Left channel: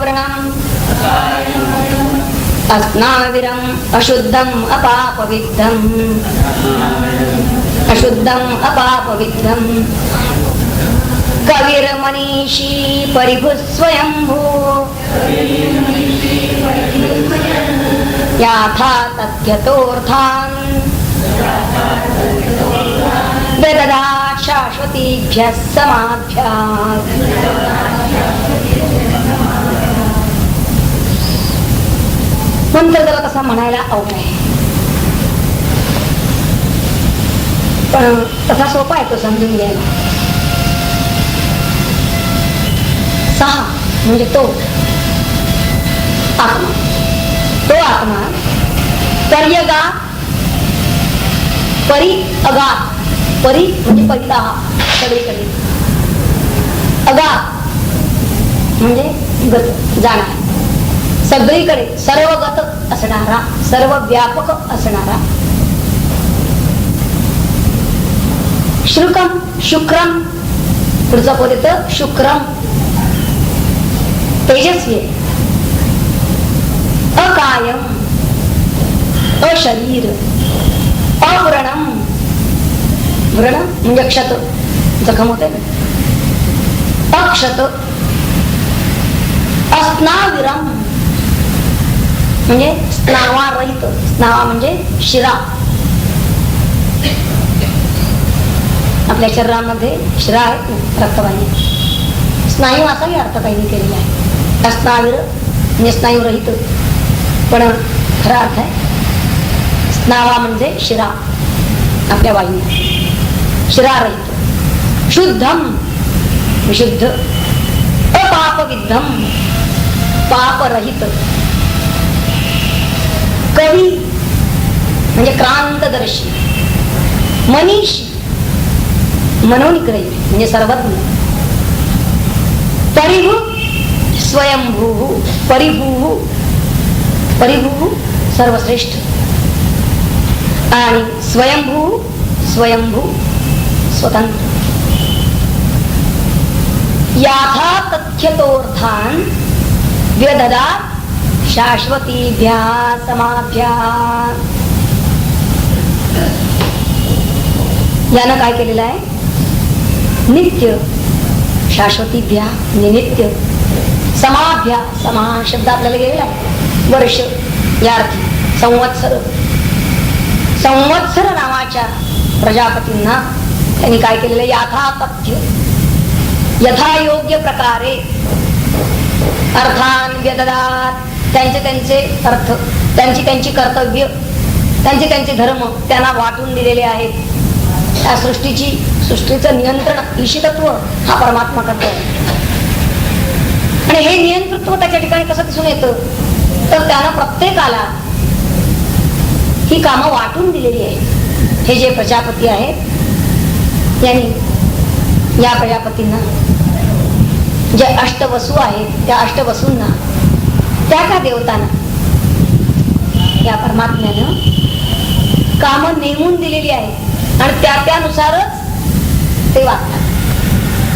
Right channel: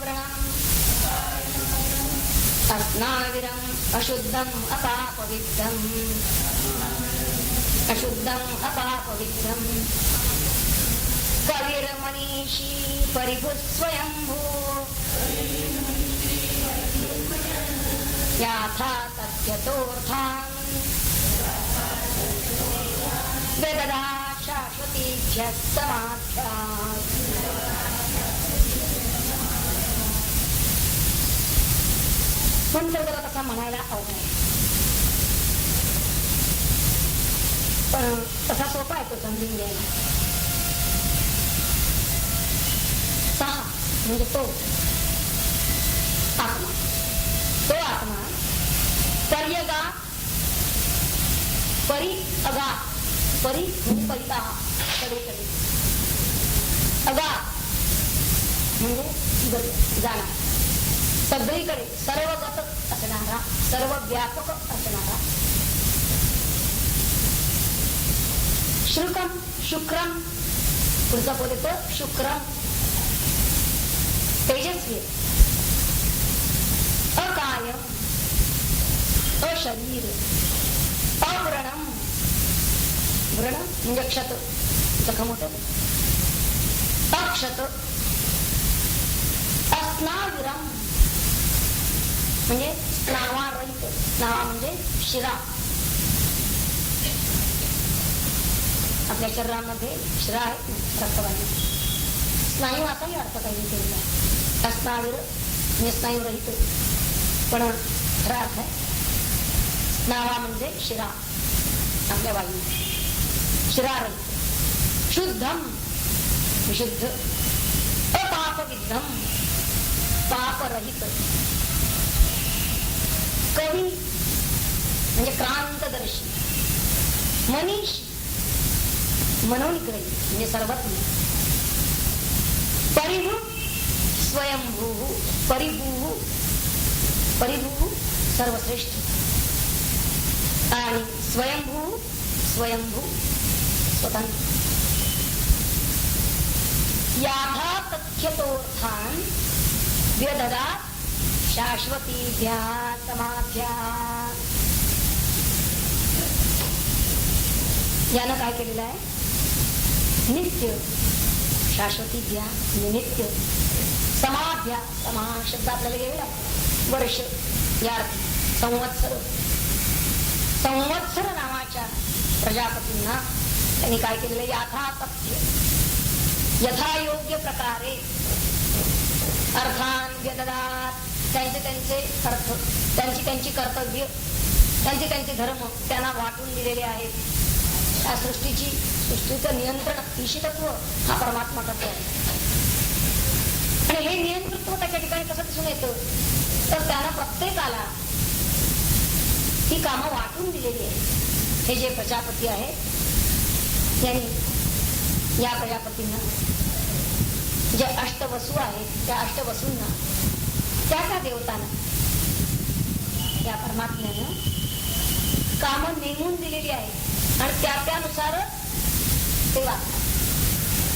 व्रणम् अस्नाविरम् अशुद्धम् अपापविद्धम् अशुद्धम् अपापविद्धम् कविर्मनीषी परिभुः स्वयंभू याथा तथ्यतोऽर्थान् वेददात् शाश्वतीभ्यः समाभ्यात्. मंत्र जरा कसा म्हणायला अवघड आहे, पण तसा सोपा आहे तो समजून घ्यायला. 6 म्हणजे तो आत्मा, तो आत्मा पर्यगा परी अगा, परी म्हणजे पहिला सगळीकडे, अगा म्हणजे गत जाणार, सगळीकडे सर्वगत असणारा, सर्व व्यापक असणारा. शुक्रम शुक्रम पुढचा पद येतं शुक्रम, तेजस्वी, अकायम, अशरीर, अव्रणम, व्रण म्हणजे क्षत, जखम होते, अक्षत, अस्नाविरम म्हणजे स्नावारहित, स्नावा म्हणजे शिरा. आपल्या शरीरामध्ये शिरा आहेत, रक्तवाहिनी, स्नायू असाही अर्थ काही केलेला आहे. अस्नाविर म्हणजे स्नायू रहित, पण खरा अर्थ आहे स्नावा म्हणजे शिरा, आपल्या वाहिनी शिरारहित. शुद्धम विशुद्ध, अपापविद्धम पापरहित. कवी म्हणजे क्रांतदर्शी, मनीषी मनोनिग्रही म्हणजे सर्वज्ञ. परिभू स्वयंभू, परिभू परिभू सर्वश्रेष्ठ, आणि स्वयंभू स्वयंभू स्वतंत्र. याथा तथ्यतोर्थान व्यददात् शाश्वतीभ्या समाभ्या. यानं काय केलेलं आहे, नित्य शाश्वतीभ्या नित्य, समाभ्या समा शब्द आपल्याला गेलेला आहे, वर्ष या अर्थी. संवत्सर, संवत्सर नावाच्या प्रजापतींना त्यांनी काय केलेलं, याथा तथ्य यथायोग्य प्रकारे अर्थान व्यददात्, त्यांचे त्यांचे अर्थ, त्यांची त्यांची कर्तव्य, त्यांचे त्यांचे धर्म त्यांना वाटून दिलेले आहेत. त्या सृष्टीचं नियंत्रण ईशितत्व हा परमात्मा करतो. आणि हे नियंत्रित्व त्याच्या ठिकाणी कसं दिसून येतं, तर त्यानं प्रत्येकाला ही कामं वाटून दिलेली आहेत. हे जे प्रजापती आहेत यांनी या प्रजापतींना, जे अष्टवसू आहेत त्या अष्टवसूंना, त्या देवतांना या परमात्म्यानं कामं नेमून दिलेली आहेत आणि त्यानुसारच ते वागतात.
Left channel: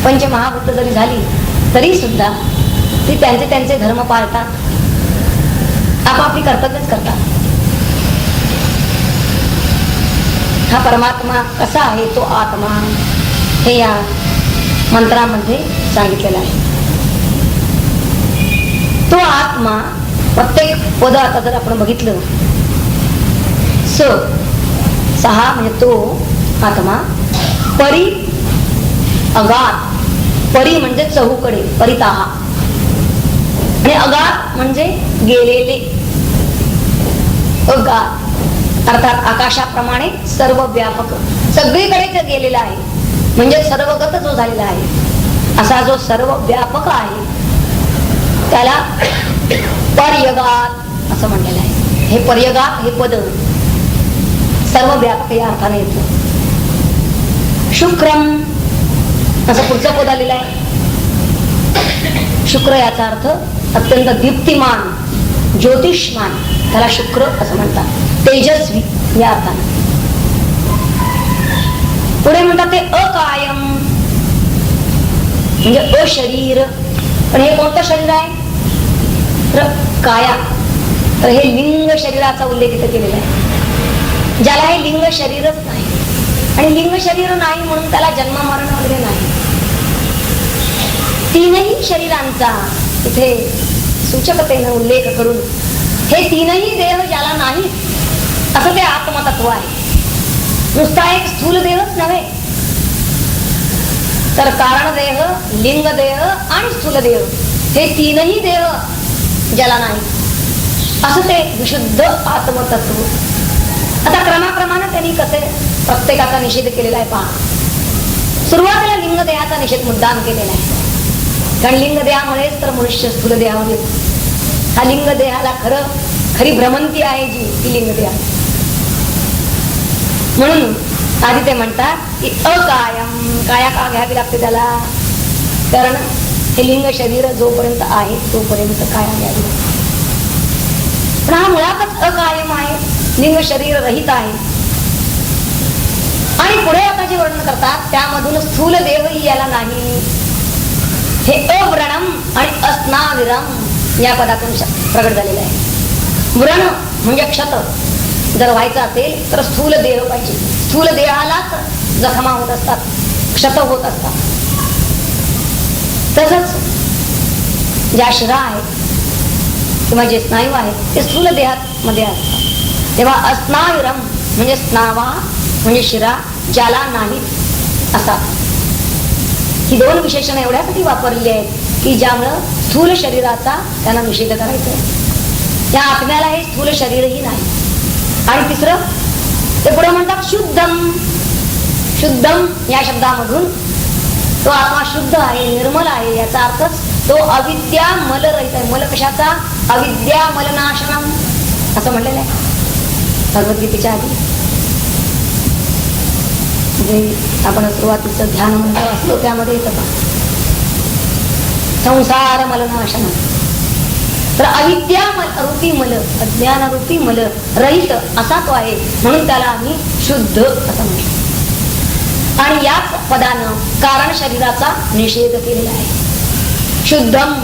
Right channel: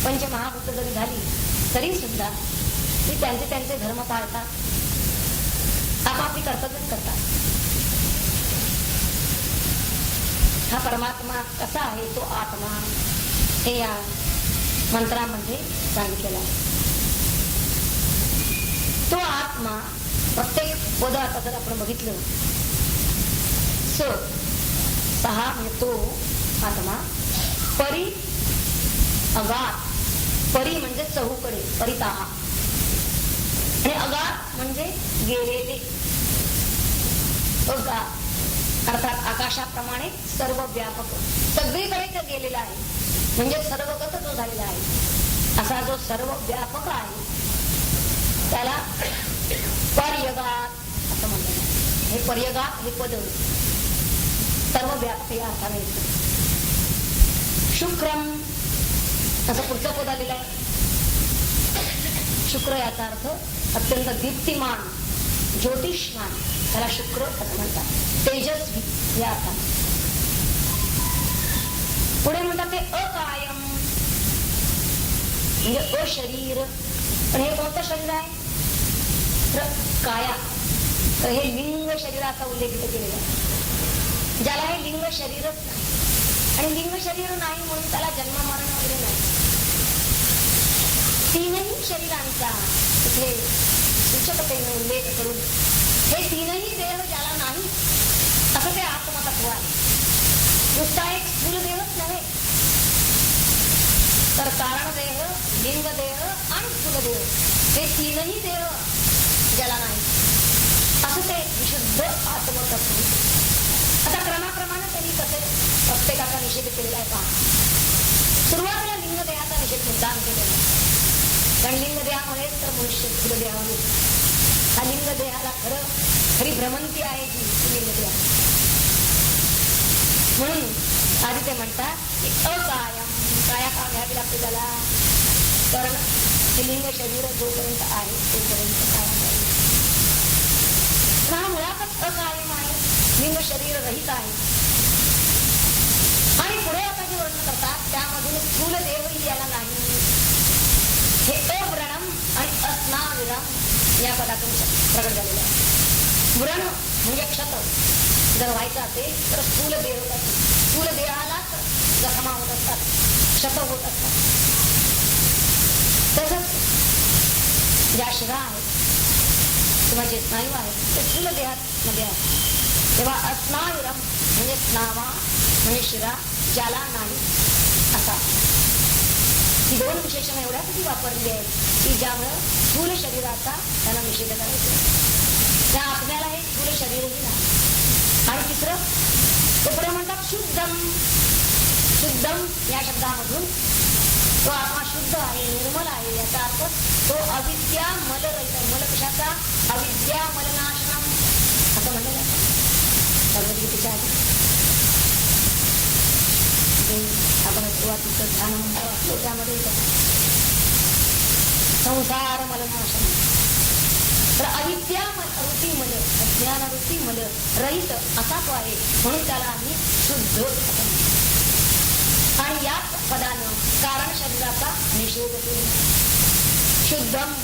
पंचमहाभूत जरी झाली तरी सुद्धा ती त्यांचे त्यांचे धर्म पाळतात, आपापली कर्तव्यच करतात. हा परमात्मा कसा आहे, तो आत्मा, हे या मंत्रामध्ये सांगितलेलं आहे. तो आत्मा प्रत्येक पद आता जर आपण बघितलं, 6 म्हणजे तो आत्मा, परी अगाध, परी म्हणजे चहूकडे, परिताहा, आणि अगाध म्हणजे गेलेले, अगाध अर्थात आकाशाप्रमाणे सर्व व्यापक, सगळीकडे गेलेला आहे, म्हणजे सर्वगत जो झालेला आहे, असा जो सर्व व्यापक आहे त्याला पर्यगात असं म्हणलेलं आहे. हे पर्यगात हे पद सर्व व्यापक या अर्थाने येतं. शुक्रम असं पुढचं पद आलेलं आहे. शुक्र याचा अर्थ अत्यंत दीप्तिमान, ज्योतिषमान, त्याला शुक्र असं म्हणतात. तेजस्वी या अर्थाने. पुढे म्हणतात ते अकायम म्हणजे अशरीर. पण हे कोणतं शरीर आहे, काया, तर हे लिंग शरीराचा उल्लेख इथे केलेला आहे. ज्याला हे लिंग शरीरच नाही, आणि लिंग शरीर नाही म्हणून त्याला जन्म मरण वगैरे नाही. तीनही शरीरांचा इथे सूचकतेने उल्लेख करून हे तीनही देह ज्याला नाही असं ते आत्मतत्व आहे. नुसता एक स्थूल देहच नव्हे, तर कारण देह, लिंग देह आणि स्थूल देह हे तीनही देह ज्याला नाही असं ते विशुद्ध आत्मतत्व. आता क्रमाक्रमाने त्यांनी कसे प्रत्येकाचा निषेध केलेला आहे पहा. सुरुवातीला लिंग देहाचा निषेध मुद्दाम केलेला आहे, कारण लिंग देहामुळेच तर मनुष्य स्थूल देहामध्ये. हा लिंग देहाला खरी भ्रमंती आहे जी ती लिंग देहा. म्हणून आधी ते म्हणतात की अकायम, काया का घ्यावी लागते त्याला, कारण हे लिंग शरीर जोपर्यंत आहे तोपर्यंत काया घ्यावी लागते. पण हा मुळातच अकायम आहे, लिंग शरीर रहित आहे. आणि पुढे आता जे वर्णन करतात त्यामधून स्थूल देवही याला नाही. हे अव्रणम आणि अस्नाविरम या पदातून प्रगट झालेलं आहे. व्रण म्हणजे क्षत जर व्हायचं असेल तर स्थूल देह पाहिजे. स्थूल देहालाच जखमा होत असतात, क्षत होत असतात. तसंच ज्या शिरा आहेत किंवा जे स्नायू आहेत ते स्थूल देहात मध्ये असतात. तेव्हा अस्नाविरम म्हणजे स्नावा म्हणजे शिरा ज्याला नाही असा. ही दोन विशेषण एवढ्यासाठी वापरली आहेत की ज्यामुळं स्थूल शरीराचा त्यांना निषेध करायचा आहे. त्या आत्म्याला हे स्थूल शरीरही नाही. आणि तिसरं ते पुढे म्हणतात शुद्धम. शुद्धम या शब्दामधून तो आत्मा शुद्ध आहे, निर्मल आहे, याचा अर्थ तो अविद्या मल रहित आहे. मल कशाचा? अविद्या मलनाशनम असं म्हणलेलं आहे भगवद्गीतेच्या आधी. जे आपण सुरुवातीचं ध्यान मंत्र असतो त्यामध्ये येतं संसार मलनाशनम. तर अविद्या रूपी मल, अज्ञान रूपी मल रहित असा तो आहे, म्हणून त्याला आम्ही शुद्ध असं म्हणतो. आणि याच पदानं कारण शरीराचा निषेध केलेला आहे. शुद्धम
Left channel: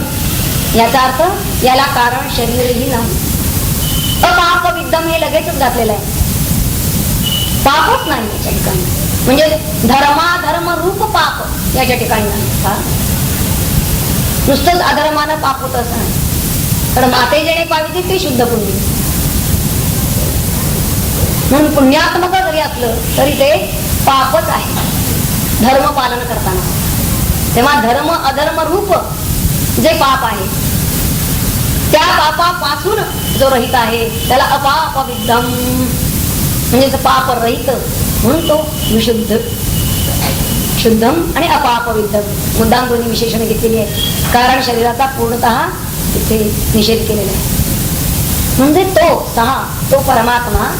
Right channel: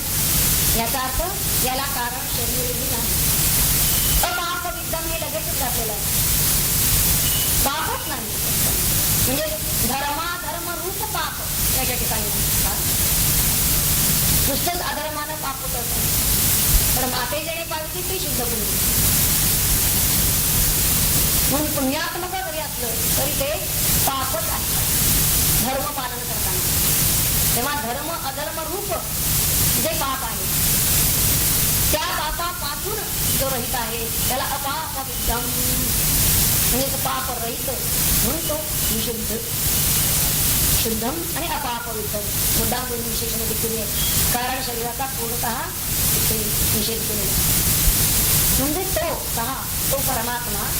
याचा अर्थ याला कारण शरीरही नाही. अपाप विद्धम हे लगेचच घातलेलं आहे. पापच नाही याच्या ठिकाणी, म्हणजे धर्माधर्म रूप पाप याच्या ठिकाणी नाही. नुसतंच अधर्मानं पाप होत असं नाही. तर माते जेणे पाविते ते शुद्ध पुण्य. म्हणून पुण्यात्मक जरी असलं तरी ते पापच आहे धर्म पालन करताना. तेव्हा धर्म अधर्म रूप जे पाप आहे त्या पापापासून जो रहित आहे त्याला अपाप विद्धम म्हणजे पाप रहित, म्हणून तो विशुद्ध. शुद्धम आणि अपाप विद्धम मुद्दाम दोन्ही विशेषणे घेतलेली आहे. कारण शरीराचा पूर्णतः तिथे निषेध केलेला आहे. म्हणजे तो परमात्मा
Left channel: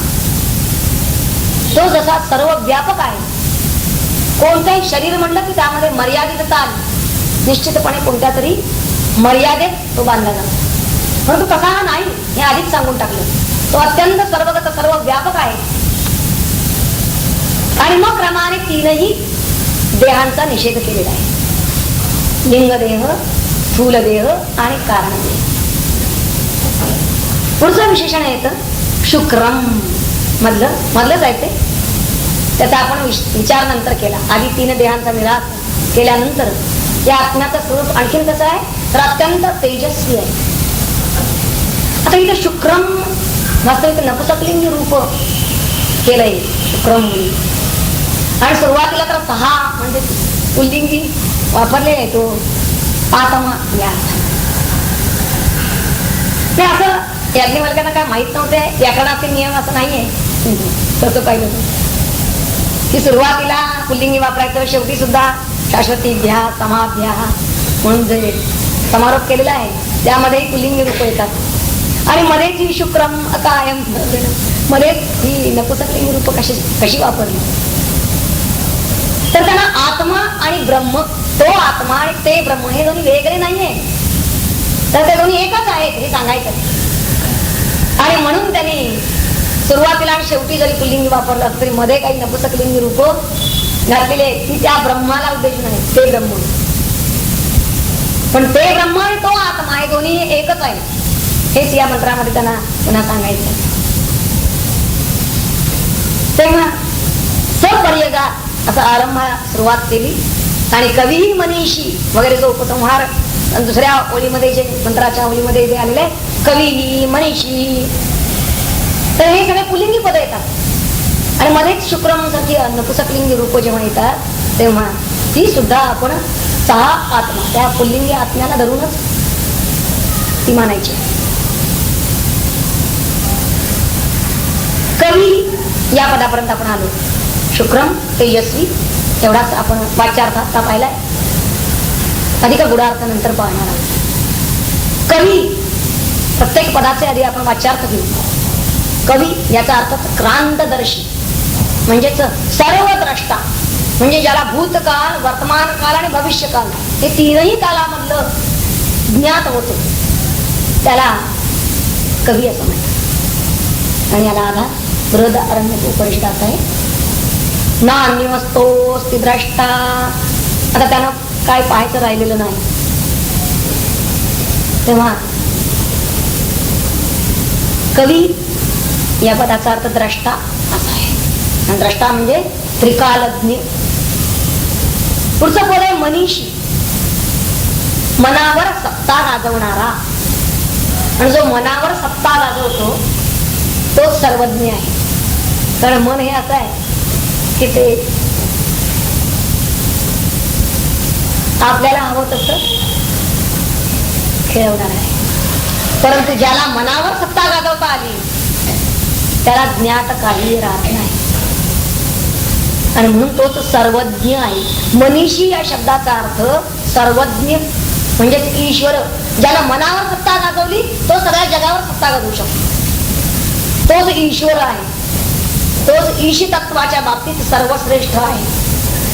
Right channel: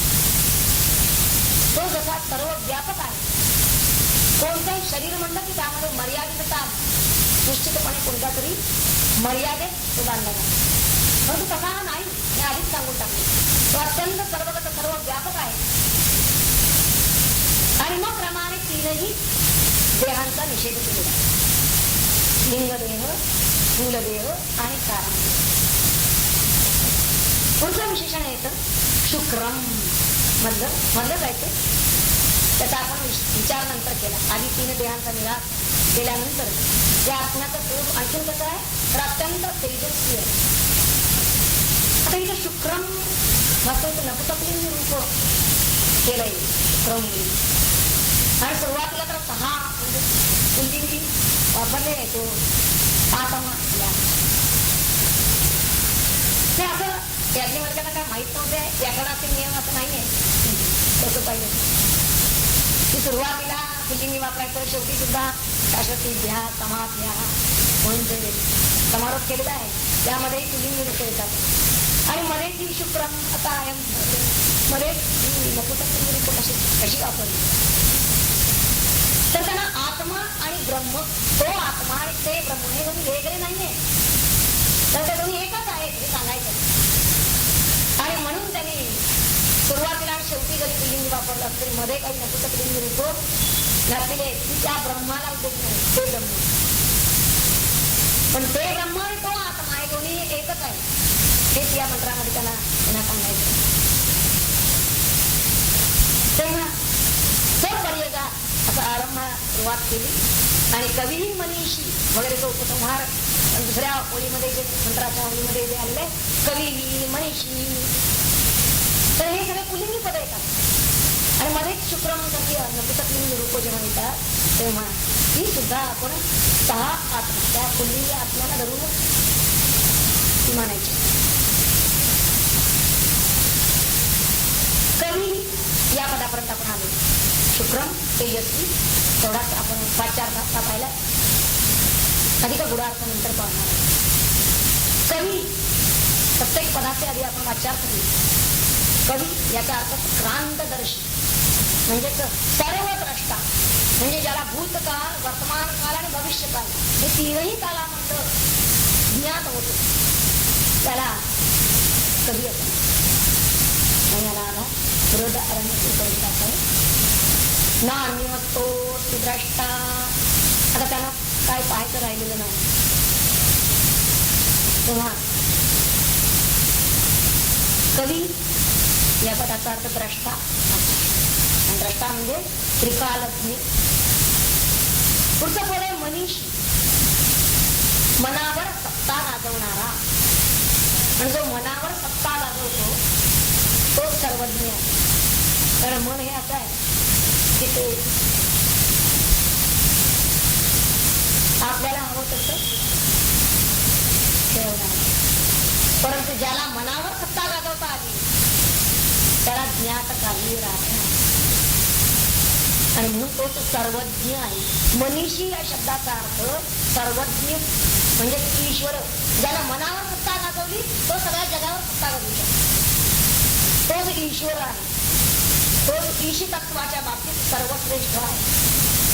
तो जसा सर्व व्यापक आहे. कोणतेही शरीर म्हणलं की त्यामध्ये मर्यादितता निश्चितपणे कोणत्या तरी मर्यादेत तो बांधला जातो. परंतु तसा हा नाही, हे आधीच सांगून टाकलं. तो अत्यंत सर्वगत सर्व व्यापक आहे. आणि मग क्रमाने तीनही देहांचा निषेध केलेला आहे. लिंगदेह, स्थूलदेह आणि कारणदेह. पुढचं विशेषण येतं शुक्रम. मधलं जायचंय त्याचा आपण विचार नंतर केला. आधी तीन देहांचा निराश केल्यानंतर या आत्म्याचं स्वरूप आणखीन कसं आहे तर अत्यंत तेजस्वी आहे. आता इथे शुक्रम वास्तविक नपुसकलिंगी रूप केलंय शुक्रम मुली. आणि सुरुवातीला तर 6 म्हणजे पुल्लिंगी वापरले आहे तो आत्मा या. असं याज्ञवल्क्यांना काय माहित नव्हते व्याकरणाचे नियम असं नाहीये. तसं पाहिलं की सुरुवातीला पुल्लिंगी वापरायचं, शेवटी सुद्धा शाश्वती घ्या समाध्या म्हणून जे समारोप केलेला आहे त्यामध्येही पुल्लिंगी रूप येतात. आणि मध्येच ही शुक्रम अकायम मध्येच ही नपुसकलिंगी रूप कशी वापरली तर त्यांना आत्मा आणि ब्रह्म, तो आत्मा आणि ते ब्रह्म हे दोन्ही वेगळे नाहीये, तर ते दोन्ही एकच आहेत हे सांगायचं. आणि म्हणून त्यांनी सुरुवातीला आणि शेवटी जरी पुल्लिंगी वापरलं असं तरी मध्ये काही नपुसकलिंगी रूप घातलेले की त्या ब्रह्माला उद्देश नाही, ते ब्रह्म. पण ते ब्रह्म आणि तो आत्मा हे दोन्ही एकच आहे. हेच या मंत्रामध्ये त्यांना पुन्हा सांगायचं. तेव्हा सपर्यगा असा आरंभाला सुरुवात केली आणि कवी मनीषी वगैरे जो उपसंहार दुसऱ्या ओळीमध्ये जे मंत्राच्या ओळीमध्ये जे आलेले कवी मनीषी, तर हे सगळे पुलिंगी पद येतात आणि मध्येच शुक्रम सारखी नपुसकलिंगी रूप जेव्हा येतात तेव्हा ती सुद्धा आपण 6 आत्मा त्या पुल्लिंगी आत्म्याला धरूनच ती मानायची. कवी या पदापर्यंत आपण आलो. शुक्रम तेजस्वी एवढाच आपण वाच्यार्थ आता पाहिलाय, अधिक गुढार्थ नंतर पाहणार आहोत. कवी प्रत्येक पदाचे आधी आपण वाच्यार्थ घेऊ. कवी याचा अर्थ क्रांतदर्शी म्हणजेच सर्व द्रष्टा, म्हणजे ज्याला भूतकाळ वर्तमान काळ आणि भविष्यकाल हे तीनही कालामधलं ज्ञात होतो त्याला कवी असं म्हणतात. आणि याला आधार बृहद अरण्यक उपनिषदाचा आहे. नान्यमस्तोस्ति द्रष्टा. आता त्यानं काय पाहायचं राहिलेलं नाही, तेव्हा कवी या पदाचा अर्थ द्रष्टा असा आहे. आणि द्रष्टा म्हणजे त्रिकालज्ञ. पुढचं पद आहे मनीषी, मनावर सत्ता गाजवणारा. आणि जो मनावर सत्ता गाजवतो तो सर्वज्ञ आहे. कारण मन हे असं आहे की ते आपल्याला हवं तसं खेळवणार आहे, परंतु ज्याला मनावर सत्ता गाजवता आली त्याला ज्ञात काही राहत नाही आणि म्हणून तोच सर्वज्ञ आहे. मनीषी या शब्दाचा अर्थ सर्वज्ञ म्हणजे ईश्वर. ज्याला मनावर सत्ता गाजवली तो सगळ्या जगावर सत्ता गाजवू शकतो. तोच ईश्वर आहे. तोच ईश तत्वाच्या बाबतीत सर्वश्रेष्ठ आहे.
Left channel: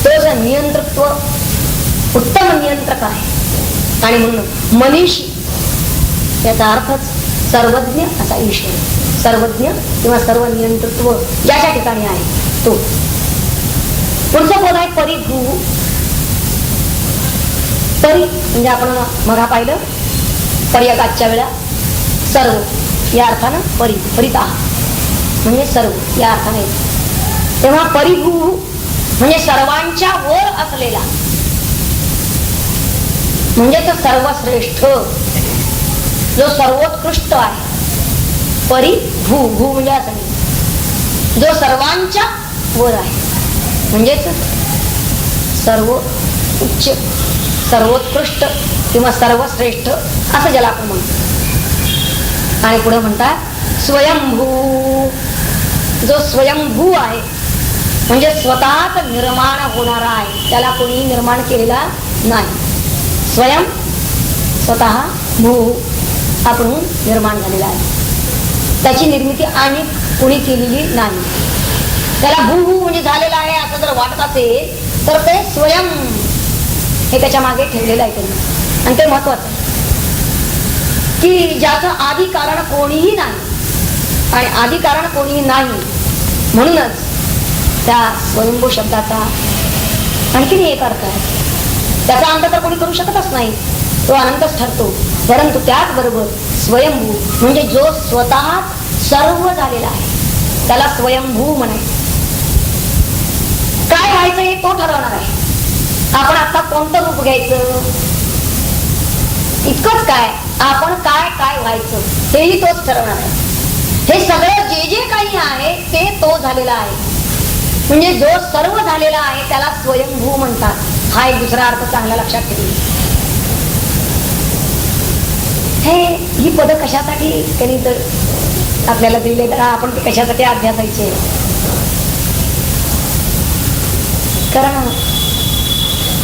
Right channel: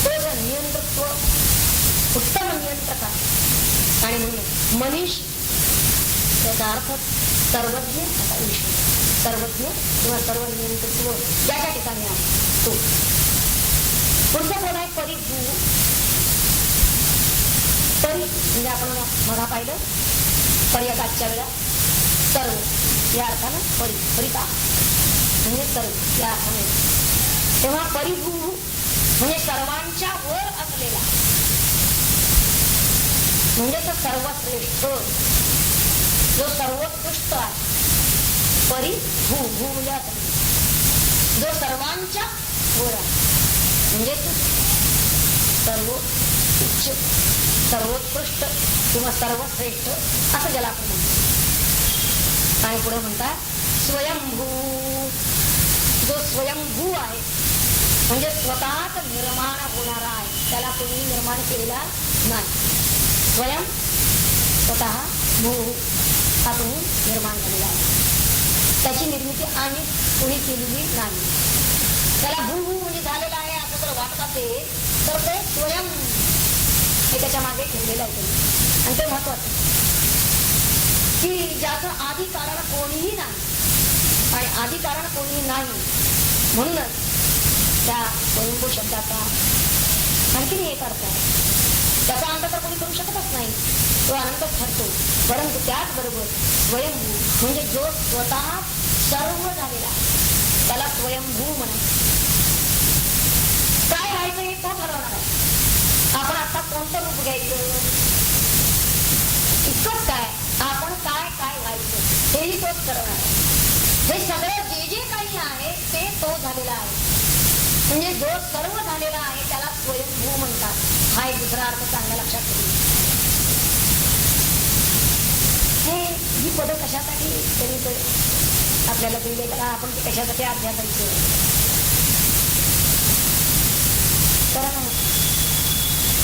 तोच नियंत्रत्व उत्तम नियंत्रक आहे. आणि म्हणून मनीषी याचा अर्थ सर्वज्ञ असा ईश्वर. सर्वज्ञ किंवा सर्व नियंत्रत्व ज्याच्या ठिकाणी आहे तो. पुढचं पद आहे परिभू. परी म्हणजे आपण मघा पाहिलं पर्यगाच्या वेळा सर्व या अर्थानं परी, परिता म्हणजे सर्व या अर्थाने. तेव्हा परिभू म्हणजे सर्वांच्या वर असलेला, म्हणजे तो सर्वश्रेष्ठ जो सर्वोत्कृष्ट आहे. परिभू, भू म्हणजे असं जो सर्वांच्या वर आहे, म्हणजेच सर्व उच्च सर्वोत्कृष्ट किंवा सर्वश्रेष्ठ असं ज्याला आपण म्हणतो. आणि पुढे म्हणतात स्वयंभू. जो स्वयंभू आहे म्हणजे स्वतःच निर्माण होणारा आहे, त्याला कोणी निर्माण केलेला नाही. स्वयं स्वतः भू आपण निर्माण झालेला आहे, त्याची निर्मिती आणि कोणी केलेली नाही. त्याला भू म्हणजे झालेला आहे असं जर वाटत असेल तर ते स्वयं हे त्याच्या मागे ठेवलेलं आहे त्यांनी. आणि ते महत्वाचं की ज्याचं आधी कारण कोणीही नाही आणि आधी कारण कोणीही नाही, म्हणूनच त्या स्वयंभू शब्दाचा आणखीन एक अर्थ आहे. त्याचा अंत तर कोणी करू शकतच नाही, तो अनंतच ठरतो. परंतु त्याचबरोबर स्वयंभू म्हणजे जो स्वतः सर्व झालेला आहे त्याला स्वयंभू म्हणायचं. काय व्हायचं हे तो ठरवणार आहे. आपण आता कोणतं रूप घ्यायचं इतकंच काय, आपण काय काय व्हायचं हेही तोच ठरवणार आहे. हे सगळं जे जे काही आहे ते तो झालेला आहे. म्हणजे जो सर्व झालेला आहे त्याला स्वयंभू म्हणतात. हा एक दुसरा अर्थ चांगला लक्षात ठेवला. ही पद कशासाठी त्यांनी तर आपल्याला दिले, तर आपण ते कशासाठी अभ्यासायचे. कारण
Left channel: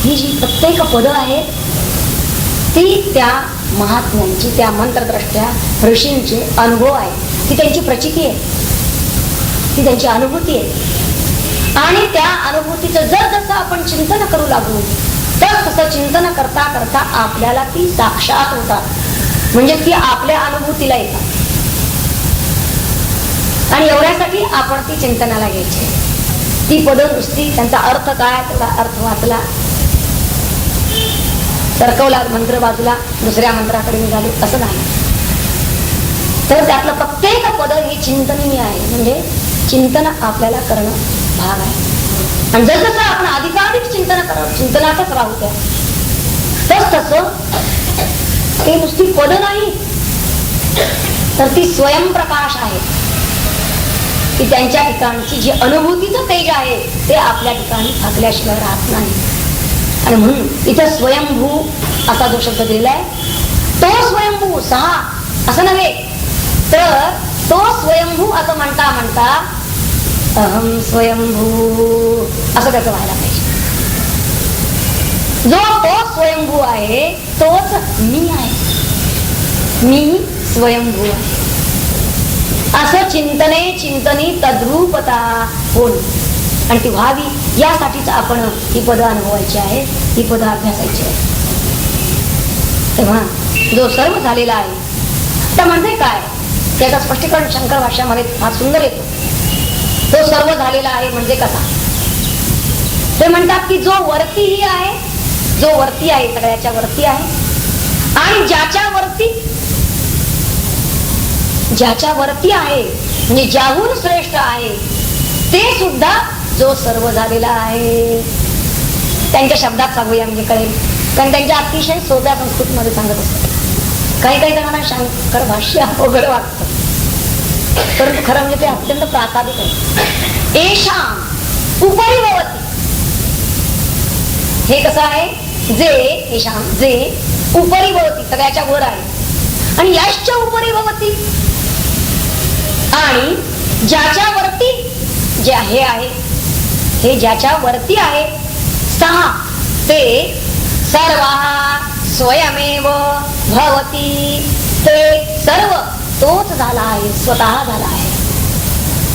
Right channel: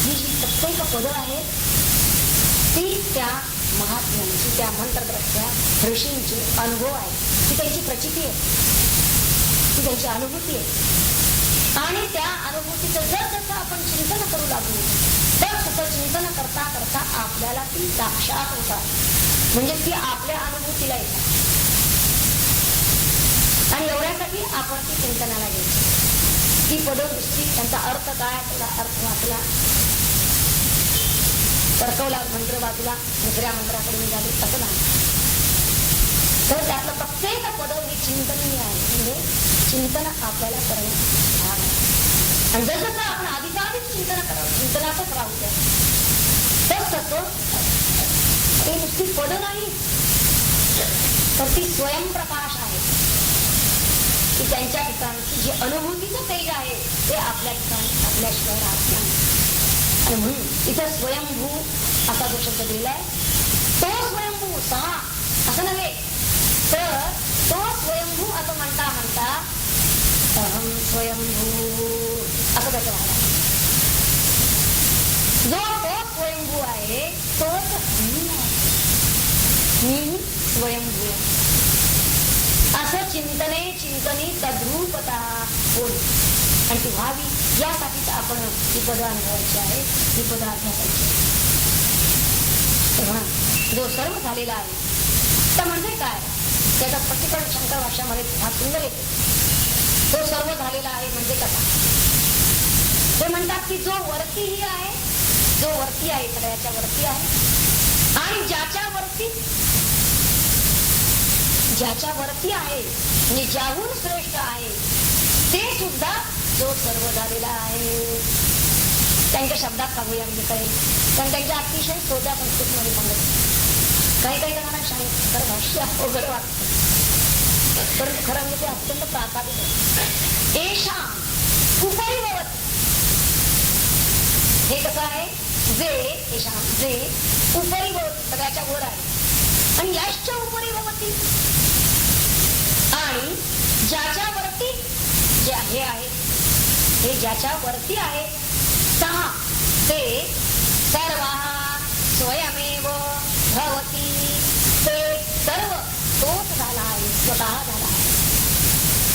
ही जी प्रत्येक पद आहेत ती त्या महात्म्यांची, त्या मंत्रद्रष्ट्या ऋषींचे अनुभव आहे, ती त्यांची प्रचिती आहे, ती त्यांची अनुभूती आहे. आणि त्या अनुभूतीचं जर जसं आपण चिंतन करू लागू तर तसं चिंतन करता करता आपल्याला ती साक्षात होतात, म्हणजे ती आपल्या अनुभूतीला येतात. आणि एवढ्यासाठी आपण ती चिंतनाला घ्यायची. ती पद नुसती त्यांचा अर्थ काय तेवढा अर्थ वाचला, सरकवला मंत्र बाजूला, दुसऱ्या मंत्राकडे निघाले असं नाही. तर त्यातलं प्रत्येक पद हे चिंतनीय आहे. म्हणजे चिंतन आपल्याला करणं भाग आहे. आणि जसं आपण अधिकाधिक चिंतनातच राहू त्या तसं ते नुसती पद नाही, तर ती स्वयंप्रकाश आहे की त्यांच्या ठिकाणची जी अनुभूतीचं तेज आहे ते आपल्या ठिकाणी थाकल्याशिवाय राहत नाही. आणि म्हणून इथं स्वयंभू असा जो शब्द दिलाय तो स्वयंभू सहा असं नव्हे, तर तो स्वयंभू असं म्हणता म्हणता अहम स्वयंभू असं त्याचं व्हायला पाहिजे. जो तो स्वयंभू आहे तोच मी आहे, मी स्वयंभू आहे असं चिंतनी तद्रूपता होईल. आणि ती व्हावी यासाठीच आपण ही पद अनुभवायची आहे, ही पद अभ्यासायची आहे. तेव्हा जो सर्व झालेला आहे तर म्हणजे काय त्याचं स्पष्टीकरण शंकर भाष्यामध्ये फार सुंदर येतो. तो सर्व झालेला आहे म्हणजे कसा ते म्हणतात की जो वरतीही आहे, जो वरती आहे सगळ्याच्या वरती आहे आणि ज्याच्या वरती आहे म्हणजे ज्याहून श्रेष्ठ आहे ते सुद्धा जो सर्व झालेला आहे. त्यांच्या शब्दात सांगूया म्हणजे कळेल, कारण त्यांच्या अतिशय सोप्या संस्कृत मध्ये सांगत असतात. काही जणांना शंकर भाष्य अवघड वाटतं, परंतु खरं म्हणजे ते अत्यंत प्रासादिक आहे. एशाम उपरी भवती, हे कसं आहे, जे उपरी भवती सगळ्याच्या वर आहे आणि यश्च उपरी भवती, आणि ज्याच्या वरती जे आहे हे ज्याच्या वरती आहे सहा ते सर्व स्वयमेव भवती, ते सर्व तोच झाला आहे, स्वतः झाला आहे.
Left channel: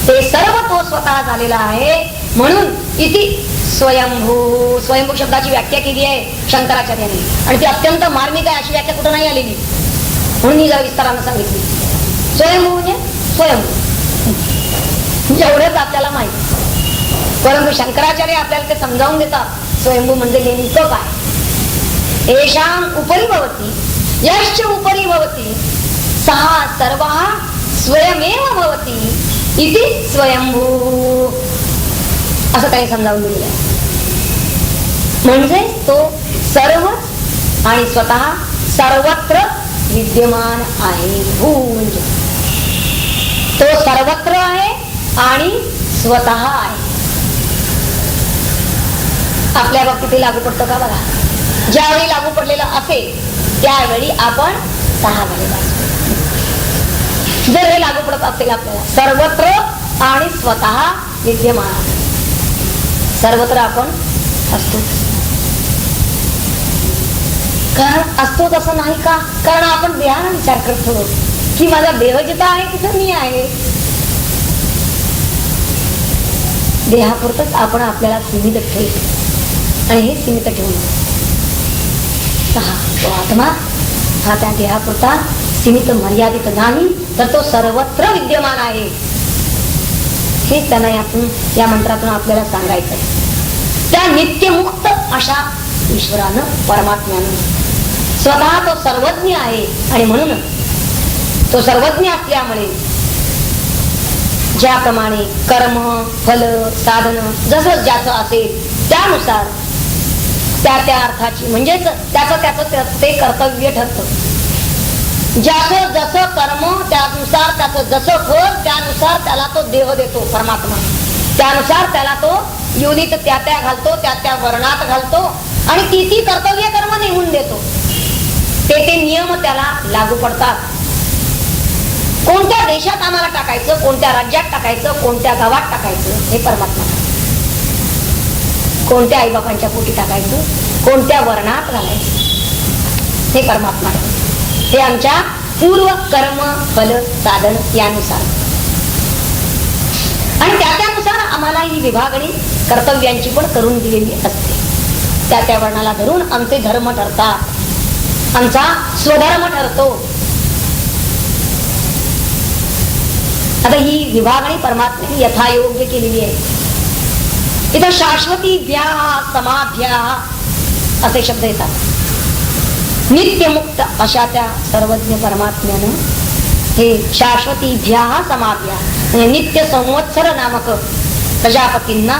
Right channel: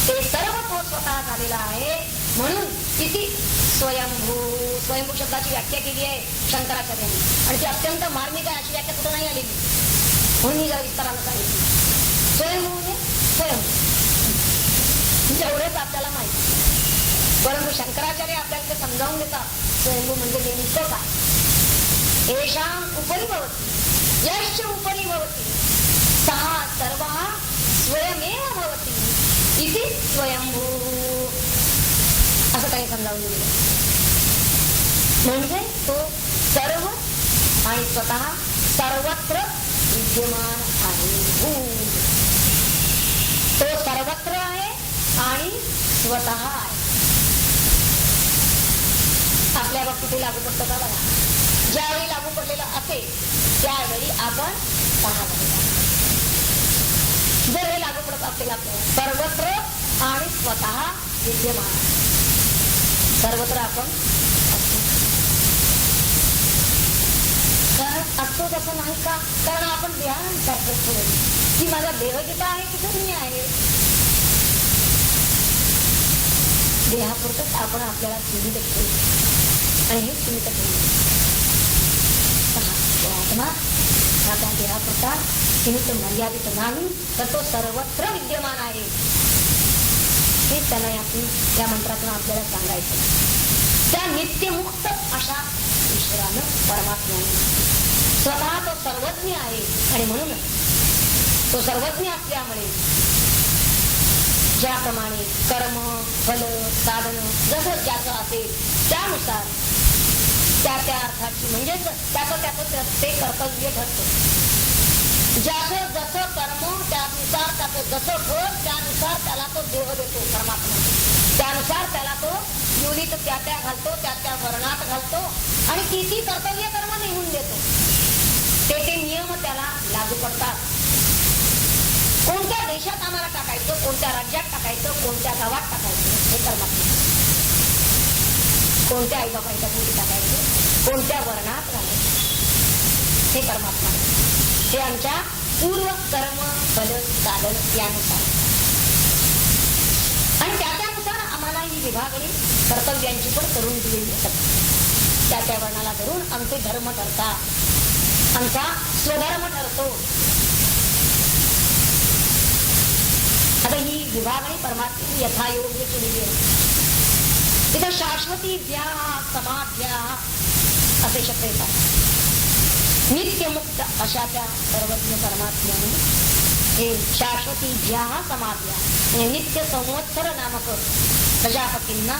ते सर्व तो स्वतः झालेला आहे. म्हणून इति स्वयंभू, स्वयंभू शब्दाची व्याख्या केली आहे शंकराचार्यांनी आणि ती अत्यंत मार्मिक आहे. अशी व्याख्या कुठं नाही आलेली, म्हणून मी जरा विस्तारानं सांगितली. स्वयंभू म्हणजे स्वयंभू एवढंच आपल्याला माहिती, परंतु शंकराचार्य आपल्याला ते समजावून देतात स्वयंभू म्हणजे नेमकं काय. येषाम उपरी भवती यश्च उपरी भवती सहा सर्व स्वयमेव भवती इति स्वयंभू असं काही समजावून दिलेलं आहे. म्हणजे तो सर्व आणि स्वतः सर्वत्र विद्यमान आहे. भू म्हणजे तो सर्वत्र आहे आणि स्वतः आहे. आपल्या बाबतीत लागू पडतं का बघा. ज्यावेळी लागू पडलेलं असेल त्यावेळी आपण सहा झालेला असतो. जर हे लागू पडत असेल आपल्याला सर्वत्र आणि स्वतः विद्यमान, सर्वत्र आपण असतो. कारण असतो तसं नाही का, कारण आपण देहाने विचार करतो की माझा देह जिथं आहे तिथं मी आहे. देहापुरतच आपण आपल्याला सीमित ठेवतो आणि हे सीमित ठेवून तो आत्मा हा त्या देहापुरता सीमित मर्यादित नाही, तर तो सर्वत्र विद्यमान आहे. हे त्यांना या मंत्रातून आपल्याला सांगायचं. त्या नित्यमुक्त अशा ईश्वरानं, परमात्म्यानं स्वतः तो सर्वज्ञ आहे आणि म्हणून तो सर्वज्ञ असल्यामुळे ज्याप्रमाणे कर्म फल साधन जसं ज्याचं असेल त्यानुसार त्या अर्थाची म्हणजेच त्याचं ते कर्तव्य ठरतं. ज्याचं जसं कर्म त्यानुसार त्याचं जसं फळ त्यानुसार त्याला तो देह देतो परमात्मा. त्यानुसार त्याला तो योनीत त्या घालतो, त्या वर्णात घालतो आणि ती कर्तव्य कर्म नेमून देतो. ते नियम त्याला लागू पडतात. कोणत्या देशात आम्हाला टाकायचं, कोणत्या राज्यात टाकायचं, कोणत्या गावात टाकायचं हे परमात्मा. कोणत्या आईबापांच्या पोटी टाकायचं, कोणत्या वर्णात घालायचं हे परमात्मा. हे आमच्या पूर्व कर्म फल साधन यानुसार आणि त्यानुसार आम्हाला ही विभागणी कर्तव्यांची पण करून दिलेली असते. त्या वर्णाला धरून आमचे धर्म ठरतात, आमचा स्वधर्म ठरतो. आता ही विभागणी परमात्म्याने यथायोग्य केलेली आहे. इथं शाश्वतीभ्या समाभ्या असे शब्द येतात. नित्यमुक्त अशा त्या सर्वज्ञ परमात्म्यानं हे शाश्वतीभ्या समाभ्या म्हणजे नित्य संवत्सर नामक प्रजापतींना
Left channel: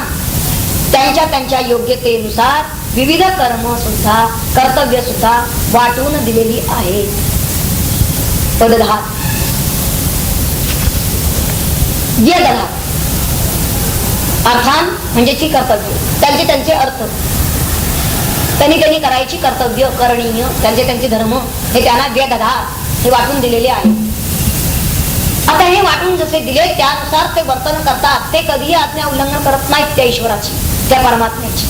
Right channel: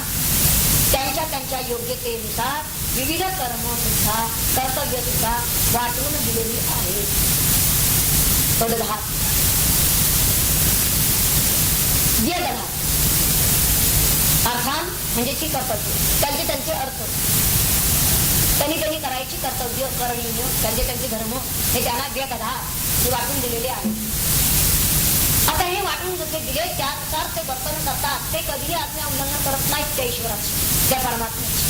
त्यांच्या त्यांच्या योग्यतेनुसार विविध कर्म सुद्धा कर्तव्य सुद्धा वाटून दिलेली आहे. पद 10 व्यदधात अर्थान म्हणजे ती कर्तव्य त्यांचे त्यांचे अर्थ त्यांनी त्यांनी करायची कर्तव्य करणीय त्यांचे त्यांचे धर्म हे त्यांना व्यदधात हे वाटून दिलेले आहे. आता हे वाटून जसे दिले त्यानुसार ते वर्तन करतात. ते कधीही आज्ञा उल्लंघन करत नाहीत त्या ईश्वराची त्या परमात्म्याची.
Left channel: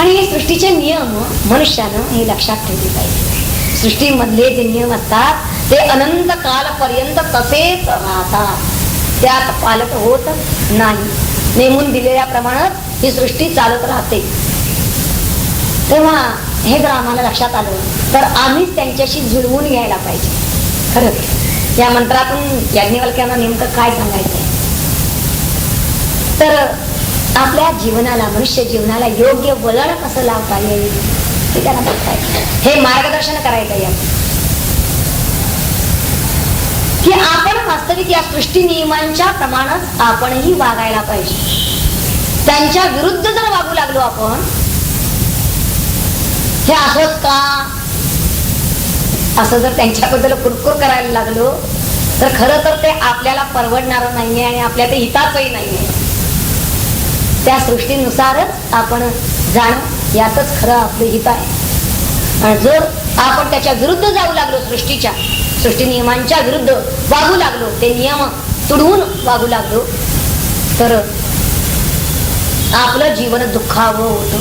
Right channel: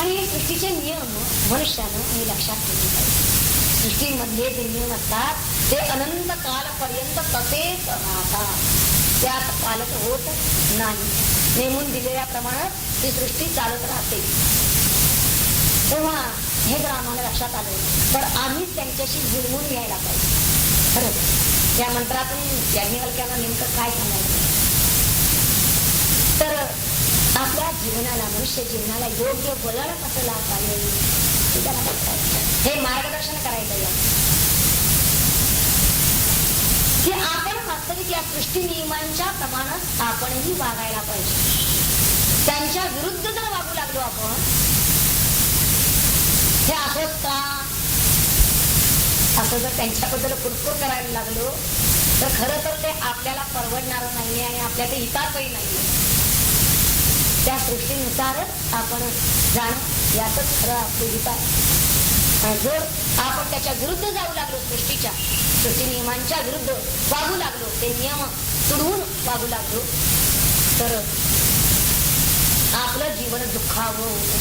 आणि हे सृष्टीचे नियम मनुष्यानं हे लक्षात ठेवले पाहिजे. सृष्टीमधले जे नियम असतात ते अनंत कालपर्यंत तसेच राहतात. त्यात पालट होत नाही. नेमून दिलेल्याप्रमाणे ही सृष्टी चालत राहते. तेव्हा हे जर आम्हाला लक्षात आलं तर आम्हीच त्यांच्याशी जुळवून घ्यायला पाहिजे. खरंच या मंत्रातून याज्ञवल्क्यांना नेमकं काय सांगायचं तर आपल्या जीवनाला मनुष्य जीवनाला योग्य वळण कसं लावता येईल हे त्यांना बघतायचं. हे मार्गदर्शन करायचं यात की आपण वास्तविक या सृष्टी नियमांच्या प्रमाणात आपणही वागायला पाहिजे. त्यांच्या विरुद्ध जर वागू लागलो आपण हे असंच का असं जर त्यांच्याबद्दल कुरकुर करायला लागलो तर खरं तर ते आपल्याला परवडणार नाहीये आणि आपल्या ते हिताचही नाहीये. त्या सृष्टीनुसारच आपण जाणं यातच खरं आपलं हित आहे. आणि जर आपण त्याच्या विरुद्ध जाऊ लागलो सृष्टी नियमांच्या विरुद्ध वागू लागलो ते नियम तुडवून वागू लागलो तर आपलं जीवन दुःखावं होतं.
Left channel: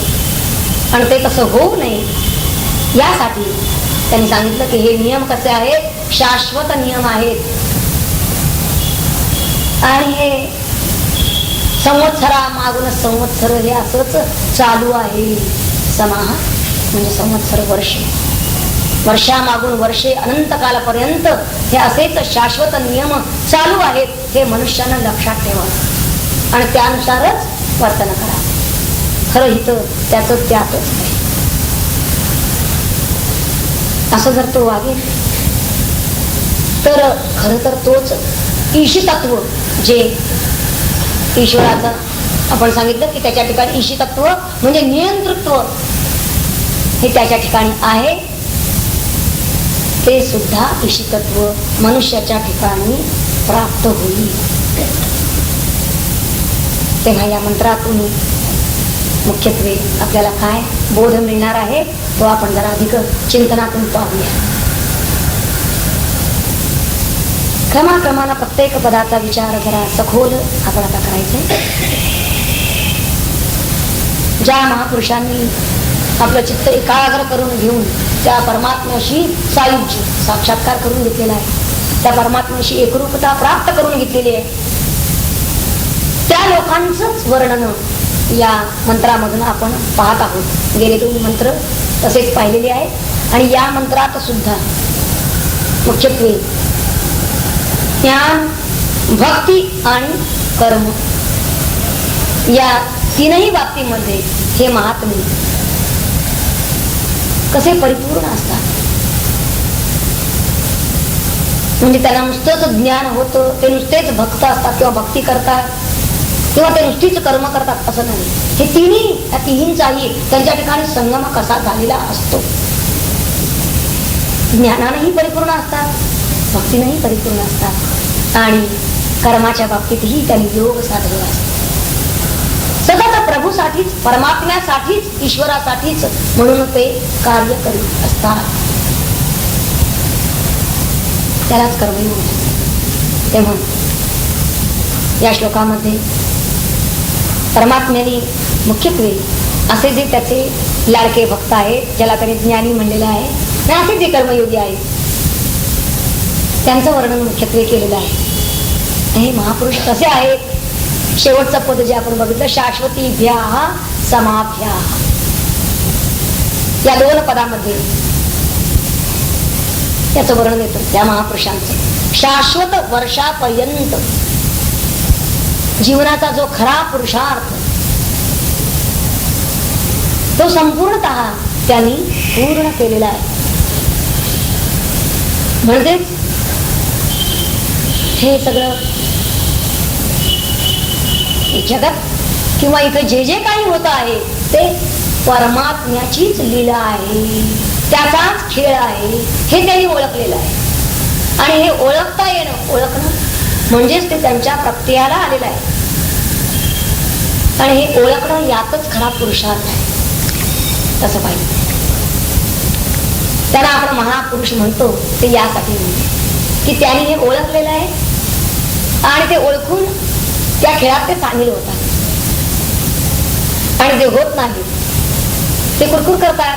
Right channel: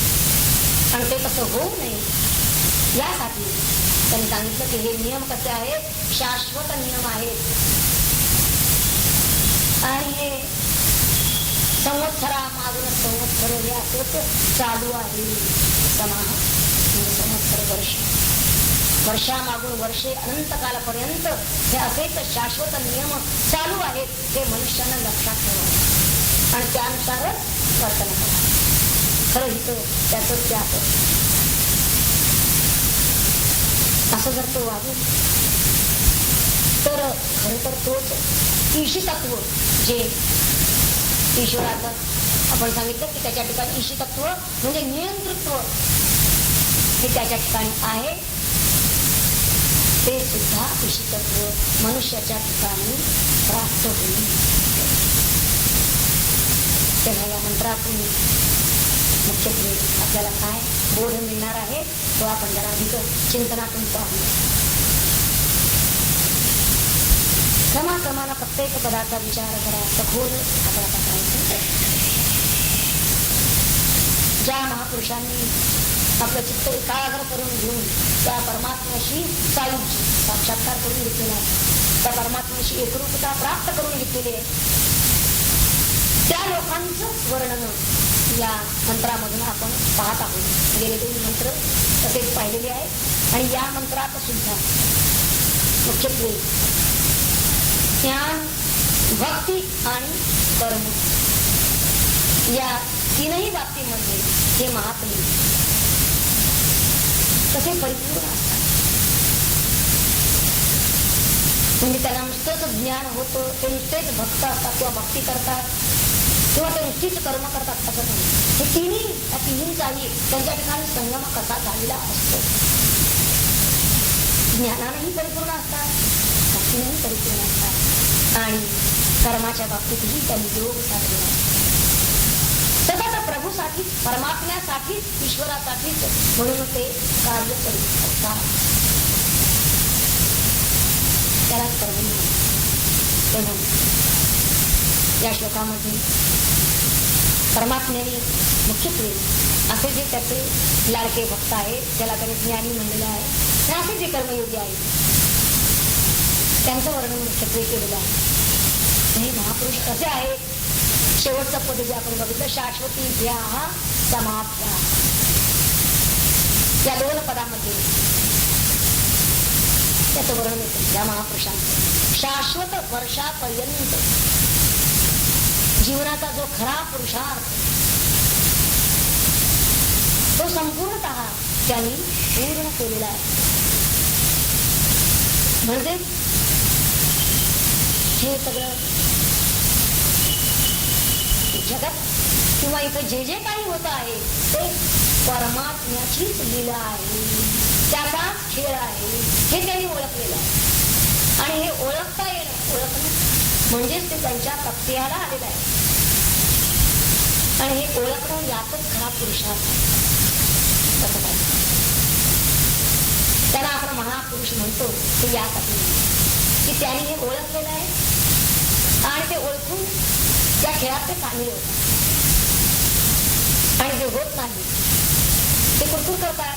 आणि ते तसं होऊ नये यासाठी त्यांनी सांगितलं की हे नियम कसे आहेत शाश्वत नियम आहेत. आणि हे संवत्सरा मागून संवत्सर हे असंच चालू आहे. समाह म्हणजे संवत्सर वर्षामागून वर्षे अनंत कालापर्यंत हे असेच शाश्वत नियम चालू आहेत. हे मनुष्यानं लक्षात ठेवा आणि त्यानुसारच वर्तन करा. खरं हित त्याच त्यातच असं जर तो वागेल तर खरं तर तोच ईशितत्व जे ईश्वराचं आपण सांगितलं की त्याच्या ठिकाणी ईशितत्व म्हणजे नियंतृत्व हे त्याच्या ठिकाणी आहे. ते सुद्धा ईशितत्व मनुष्याच्या ठिकाणी प्राप्त होईल. तेव्हा या मंत्रातून मुख्यत्वे आपल्याला काय बोध मिळणार आहे तो आपण जरा अधिक चिंतनातून पाहूया. क्रमाक्रमानं प्रत्येक पदाचा विचार जरा सखोल आपण आता करायचंय. ज्या महापुरुषांनी आपलं चित्त एकाग्र करून घेऊन त्या परमात्म्याशी सायुज्य साक्षात्कार करून घेतलेला आहे. त्या परमात्म्याशी एकरूपता प्राप्त करून घेतलेली आहे. त्या लोकांचंच वर्णन या मंत्रामधून आपण पाहत आहोत. गेले 2 मंत्र तसेच पाहिलेले आहेत. आणि या मंत्रात सुद्धा मुख्यत्वे ज्ञान भक्ती आणि कर्म या तीनही बाबतीमध्ये हे महात्मे कसे परिपूर्ण असतात. म्हणजे त्यांना नुसतंच ज्ञान होतं ते नुसतेच भक्त असतात किंवा भक्ती करतात किंवा ते नुसतीच कर्म करतात असं नाही. हे या तिन्हींचाही त्यांच्या ठिकाणी संगम कसा झालेला असतो. ज्ञानानेही परिपूर्ण असतात भक्तीनेही परिपूर्ण असतात आणि कर्माच्या बाबतीतही त्यांनी योग साधलेला असतो. सतत प्रभूसाठीच परमात्म्यासाठीच ईश्वरासाठीच म्हणून ते कार्य करीत असतात. त्यालाच कर्मयोग. तेव्हा या श्लोकामध्ये परमात्म्याने मुख्यत्वे असे जे त्याचे लाडके भक्त आहेत ज्याला त्याने ज्ञानी म्हणलेलं आहे आणि असे जे कर्मयोगी आहेत त्यांचं वर्णन मुख्यत्वे केलेलं आहे. हे महापुरुष कसे आहेत. शेवटचं पद जे आपण बघितलं शाश्वतीभ्या समाभ्या या 2 पदामध्ये त्याचं वर्णन येतं. त्या महापुरुषांचं शाश्वत वर्षापर्यंत जीवनाचा जो खरा पुरुषार्थ तो संपूर्णतः त्यांनी पूर्ण केलेला आहे. म्हणजे हे सगळं जगत किंवा इथं जे जे काही होत आहे ते परमात्म्याचीच लीला आहे, त्याचाच खेळ आहे हे त्यांनी ओळखलेलं आहे. आणि हे ओळखता येणं, ओळखणं म्हणजेच ते त्यांच्या प्रत्ययाला आलेलं आहे. आणि हे ओळखणं यातच खरा पुरुषार्थ आहे. तसं पाहिजे. त्याला आपण महापुरुष म्हणतो ते यासाठी म्हणतो की त्यांनी हे ओळखलेलं आहे आणि ते ओळखून त्या खेळात ते सामील होतात. आणि जे होत नाही ते कुरकुर करतात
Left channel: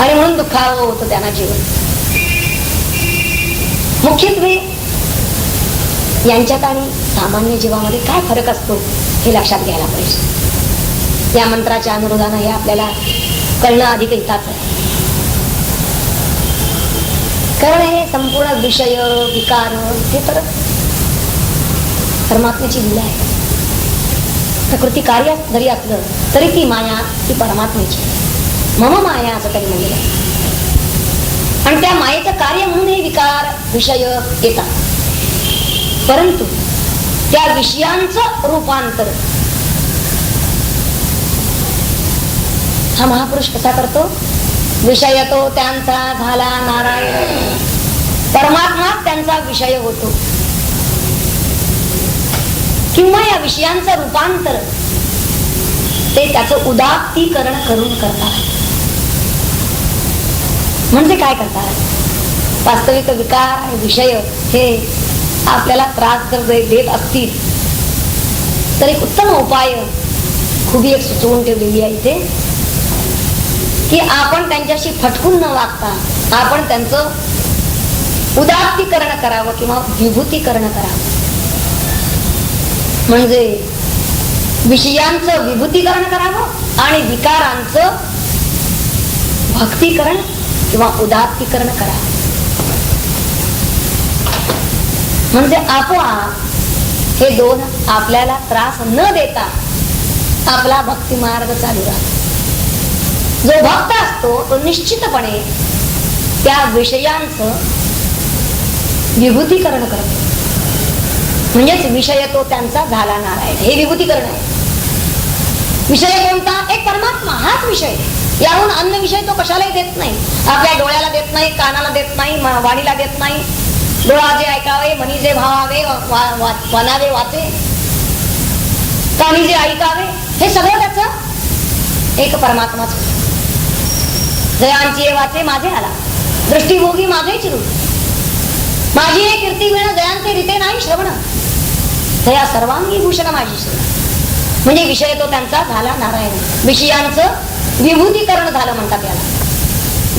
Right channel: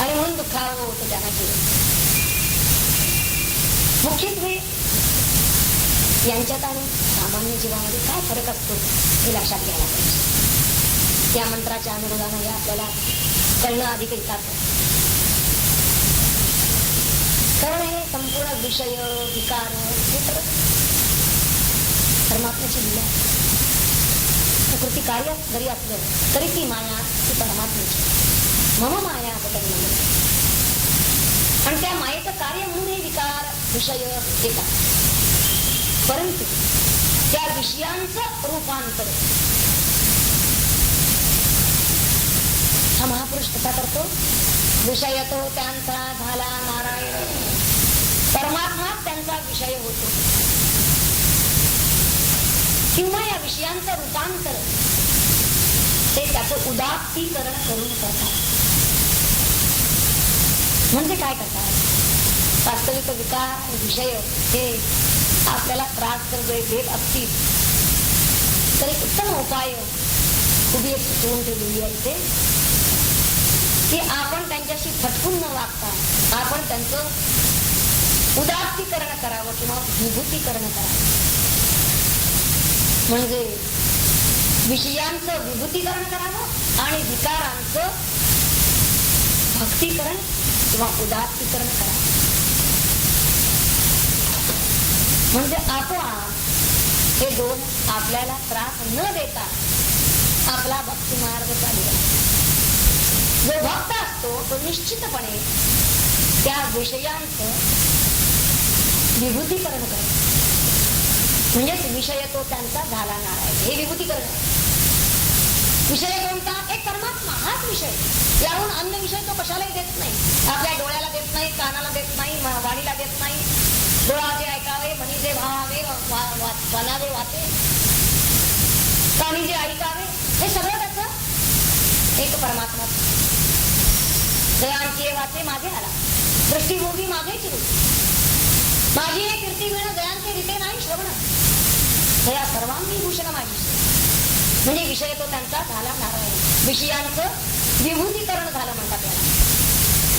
आणि म्हणून दुःखावं होतं त्यांना जीवन. मुख्यत्वे यांच्यात आणि सामान्य जीवामध्ये काय फरक असतो हे लक्षात घ्यायला पाहिजे. या मंत्राच्या अनुरोधानं हे आपल्याला कळणं अधिक हिताचं आहे. कारण हे संपूर्ण विषय विकार हे तर परमात्म्याची लीला आहे. प्रकृती कार्य जरी असलं तरी ती माया ती परमात्म्याची. मम माया असं त्यांनी म्हणलेलं आहे. आणि त्या मायेचं कार्य म्हणून हे विकार विषय येतात. परंतु त्या विषयांचं रूपांतर हा महापुरुष कसा करतो? विषय तो त्यांचा झाला नारायण, परमात्मा त्यांचा विषय होतो. किंवा या विषयांचं रूपांतर ते त्याचं उदात्तीकरण करून करतात. म्हणजे काय करतात? वास्तविक विकार आणि विषय हे आपल्याला त्रास जर देत असतील तर एक उत्तम उपाय खूप एक सुचवून ठेवलेली आहे इथे की आपण त्यांच्याशी फटकून न वागता आपण त्यांचं उदात्तीकरण करावं किंवा विभूतीकरण करावं. म्हणजे विषयांचं विभूतीकरण करावं आणि विकारांचं भक्तीकरण किंवा उदात्तीकरण करावं. म्हणजे आपोआप हे दोन आपल्याला त्रास न देता आपला भक्ती मार्ग चालू राहतो. जो भक्त असतो तो निश्चितपणे त्या विषयांचं विभूतीकरण करतो. म्हणजेच विषय तो त्यांचा झाला नारायण, हे विभूतीकरण आहे. विषय कोणता? एक परमात्मा, हाच विषय. याहून अन्य विषय तो कशालाही देत नाही. आपल्या डोळ्याला देत नाही, कानाला देत नाही, वाणीला देत नाही. डोळा जे ऐकावे, मनी जे भावावे, वनावे वाचे, कानी जे ऐकावे, हे सगळं त्याच एक परमात्माच. जयांची वाचे माझे आला, दृष्टीभोगी माझे चिरू, माझी हे कीर्ती विण जयांचे रीते नाही श्रवण, दया सर्वांगी भूषण माझी श्री. म्हणजे विषय तो त्यांचा झाला नारायण. विषयांचं विभूतीकरण झालं म्हणतात याला.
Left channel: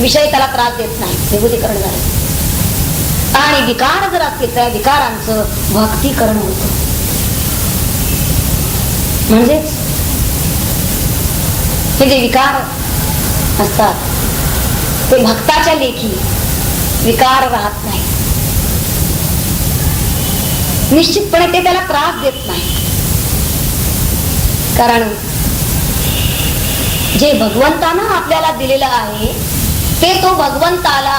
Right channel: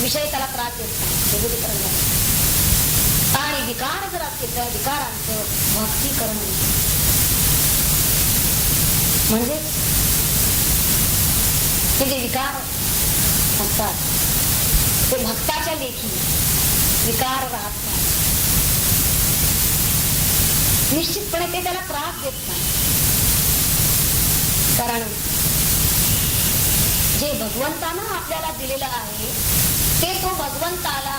विषय त्याला त्रास देत नाही, विभूतीकरण झालं. आणि विकार जर असतील तर विकारांचं भक्तीकरण होतं. म्हणजे हे जे विकार असतात ते भक्ताच्या लेखी विकार राहत नाही. निश्चितपणे ते त्याला त्रास देत नाही. कारण जे भगवंतानं आपल्याला दिलेलं आहे ते तो भगवंताला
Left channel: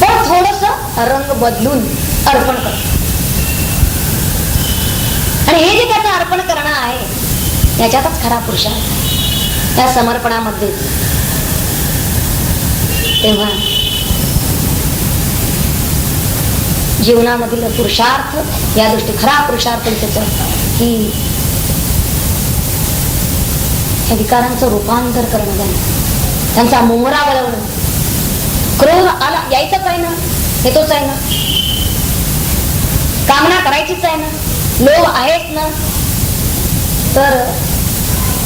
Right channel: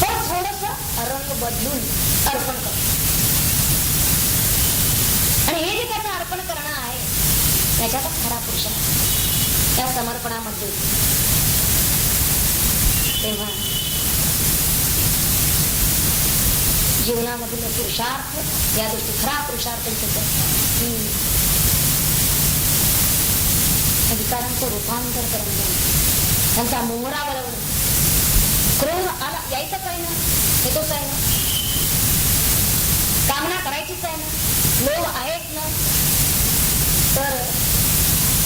पण थोडस रंग बदलून अर्पण करतो. आणि हे जे त्याचं अर्पण करणं आहे याच्यातच खरा पुरुषार्थ आहे, त्या समर्पणामध्ये. तेव्हा जीवनामधील पुरुषार्थ या दृष्टी खरा पुरुषार्थ त्याच की या विकारांचं रूपांतर करणं, त्यांचा मोहरा वळवणं. क्रोध आला यायचंच आहे ना, हे तोच आहे ना. कामना करायचीच आहे ना, लोभ आहेत ना. तर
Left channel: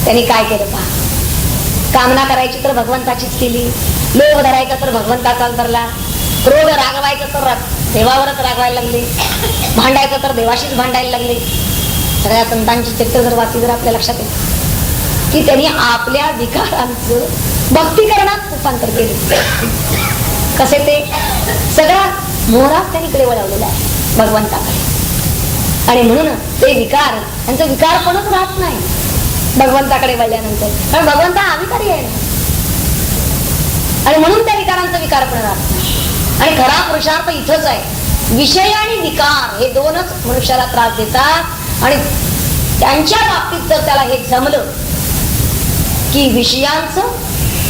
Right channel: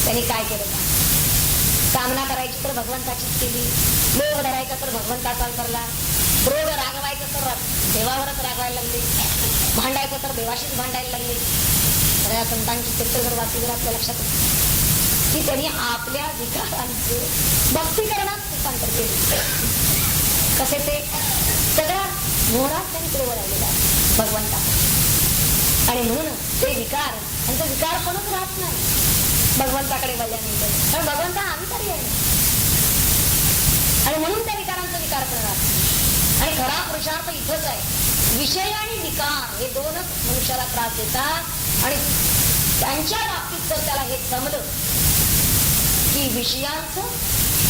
त्यांनी काय केलं पहा. कामना करायची तर भगवंताचीच केली, लोभ धरायचा तर भगवंताचाच धरला, क्रोध रागवायचं तर देवावरच रागवायला लागले, भांडायचं तर देवाशीच भांडायला लागले. सगळ्या संतांची चित्र जर वाचली तर आपल्या लक्षात येईल की त्यांनी आपल्या विकारांचं भक्तीकरणात रूपांतर केले. कसे ते सगळा मोहरा त्यांनीकडे वळवलेला आहे भगवंताकडे. आणि म्हणून ते विकार त्यांचं विकारपणच राहत नाही भगवंताकडे वळल्यानंतर. कारण भगवंता अविकारी आहे ना. आणि म्हणून त्या विकारांचा विकारपणा राहत नाही. आणि खरा पुरुषार्थ इथंच आहे. विषय आणि विकार हे दोनच मनुष्याला त्रास देतात. आणि त्यांच्या बाबतीत जर त्याला हे जमलं की विषयांचं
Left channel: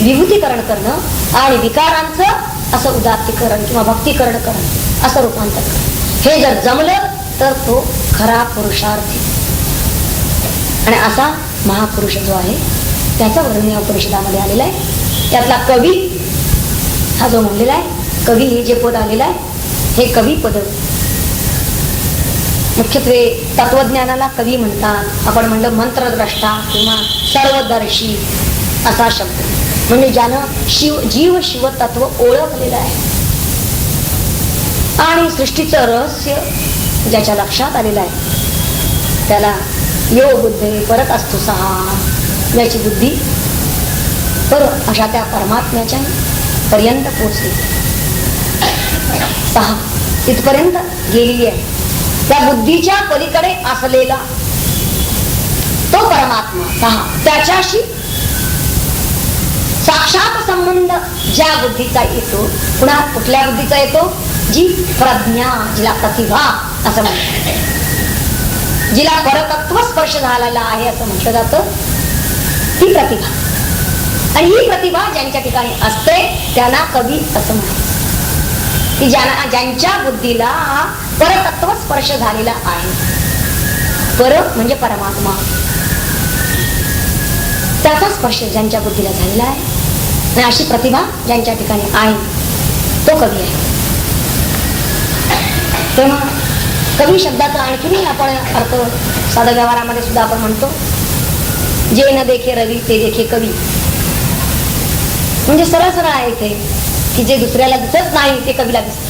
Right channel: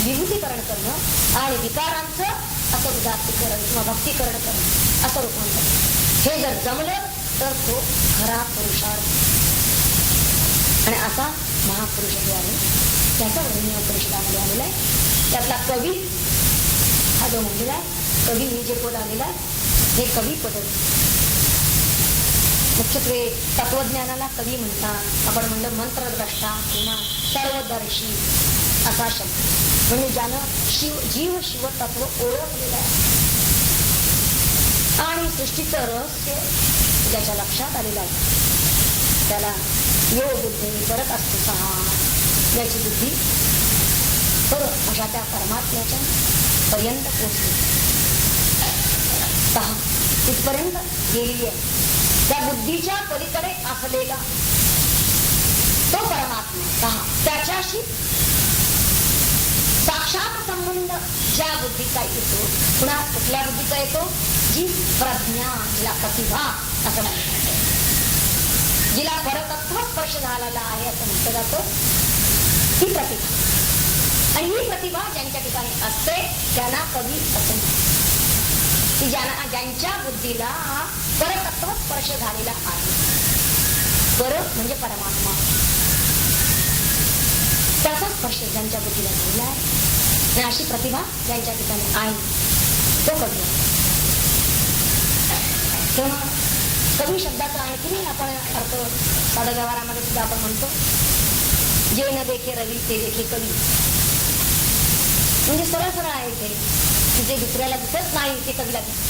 विभूतीकरण करणं आणि विकारांचं असं उदात्तीकरण किंवा भक्तीकरण करणं असं रूपांतर करणं, हे जर जमलं तर तो खरा पुरुषार्थ. आणि असा महापुरुष जो आहे त्याचं वर्णन या उपनिषदामध्ये आलेलं आहे. त्यातला कवी हा जो म्हणलेला आहे, कवी हे जे पद आलेलं आहे, हे कवी पद मुख्यत्वे तत्वज्ञानाला कवी म्हणतात. आपण म्हणलं मंत्रद्रष्टा किंवा सर्वदर्शी असा शब्द, म्हणजे ज्यानं जीव शिव तत्व ओळखलेलं आहे आणि सृष्टीचं रहस्य ज्याच्या लक्षात आलेलं आहे, त्याला यो बुद्धे परत असतो सहा, ज्याची बुद्धी पर अशा त्या परमात्म्याच्या पर्यंत पोचली, पहा तिथपर्यंत गेलेली आहे. त्या बुद्धीच्या पलीकडे असलेला तो परमात्मा पहा, त्याच्याशी साक्षात संबंध ज्या बुद्धीचा येतो, पुन्हा कुठल्या बुद्धीचा येतो, जी प्रज्ञा, जिला प्रतिभा असं म्हणतात, जिला परतत्व स्पर्श झालेला आहे असं म्हटलं जातं, ती प्रतिभा. आणि ही प्रतिभा ज्यांच्या ठिकाणी असते त्यांना कवी असं म्हणतात, की ज्यांच्या बुद्धीला हा परतत्व स्पर्श झालेला आहे. पर म्हणजे परमात्मा, त्याचा स्पर्श ज्यांच्या बुद्धीला झालेला आहे आणि अशी प्रतिभा ज्यांच्या ठिकाणी आहे तो कवी आहे. तेव्हा कवी शब्दाचा आणखीनही आपण अर्थ साध्या व्यवहारामध्ये सुद्धा आपण म्हणतो, जे न देखे रवी ते देखे कवी. म्हणजे सरळ सरळ आहे इथे की जे दुसऱ्याला दिसत नाही ते कवीला दिसत.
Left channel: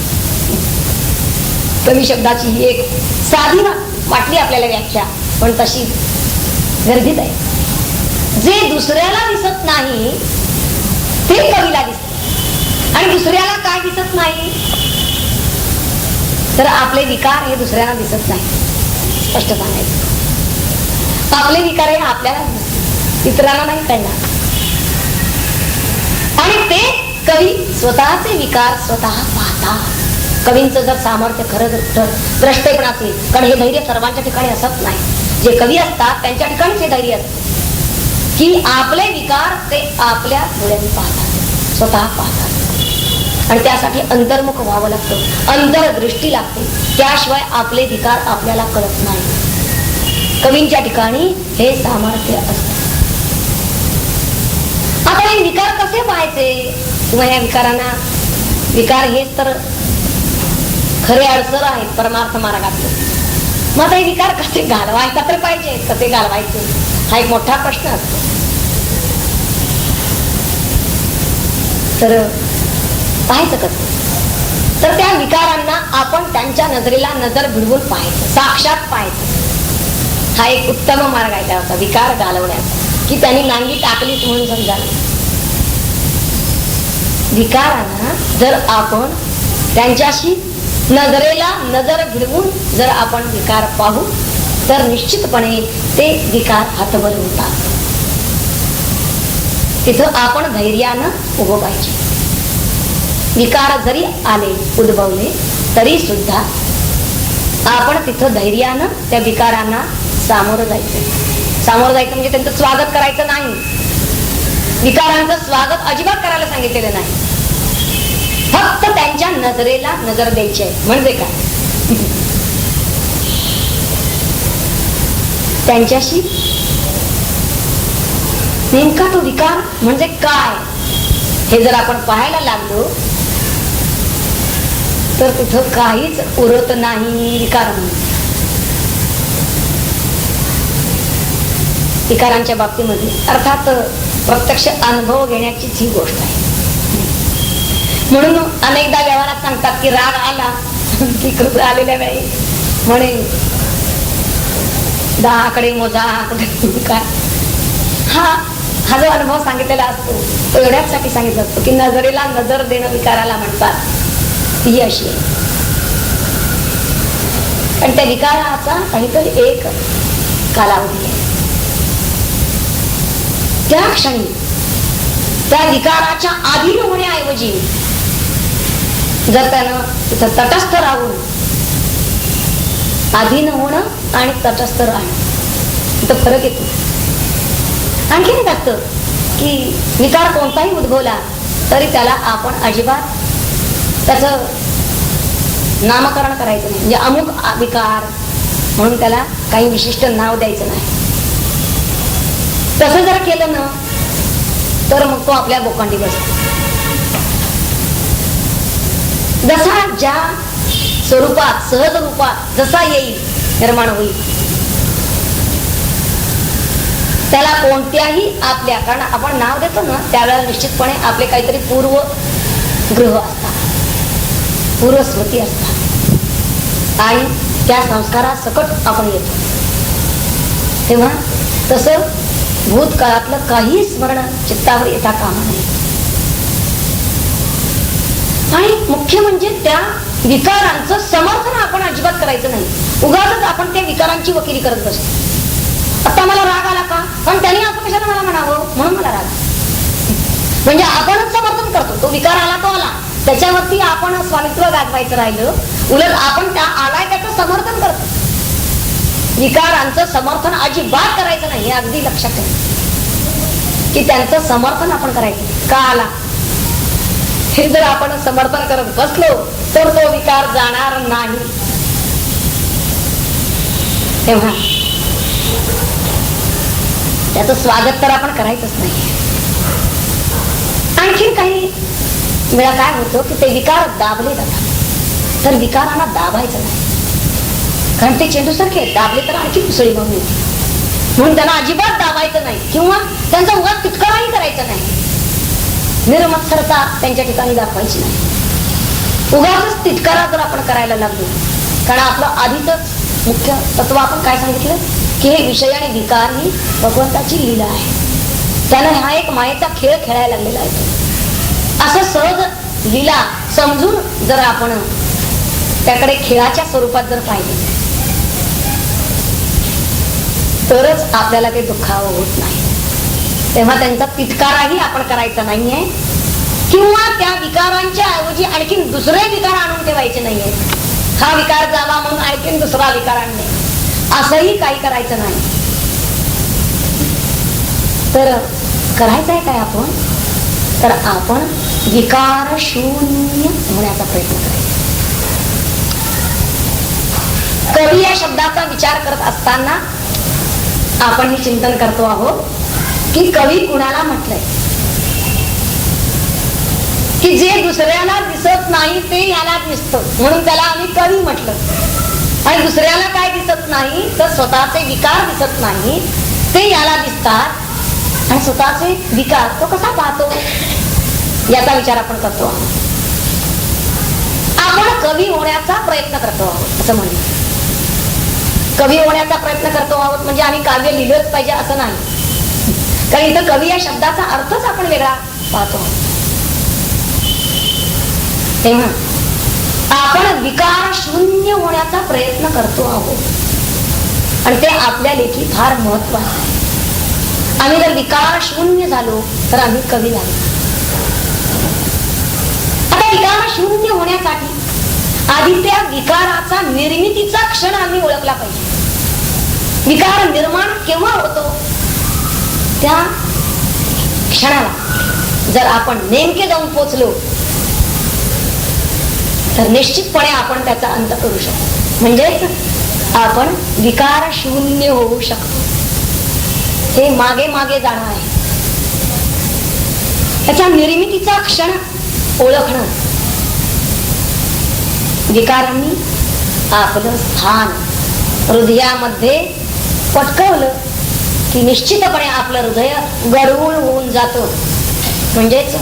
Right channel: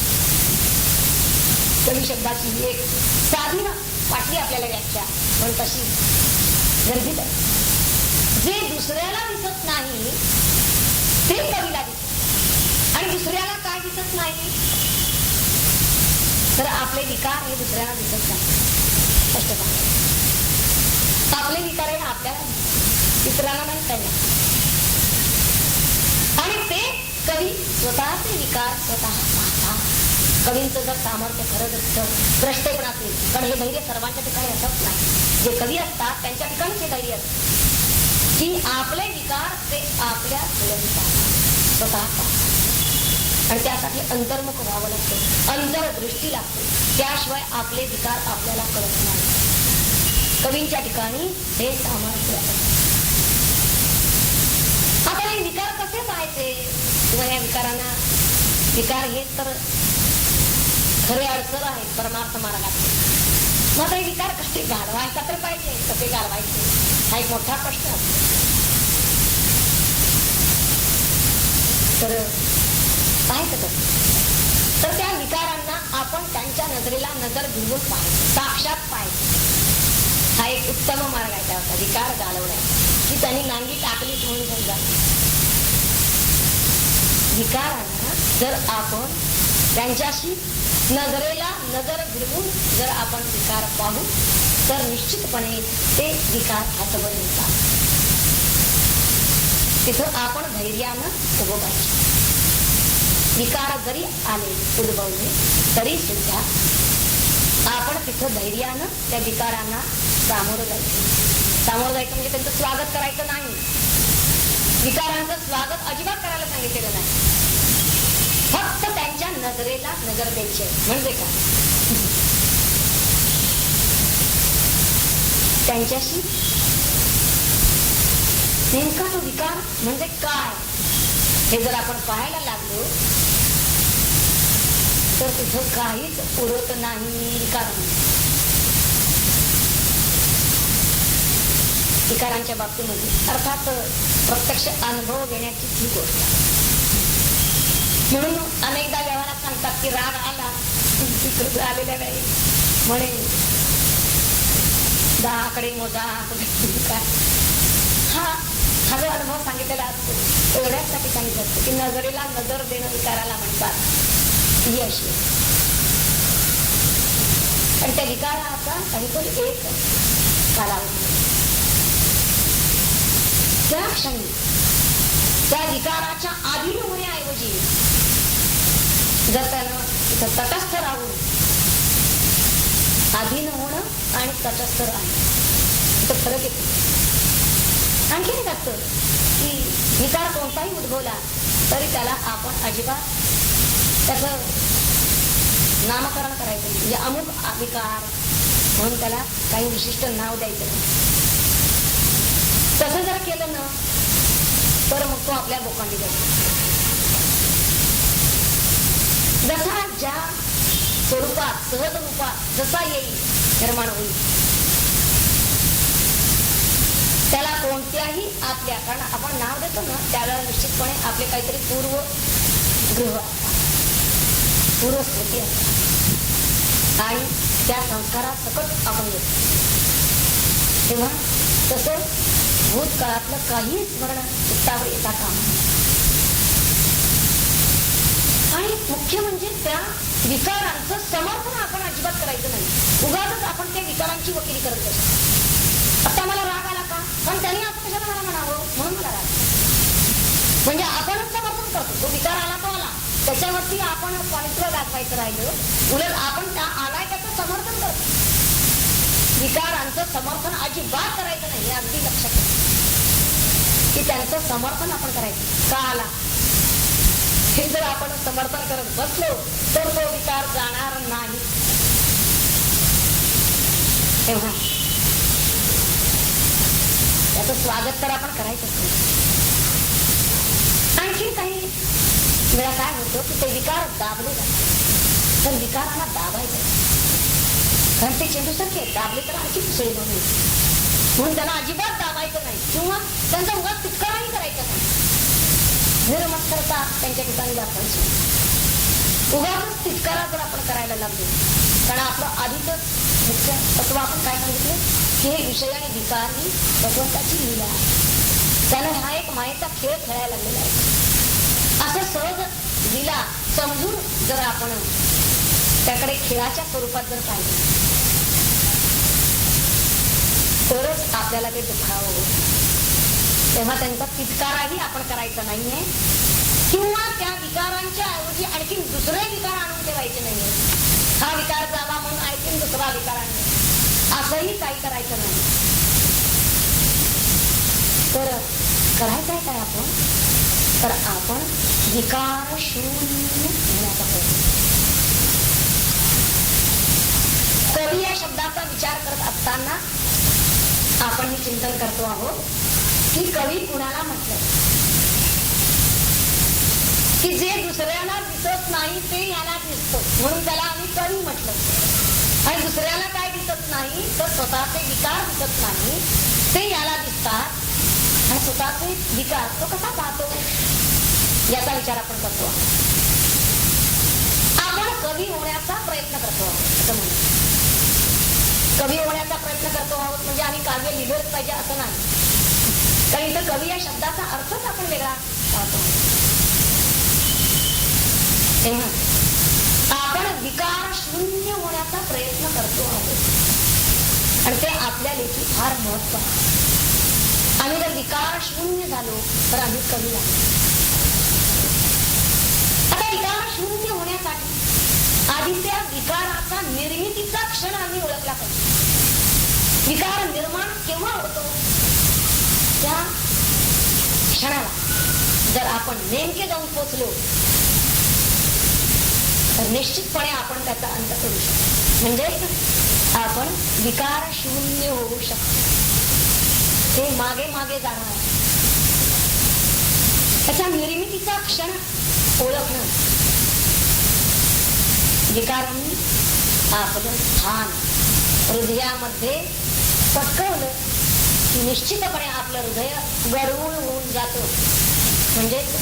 कवी शब्दाची ही एक साधी वाटली आपल्याला व्याख्या, पण तशी गरजेच आहे. जे दुसऱ्याला दिसत नाही ते कवीला दिसत. आणि दुसऱ्याला काय दिसत नाही तर आपले विकार हे दुसऱ्याला दिसत नाही. स्पष्ट सांगायचं, आपले विकार हे आपल्याला इतरांना नाही कळणार. आणि ते कवी स्वतःचे विकार स्वतः पाहतात. कवींचं जर सामर्थ्य खरं द्रष्टे पण असेल, कारण हे धैर्य सर्वांच्या ठिकाणी असत नाही. जे कवी असतात त्यांच्या ठिकाणीच हे धैर्य असत की आपले विकार ते आपल्या डोळ्यांनी पाहतात, स्वतः पाहतात. आणि त्यासाठी अंतर्मुख व्हावं लागतं, अंतर्दृष्टी लागते, त्याशिवाय आपले विकार आपल्याला कळत नाही. कवींच्या ठिकाणी हे सामर्थ्य असते. आता हे विकार कसे पाहायचे किंवा या विकारांना, विकार हेच तर खरे अडसर आहेत परमार्थ मार्गातले. मग आता हे विकार कसे घालवायचा तर पाहिजे, कसे घालवायचे हा एक मोठा प्रश्न असतो. तर पाहायचं कसं, तर त्या विकारांना आपण त्यांच्या नजरेला नजर भिडवून पाहायचं, साक्षात पाहायचं. हा एक उत्तम मार्ग आहे त्याचा विकार घालवण्याचा, की त्यांनी नांगी टाकलीच म्हणून समजायला. विकारांना जर आपण त्यांच्याशी नजरेला नजर भिडवून जर आपण विकार पाहू तर निश्चितपणे ते विकार हतबल होतात. तिथं आपण धैर्यानं उभं पाहिजे. विकार जरी आले, उद्भवले, तरी सुद्धा आपण तिथं धैर्यानं त्या विकारांना सामोरं जायचं. सामोरं जायचं म्हणजे त्यांचं स्वागत करायचं नाही. विकारांचं स्वागत अजिबात करायला सांगितलेलं नाही. फक्त त्यांच्या नजरेला नजर द्यायची आहे. म्हणजे काय, त्यांच्याशी नेमका तो विकार म्हणजे काय हे जर आपण पाहायला लागलो तर तिथं काहीच उरत नाही. विकार विकारांच्या बाबतीमध्ये अर्थात प्रत्यक्ष अनुभव घेण्याचीच ही गोष्ट आहे. म्हणून अनेकदा व्यवहारात सांगतात की राग आला की कृत आलेल्या वेळी म्हणे 10 मोजा काय. हा जो अनुभव सांगितलेला असतो तो एवढ्यासाठी सांगितला असतो की नजरेला नजर देणं विकाराला म्हणतात. ती अशी आहे. पण त्या विकाराचा काहीतरी एक कालावधी आहे. त्या क्षणी त्या विकाराच्या अधीन होण्याऐवजी जर त्यानं तिथं तटस्थ राहून, अधीन होणं आणि तटस्थ राहणं इथं फरक येतो. आणखी एक असतं की विकार कोणताही उद्भवला तरी त्याला आपण अजिबात त्याचं नामकरण करायचं नाही. म्हणजे अमुक विकार म्हणून त्याला काही विशिष्ट नाव द्यायचं नाही. तसं जर केलं ना तर मग तो आपल्या बोकांडी बसतो. जसा ज्या स्वरूपात, सहज रूपात जसा येईल, निर्माण होईल, त्याला कोणत्याही आपल्या, कारण आपण नाव देतो ना त्यावेळेला निश्चितपणे आपले काहीतरी पूर्व ग्रह असतात, पूर्वस्मृती असतात आणि त्या संस्कारासकट आपण येतो. तेव्हा तसं भूतकाळातलं काही स्मरण चित्तावर येता कामा नये. आणि मुख्य म्हणजे त्या विकारांचं समर्थन आपण अजिबात करायचं नाही. उगाच आपण त्या विकारांची वकिली करत बसतो. आता मला राग आला का, पण त्यांनी असं कशाला मला म्हणावं म्हणून मला राग. म्हणजे आपणच समर्थन करतो. तो विकार आला तो आला, त्याच्यावरती आपण स्वामित्व गाजवायचं राहिलं, उलट आपण त्या आलाय त्याचं समर्थन करतो. विकारांचं समर्थन अजिबात करायचं नाही, हे अगदी लक्षात ठेवा की त्यांचं समर्थन आपण करायचं. का आला हे जर आपण समर्थन करत बसलो तर तो विकार जाणार नाही. तेव्हा त्याचं स्वागत तर आपण करायचंच नाही. आणखी काही वेळा काय होतं की ते विकार दाबले जातात, तर विकारांना दाबायचं नाही. कारण ते चेंडू सारखे दाबले तर आणखी पुसळी मग येते. म्हणून त्यांना अजिबात दाबायचं नाही किंवा त्यांचा उगाच तिटकाराही करायचा नाही. निर्मत्सरता त्यांच्या ठिकाणी दाखवायची नाही. उगाच तिटकारा जर आपण करायला लागलो, कारण आपलं आधीच मुख्य तत्व आपण काय सांगितलं की हे विषय आणि विकार ही भगवंताची लीला आहे. त्यानं हा एक मायेचा खेळ खेळायला लागलेला आहे. असं सहज लीला समजून जर आपण त्याकडे खेळाच्या स्वरूपात जर पाहिजे तरच आपल्याला ते दुःखावं होत नाही. तेव्हा त्यांचा तिटकाराही आपण करायचा नाहीये किंवा त्या विकारांच्या ऐवजी आणखी दुसरे विकार आणून ठेवायचे नाहीये. हा विकार जावा म्हणून आणखीन दुसरा विकार आणणे असंही काही करायचं नाही. तर करायचं आहे काय आपण, तर आपण विकार शून्य होण्याचा प्रयत्न करायचा. कवी या शब्दाचा विचार करत असताना आपण हे चिंतन करतो आहोत की कवी कुणाला म्हटलंय की जे दुसऱ्याला दिसत नाही ते याला दिसतं, म्हणून त्याला आम्ही कवी म्हटलं. आणि दुसऱ्याला काय दिसत नाही तर स्वतःचे विकार दिसत नाही ते याला दिसतात आणि स्वतःचे विकार तो कसा पाहतो याचा विचार आपण करतो आहोत. आपण कवी होण्याचा प्रयत्न करतो आहोत असं म्हणलं. कवी होण्याचा प्रयत्न करतो आहोत म्हणजे आम्ही काव्य लिहिलंच पाहिजे असं नाही. कारण इथं कवी या शब्दाचा अर्थच आपण वेगळा पाहतो. तेव्हा आपण विकार शून्य होण्याचा प्रयत्न करतो आहोत आणि ते आपल्या लेखी फार महत्वाचे. आम्ही जर विकार शून्य झालो तर आम्ही कवी झालो. आता विकार शून्य होण्यासाठी आधी त्या विकाराचा निर्मितीचा क्षण आम्ही ओळखला पाहिजे. विकार निर्माण केव्हा होतो त्या क्षणाला जर आपण नेमके जाऊन पोचलो तर निश्चितपणे आपण त्याचा अंत करू शकतो. म्हणजे आपण विकार शून्य होऊ शकतो. हे मागे मागे जाणं आहे. त्याच्या निर्मितीचा क्षण ओळखणं. विकारांनी आपलं स्थान हृदयामध्ये पटकवलं की निश्चितपणे आपलं हृदय गढूळ होऊन जातं. म्हणजेच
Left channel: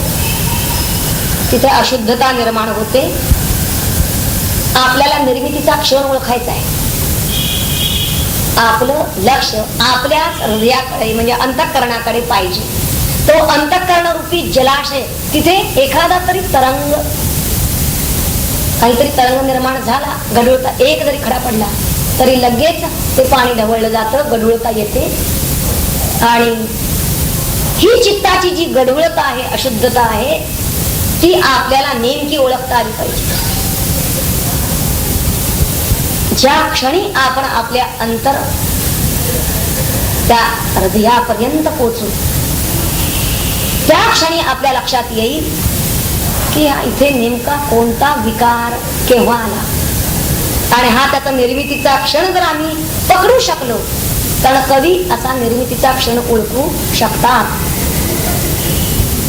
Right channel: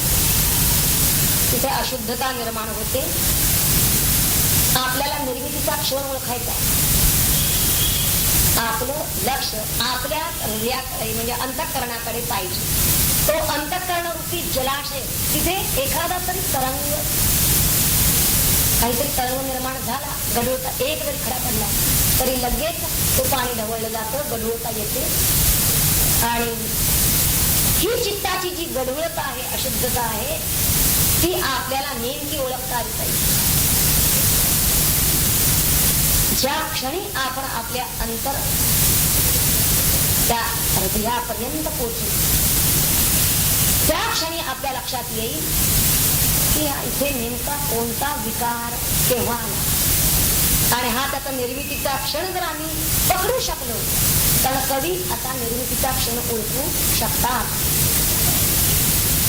तिथे अशुद्धता निर्माण होते. आपल्याला निर्मितीचा क्षण ओळखायचा आहे. आपलं लक्ष आपल्या हृदयाकडे म्हणजे अंतःकरणाकडे पाहिजे. तो अंतःकरण रूपी जलाशय, तिथे एखादा तरी तरंग, काहीतरी तरंग निर्माण झाला, गढूळता एक जरी खडा पडला तरी लगेच ते पाणी ढवळलं जातं, गढूळता येते आणि ही चित्ताची जी गडबडता आहे, अशुद्धता आहे, ती आपल्याला नेमकी ओळखता आली पाहिजे. ज्या क्षणी आपण आपल्या अंतर त्या हृदयापर्यंत पोहोचू, त्या क्षणी आपल्या लक्षात येईल की इथे नेमका कोणता विकार केव्हा आला. आणि हा त्याचा निर्मितीचा क्षण जर आम्ही पकडू शकलो तर कवी असा निर्मितीचा क्षण ओळखू शकतात.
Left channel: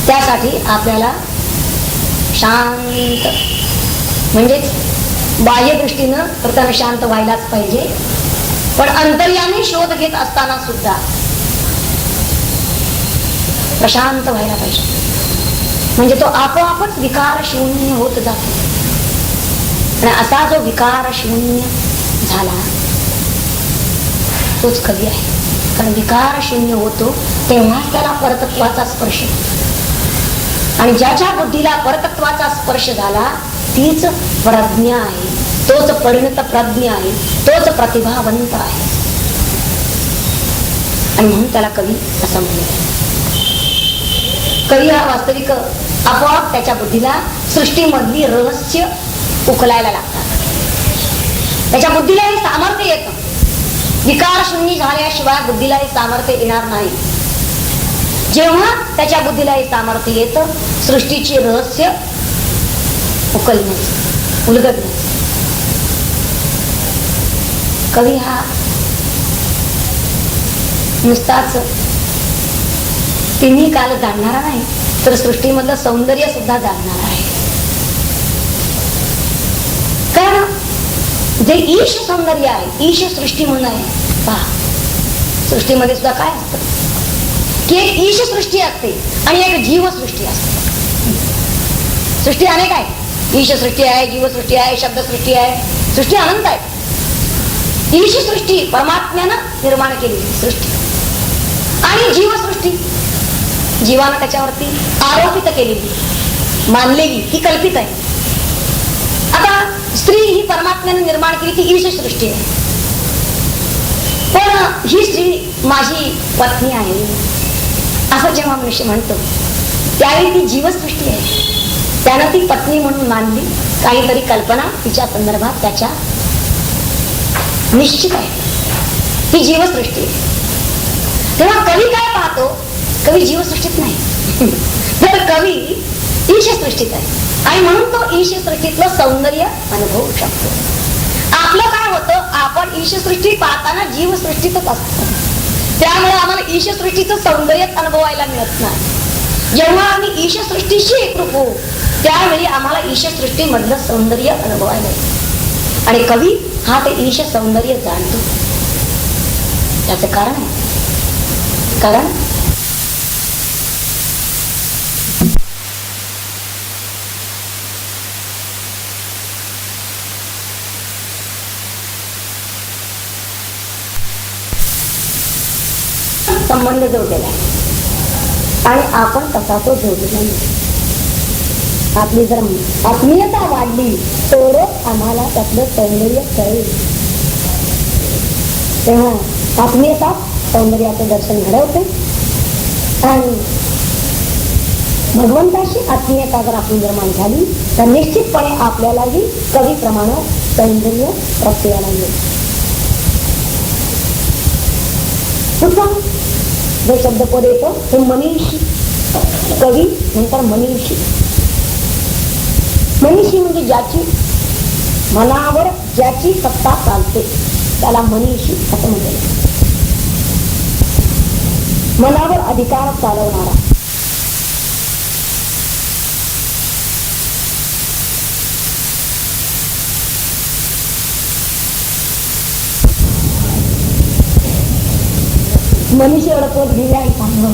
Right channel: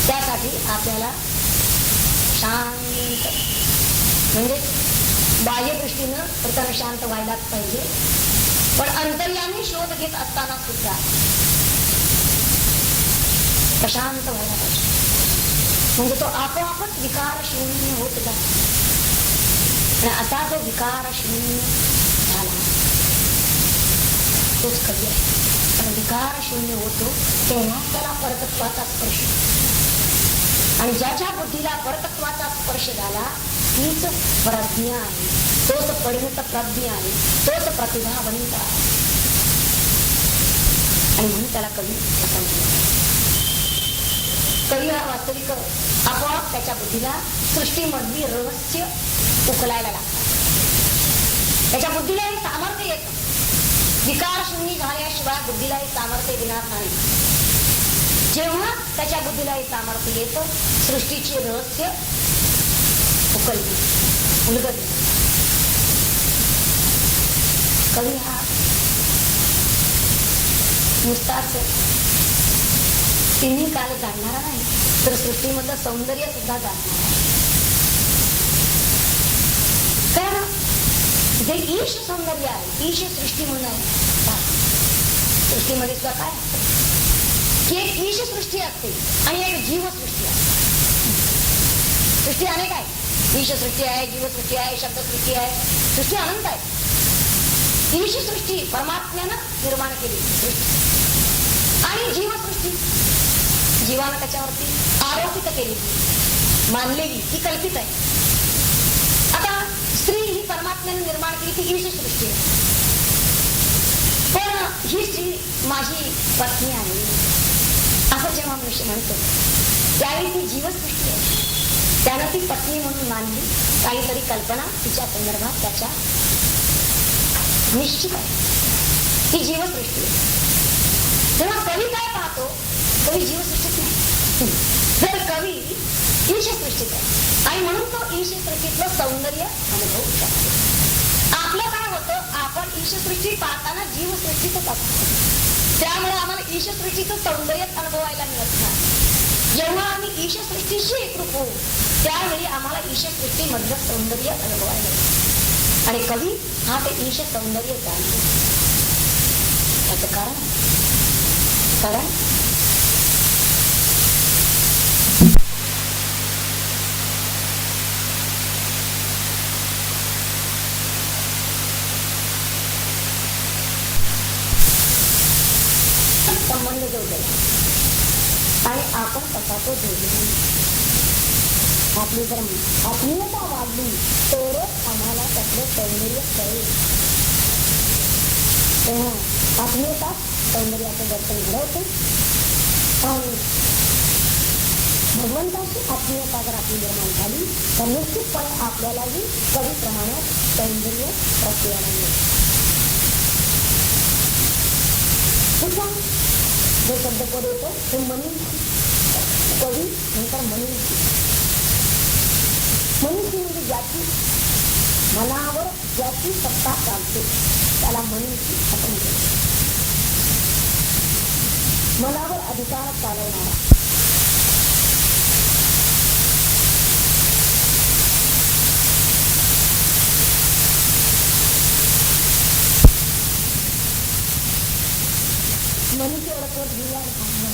त्यासाठी आपल्याला शांत, म्हणजे बाह्य दृष्टीनं प्रथम शांत व्हायलाच पाहिजे, पण अंतर्यामी शोध घेत असताना सुद्धा प्रशांत व्हायला पाहिजे. म्हणजे तो आपोआपच विकार शून्य होत जातो. आणि असा जो विकार शून्य झाला तोच कवी आहे. कारण विकार शून्य होतो तेव्हाच त्याला परतत्वाचा स्पर्श, आणि ज्याच्या बुद्धीला परतत्वाचा स्पर्श झाला तीच प्रज्ञा आहे, तोच परिणत प्रज्ञ आहे, तोच प्रतिभावंत आहे. आणि म्हणून त्याला कवी असं म्हणतात. कवी हा वास्तविक आपोआप त्याच्या बुद्धीला सृष्टीमधली रहस्य उकलायला लागतात. त्याच्या बुद्धीला हे सामर्थ्य येतं. विकार शून्य झाल्याशिवाय बुद्धीला हे सामर्थ्य येणार नाही. जेव्हा त्याच्या बुद्धीला हे सामर्थ्य येतं, सृष्टीची रहस्य उकलणे, उलगडणे. कवी हा नुसताच तिन्ही काल जाणणारा नाही, तर सृष्टीमधलं सौंदर्य सुद्धा जाणणारा आहे. कारण जे ईश सौंदर्य आहे, ईश सृष्टी म्हणून आहे. पहा, सृष्टीमध्ये सुद्धा काय असतं की एक ईश सृष्टी असते आणि एक जीवसृष्टी असते. सृष्टी अनेक आहे. ईश सृष्टी आहे, जीवसृष्टी आहे, शब्दसृष्टी आहे, सृष्टी अनंत आहे. ईश सृष्टी परमात्म्यानं निर्माण केलेली सृष्टी, आणि जीवसृष्टी जीवानं त्याच्यावरती आरोपित केलेली, मानलेली, ही कल्पित आहे. आता स्त्री ही परमात्म्यानं निर्माण केली ती ईश सृष्टी आहे. पण ही स्त्री माझी पत्नी आहे असं जेव्हा मनुष्य म्हणतो त्यावेळी ती जीवसृष्टी आहे. त्यानं ती पत्नी म्हणून मानली, काहीतरी कल्पना तिच्या संदर्भात त्याच्या निश्चित आहे. ही जीवसृष्टी आहे. तेव्हा कवी काय पाहतो? कवी जीवसृष्टीत नाही, तर कवी ईशसृष्टीत आहे. आणि म्हणून तो ईशसृष्टीतलं सौंदर्य अनुभवू शकतो. आपलं काय होतं, आपण ईशसृष्टी पाहताना जीवसृष्टीतच असतो. त्यामुळे आम्हाला ईशसृष्टीचं सौंदर्यच अनुभवायला मिळत नाही. जेव्हा आम्ही ईशसृष्टीशी एकरूप होऊ त्यावेळी आम्हाला ईशसृष्टी मधलं सौंदर्य अनुभवायला येतं. आणि कवी हा ते ईश सौंदर्य जाणतो. त्याचं कारण आहे, कारण संबंध जोडलेला आहे आणि आपण तसा तो जोडलेला नाही. आपली जर आत्मीयता वाढली तरच आम्हाला त्यातलं सौंदर्य कळेल. तेव्हा आत्मीयता सौंदर्याचं दर्शन घडवते. आणि भगवंताशी आत्मीयता जर आपली निर्माण झाली तर निश्चितपणे आपल्यालाही कवीप्रमाणे सौंदर्य प्रत्ययाला येईल. जो शब्दपद येतो हे मनीषी, कवी नंतर मनीषी. मनीषी म्हणजे ज्याची मनावर ज्याची सत्ता चालते त्याला मनीषी असं म्हणतात. मनावर अधिकार चालवणारा. मनीषी ओळखवत गेले आणि चांगलं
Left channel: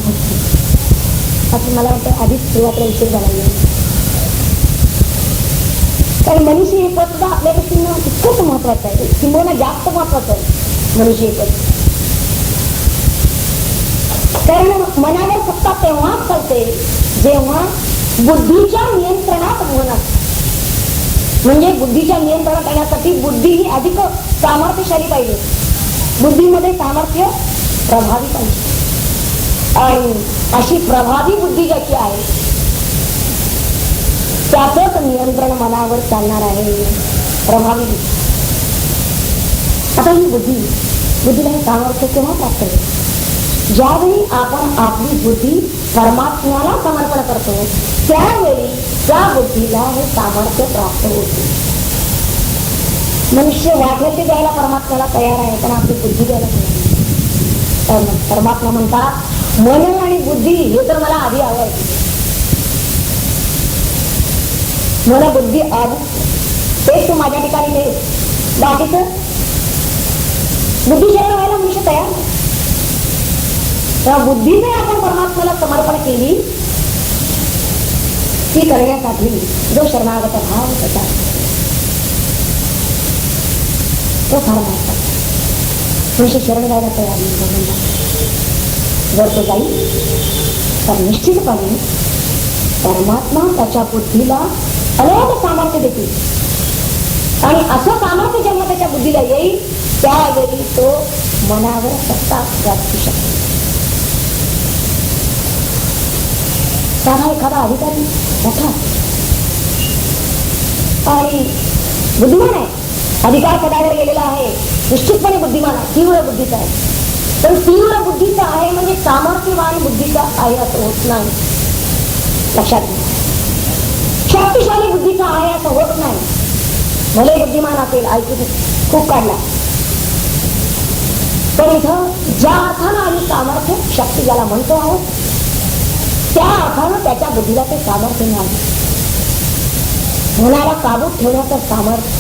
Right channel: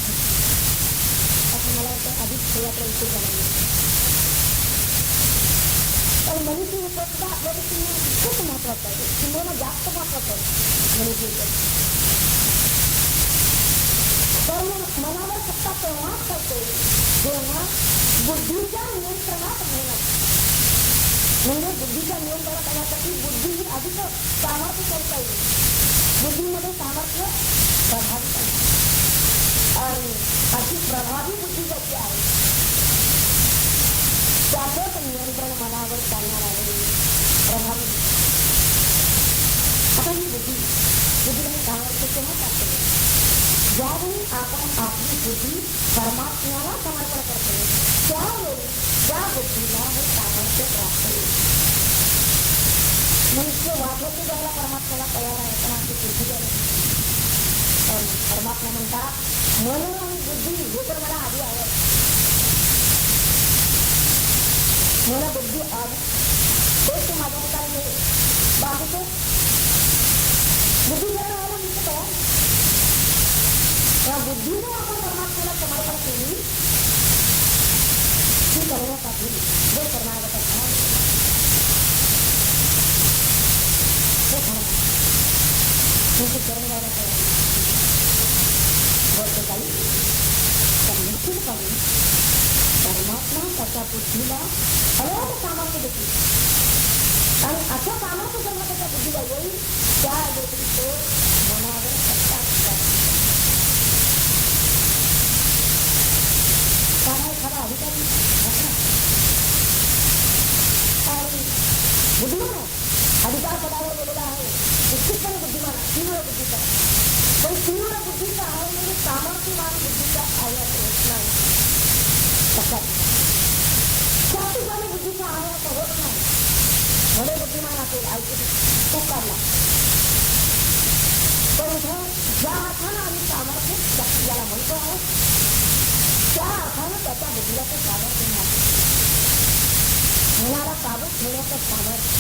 असं मला वाटतं आधीच सुरुवातीला उशीर झाला. कारण मनीषी हे पद सुद्धा आपल्या दृष्टीनं तितकंच महत्वाचं आहे, किंबहुना जास्त महत्वाचं आहे मनीषी हे पद. कारण मनावर सत्ता तेव्हाच चालते जेव्हा बुद्धीच्या नियंत्रणात मन असते. म्हणजे बुद्धीच्या नियंत्रणात येण्यासाठी बुद्धी ही अधिक सामर्थ्यशाली पाहिजे. बुद्धीमध्ये सामर्थ्य प्रभावी पाहिजे. आणि अशी प्रभावी बुद्धी ज्याची आहे त्याचंच नियंत्रण मनावर चालणार आहे. प्रभावी आता ही बुद्धीला हे सामर्थ्य केव्हा प्राप्त होईल? ज्यावेळी आपण आपली बुद्धी परमात्म्याला समर्पण करतो त्यावेळी त्या बुद्धीला हे सामर्थ्य प्राप्त होते. मनुष्य वाटेल ते द्यायला परमात्म्याला तयार आहे, पण आपली बुद्धी द्यायला तर परमात्मा म्हणतात मन आणि बुद्धी हे तर मला आधी आवडते. मन बुद्धी आधी तेच तू माझ्या ठिकाणी दे. बाकीचं बुद्धी शरण व्हायला मनुष्य तयार नाही. तेव्हा बुद्धीने आपण परमात्म्याला समर्पण केली ती करण्यासाठी जो शरणागत भाव होता तो फार महत्वाचा. मनुष्य शरण व्हायला तयार नाही. जर तो जाईल तर निश्चितपणे परमात्मा त्याच्या बुद्धीला अनेक सामर्थ्य देतील आणि असं सामर्थ्य जेव्हा त्याच्या बुद्धीला येईल त्यावेळी तो मनावर सत्ता गाजवू शकतो. एखादा अधिकारी मोठा आणि बुद्धिमान आहे, अधिकार पदावर गेलेला आहे, निश्चितपणे बुद्धिमान आहे, तीव्र बुद्धीचा आहे. पण तीव्र बुद्धीचा आहे म्हणजे सामर्थ्यवान बुद्धीचा आहे असं होत नाही. लक्षात घ्या, शक्तिशाली बुद्धीचा आहे असं होत नाही. भले बुद्धिमान असेल, ऐकू खूप काढला, पण इथं ज्या अर्थानं आम्ही सामर्थ्य शक्ती ज्याला म्हणतो आहोत त्या अर्थानं त्याच्या बुद्धीला ते सामर्थ्य नाही. मनाला काबूत ठेवण्याचं सामर्थ्य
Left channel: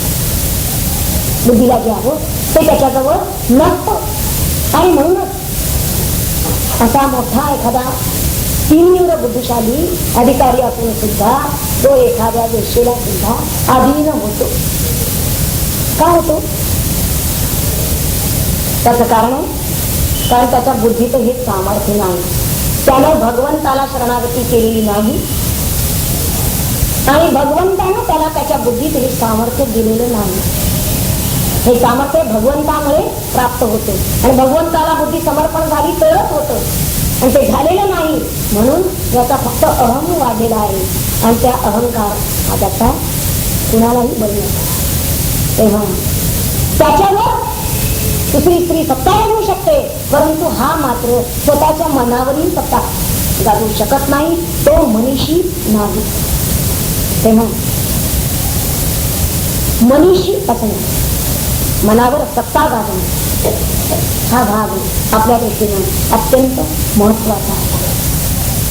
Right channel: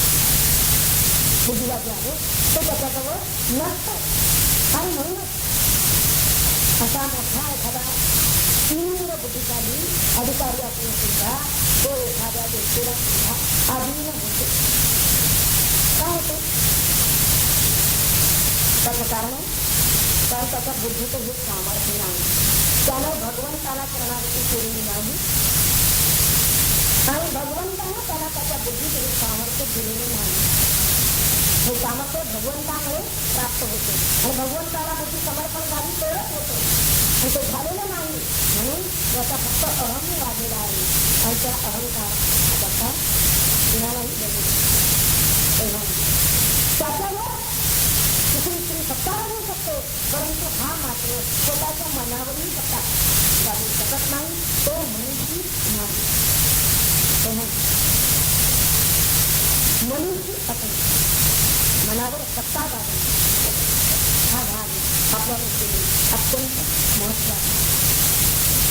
बुद्धीला जे आहोत ते त्याच्याजवळ नसतं. आणि म्हणूनच असा मोठा एखादा तीव्र बुद्धिशाली अधिकारी असून सुद्धा तो एखाद्या गोष्टीला सुद्धा अधीन होतो. का होतो? त्याचं कारण त्याच्या बुद्धीत हे सामर्थ्य नाही. त्यानं भगवंताला शरणागती केलेली नाही आणि भगवंतानं त्याला त्याच्या बुद्धीत हे सामर्थ्य दिलेलं नाही. हे सामर्थ्य भगवंतामुळे प्राप्त होते आणि भगवंताला बुद्धी समर्पण झाली तरच होतं आणि ते झालेलं नाही. म्हणून याचा फक्त अहम वाढलेला आहे आणि त्या अहंकार हा त्याचा कुणालाही बळी नाही. तेव्हा त्याच्यावर दुसरी स्त्री सत्ता गाजवू शकते, परंतु हा मात्र स्वतःच्या मनावरील सत्ता गाजवू शकत नाही. तो मनीषी नाही. तेव्हा मनीषी असणे, मनावर सत्ता गाजवणे हा भाग आपल्या दृष्टीने अत्यंत महत्वाचा आहे.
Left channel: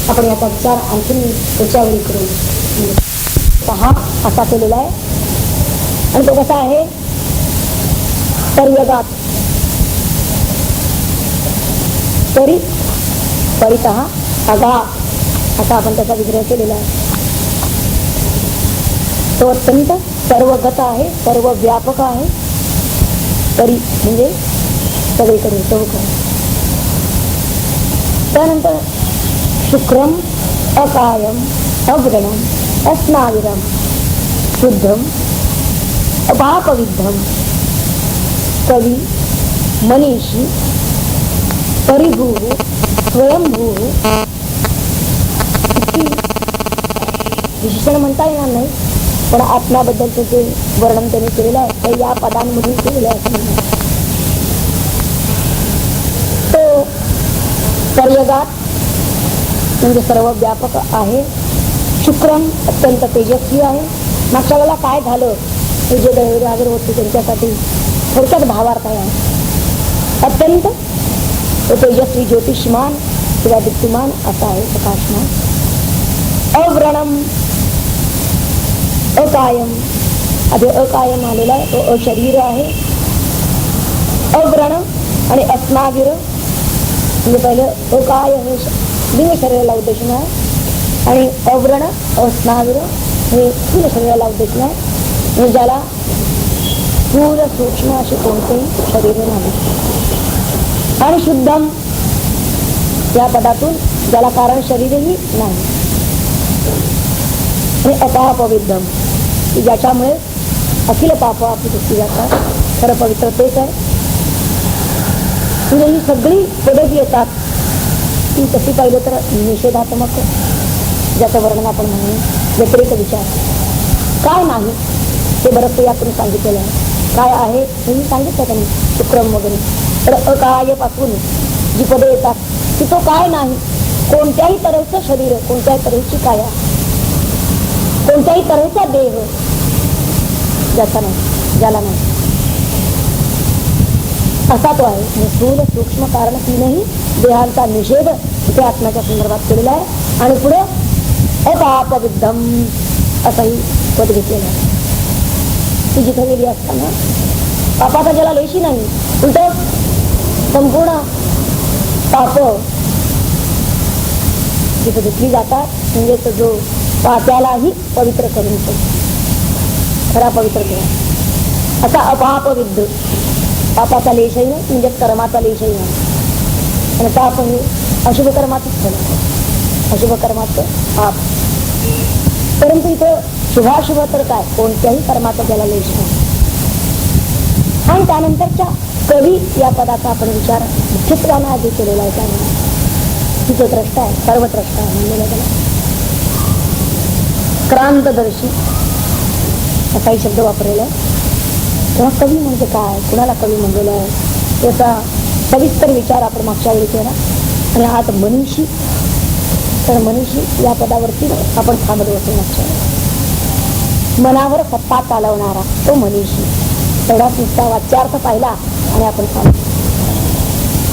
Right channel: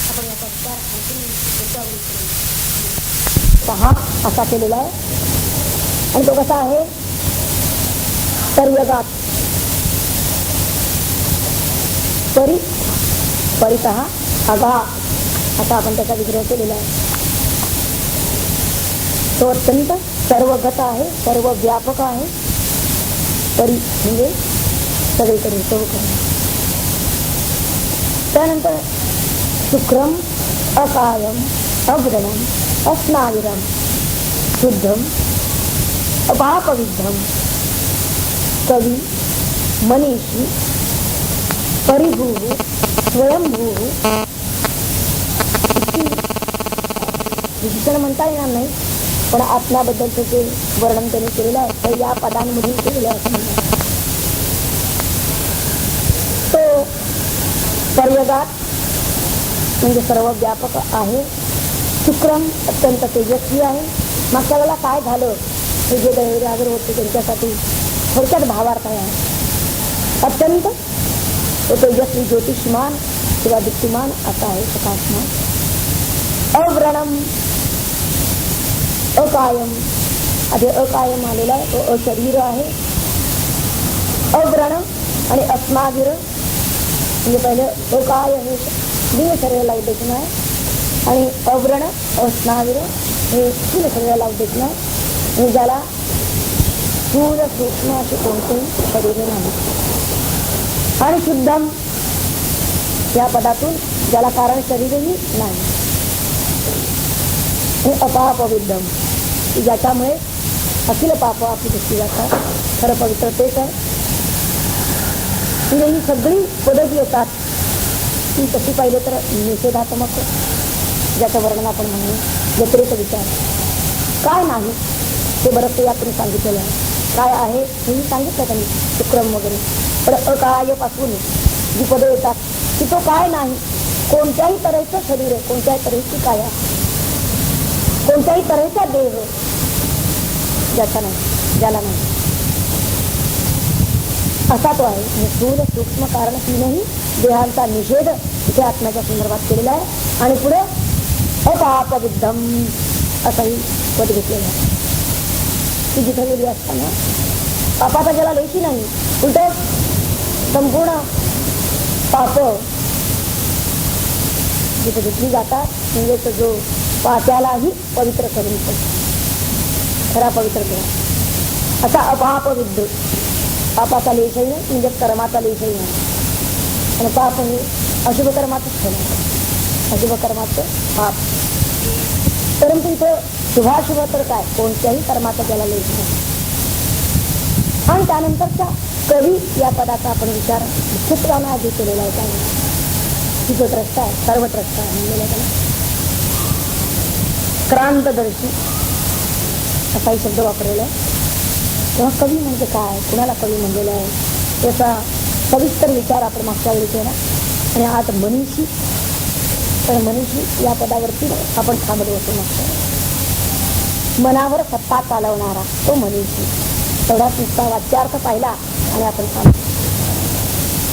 आपण याचा विचार आणखी त्याच्यावेळी करून पहा असा केलेला आहे. आणि तो कसा आहे? परियगात परितः अगाध असा आपण त्याचा विग्रह केलेला आहे. तो अत्यंत सर्वगत आहे, सर्व व्यापक आहे. परी म्हणजे सगळीकडे चौक. त्यानंतर शुक्रम अकायम अग्रणम अस्नाविरम शुद्धम अपापविद्धम कवी मनीषी परिभू स्वयंभू विशेषण म्हणता येणार नाही, पण आत्म्याबद्दलचं जे वर्णन त्याने केलेलं आहे ते या पदांमधून केलेलं आहे. तो पर्यगात म्हणजे सर्व व्यापक आहे. शुक्रम अत्यंत तेजस्वी आहे. मागच्या वेळेला काय झालं हे जे गैरहाजर होते त्यांच्यासाठी थोडक्यात भावार्थ आहे. अत्यंत तेजस्वी ज्योतिषमान किंवा दीप्तिमान असा आहे, प्रकाशमान. अव्रणम अकायम, आधी अकायम आलेला आहे, तो अशरीर आहे. अव्रण आणि अस्नाविर म्हणजे पहिलं अकाय हे लिंग शरीराला उद्देशून आहे आणि अव्रण अस्नाविर हे स्थूल शरीराला उद्देशून आहे. म्हणजे ज्याला स्थूल सूक्ष्म असे कोणतेही शरीर नाही. आणि शुद्धम या पदातून ज्याला कारण शरीरही नाही. आणि अपापविद्धम ज्याच्यामुळे अखिल पाप आपली दृष्टी जातात. खरं पवित्र तोच आहे. म्हणजे ही सगळी पदं जी येतात ती तशी पाहिलं तर निषेधात्मक, ज्याचं वर्णन आपण म्हणून व्यतिरिक्त विचार काय नाही ते बरंच यातून सांगितलेलं आहे. काय आहे हे मी सांगितलं त्यांनी विक्रम वगैरे. तर अकायपासून जी पदे येतात की तो काय नाही, कोणत्याही तऱ्हेचं शरीर, कोणत्याही तऱ्हेची काया, कोणत्याही तऱ्हेचा देह ज्याचा नाही, ज्याला नाही, असा तो आहे. स्थूल सूक्ष्म कारण तीनही देहांचा निषेध इथे आत्म्याच्या संदर्भात केलेला आहे. आणि पुढे अपापविद्धम असंही पद घेतलेलं आहे. ती जिथे गेली असताना पापाचा ज्याला लेशी नाही, उलट संपूर्ण पाप जिथे घेतली जातात, म्हणजे जो पाप्यालाही पवित्र करून खरा पवित्र केला असा अपापविद्ध. पापाचा लेशही नाही म्हणजे कर्माचा लेशही नाही. आणि पाप हे अशुभ कर्माचंच फल, अशुभ कर्माचं पाप. परंतु इथं शुभाशुभ तर काय, कोणत्याही कर्माचा त्याला लेश नाही. आणि त्यानंतरच्या कवी या पदाचा आपण विचार मुख्यत्वानं आधी केलेला आहे. त्यामुळे तिथे द्रष्टा आहे, सर्वद्रष्टा आहे म्हणलेलं त्याला. क्रांतदर्शी असाही शब्द वापरलेला आहे. तेव्हा कवी म्हणजे काय, कुणाला कवी म्हणलेलं आहे याचा सविस्तर विचार आपण मागच्या वेळी केला. आणि आज मनीषी, तर मनीषी या पदावरती आपण थांबलो होतो मागच्या वेळी. मनावर सत्ता चालवणारा तो मनीषी, एवढाच नुसता वाच्यार्थ पाहिला आणि आपण चालतो.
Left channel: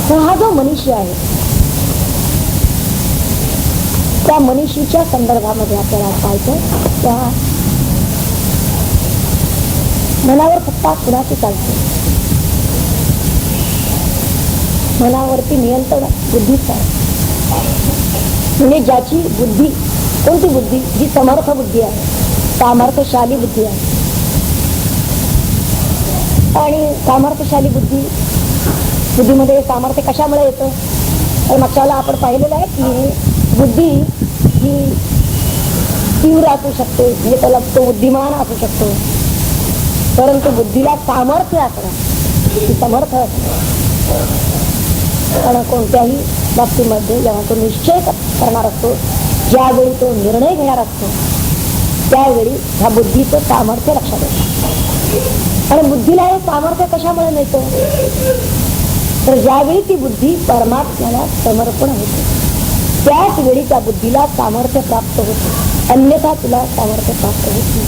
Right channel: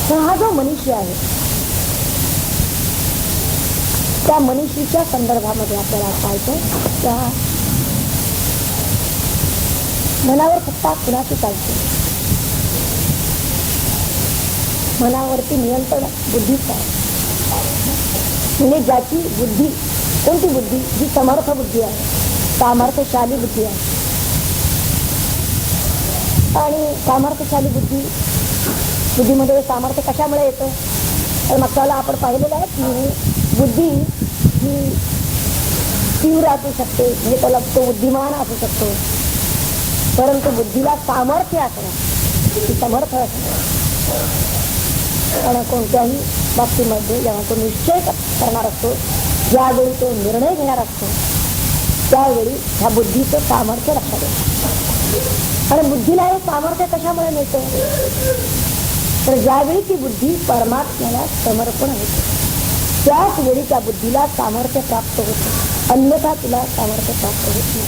तर हा जो मनीषी आहे त्या मनीषीच्या संदर्भामध्ये आपल्याला पाहायचं. त्या मनावर सत्ता कुणाची चालते, मनावरती नियंत्रण बुद्धीच आहे. म्हणजे ज्याची बुद्धी, कोणती बुद्धी, जी समर्थ बुद्धी आहे, सामर्थ्यशाली बुद्धी आहे. आणि सामर्थ्यशाली बुद्धीमध्ये सामर्थ्य कशामुळे येतं, तर मागच्याला आपण पाहिलेलं आहे की बुद्धी ही तीव्र असू शकते, म्हणजे त्याला तो बुद्धिमान असू शकतो. परंतु बुद्धीला सामर्थ्य असणं, ती समर्थ असणं. आणि कोणत्याही बाबतीमध्ये जेव्हा तो निश्चय करणार असतो, ज्यावेळी तो निर्णय घेणार असतो, त्यावेळी ह्या बुद्धीचं सामर्थ्य लक्षात येतं. आणि बुद्धीला हे सामर्थ्य कशामुळे मिळतं, तर ज्यावेळी ती बुद्धी परमात्म्याला समर्पण होते, त्याच वेळी त्या बुद्धीला सामर्थ्य प्राप्त होते. अन्यथा तिला सामर्थ्य प्राप्त होत नाही.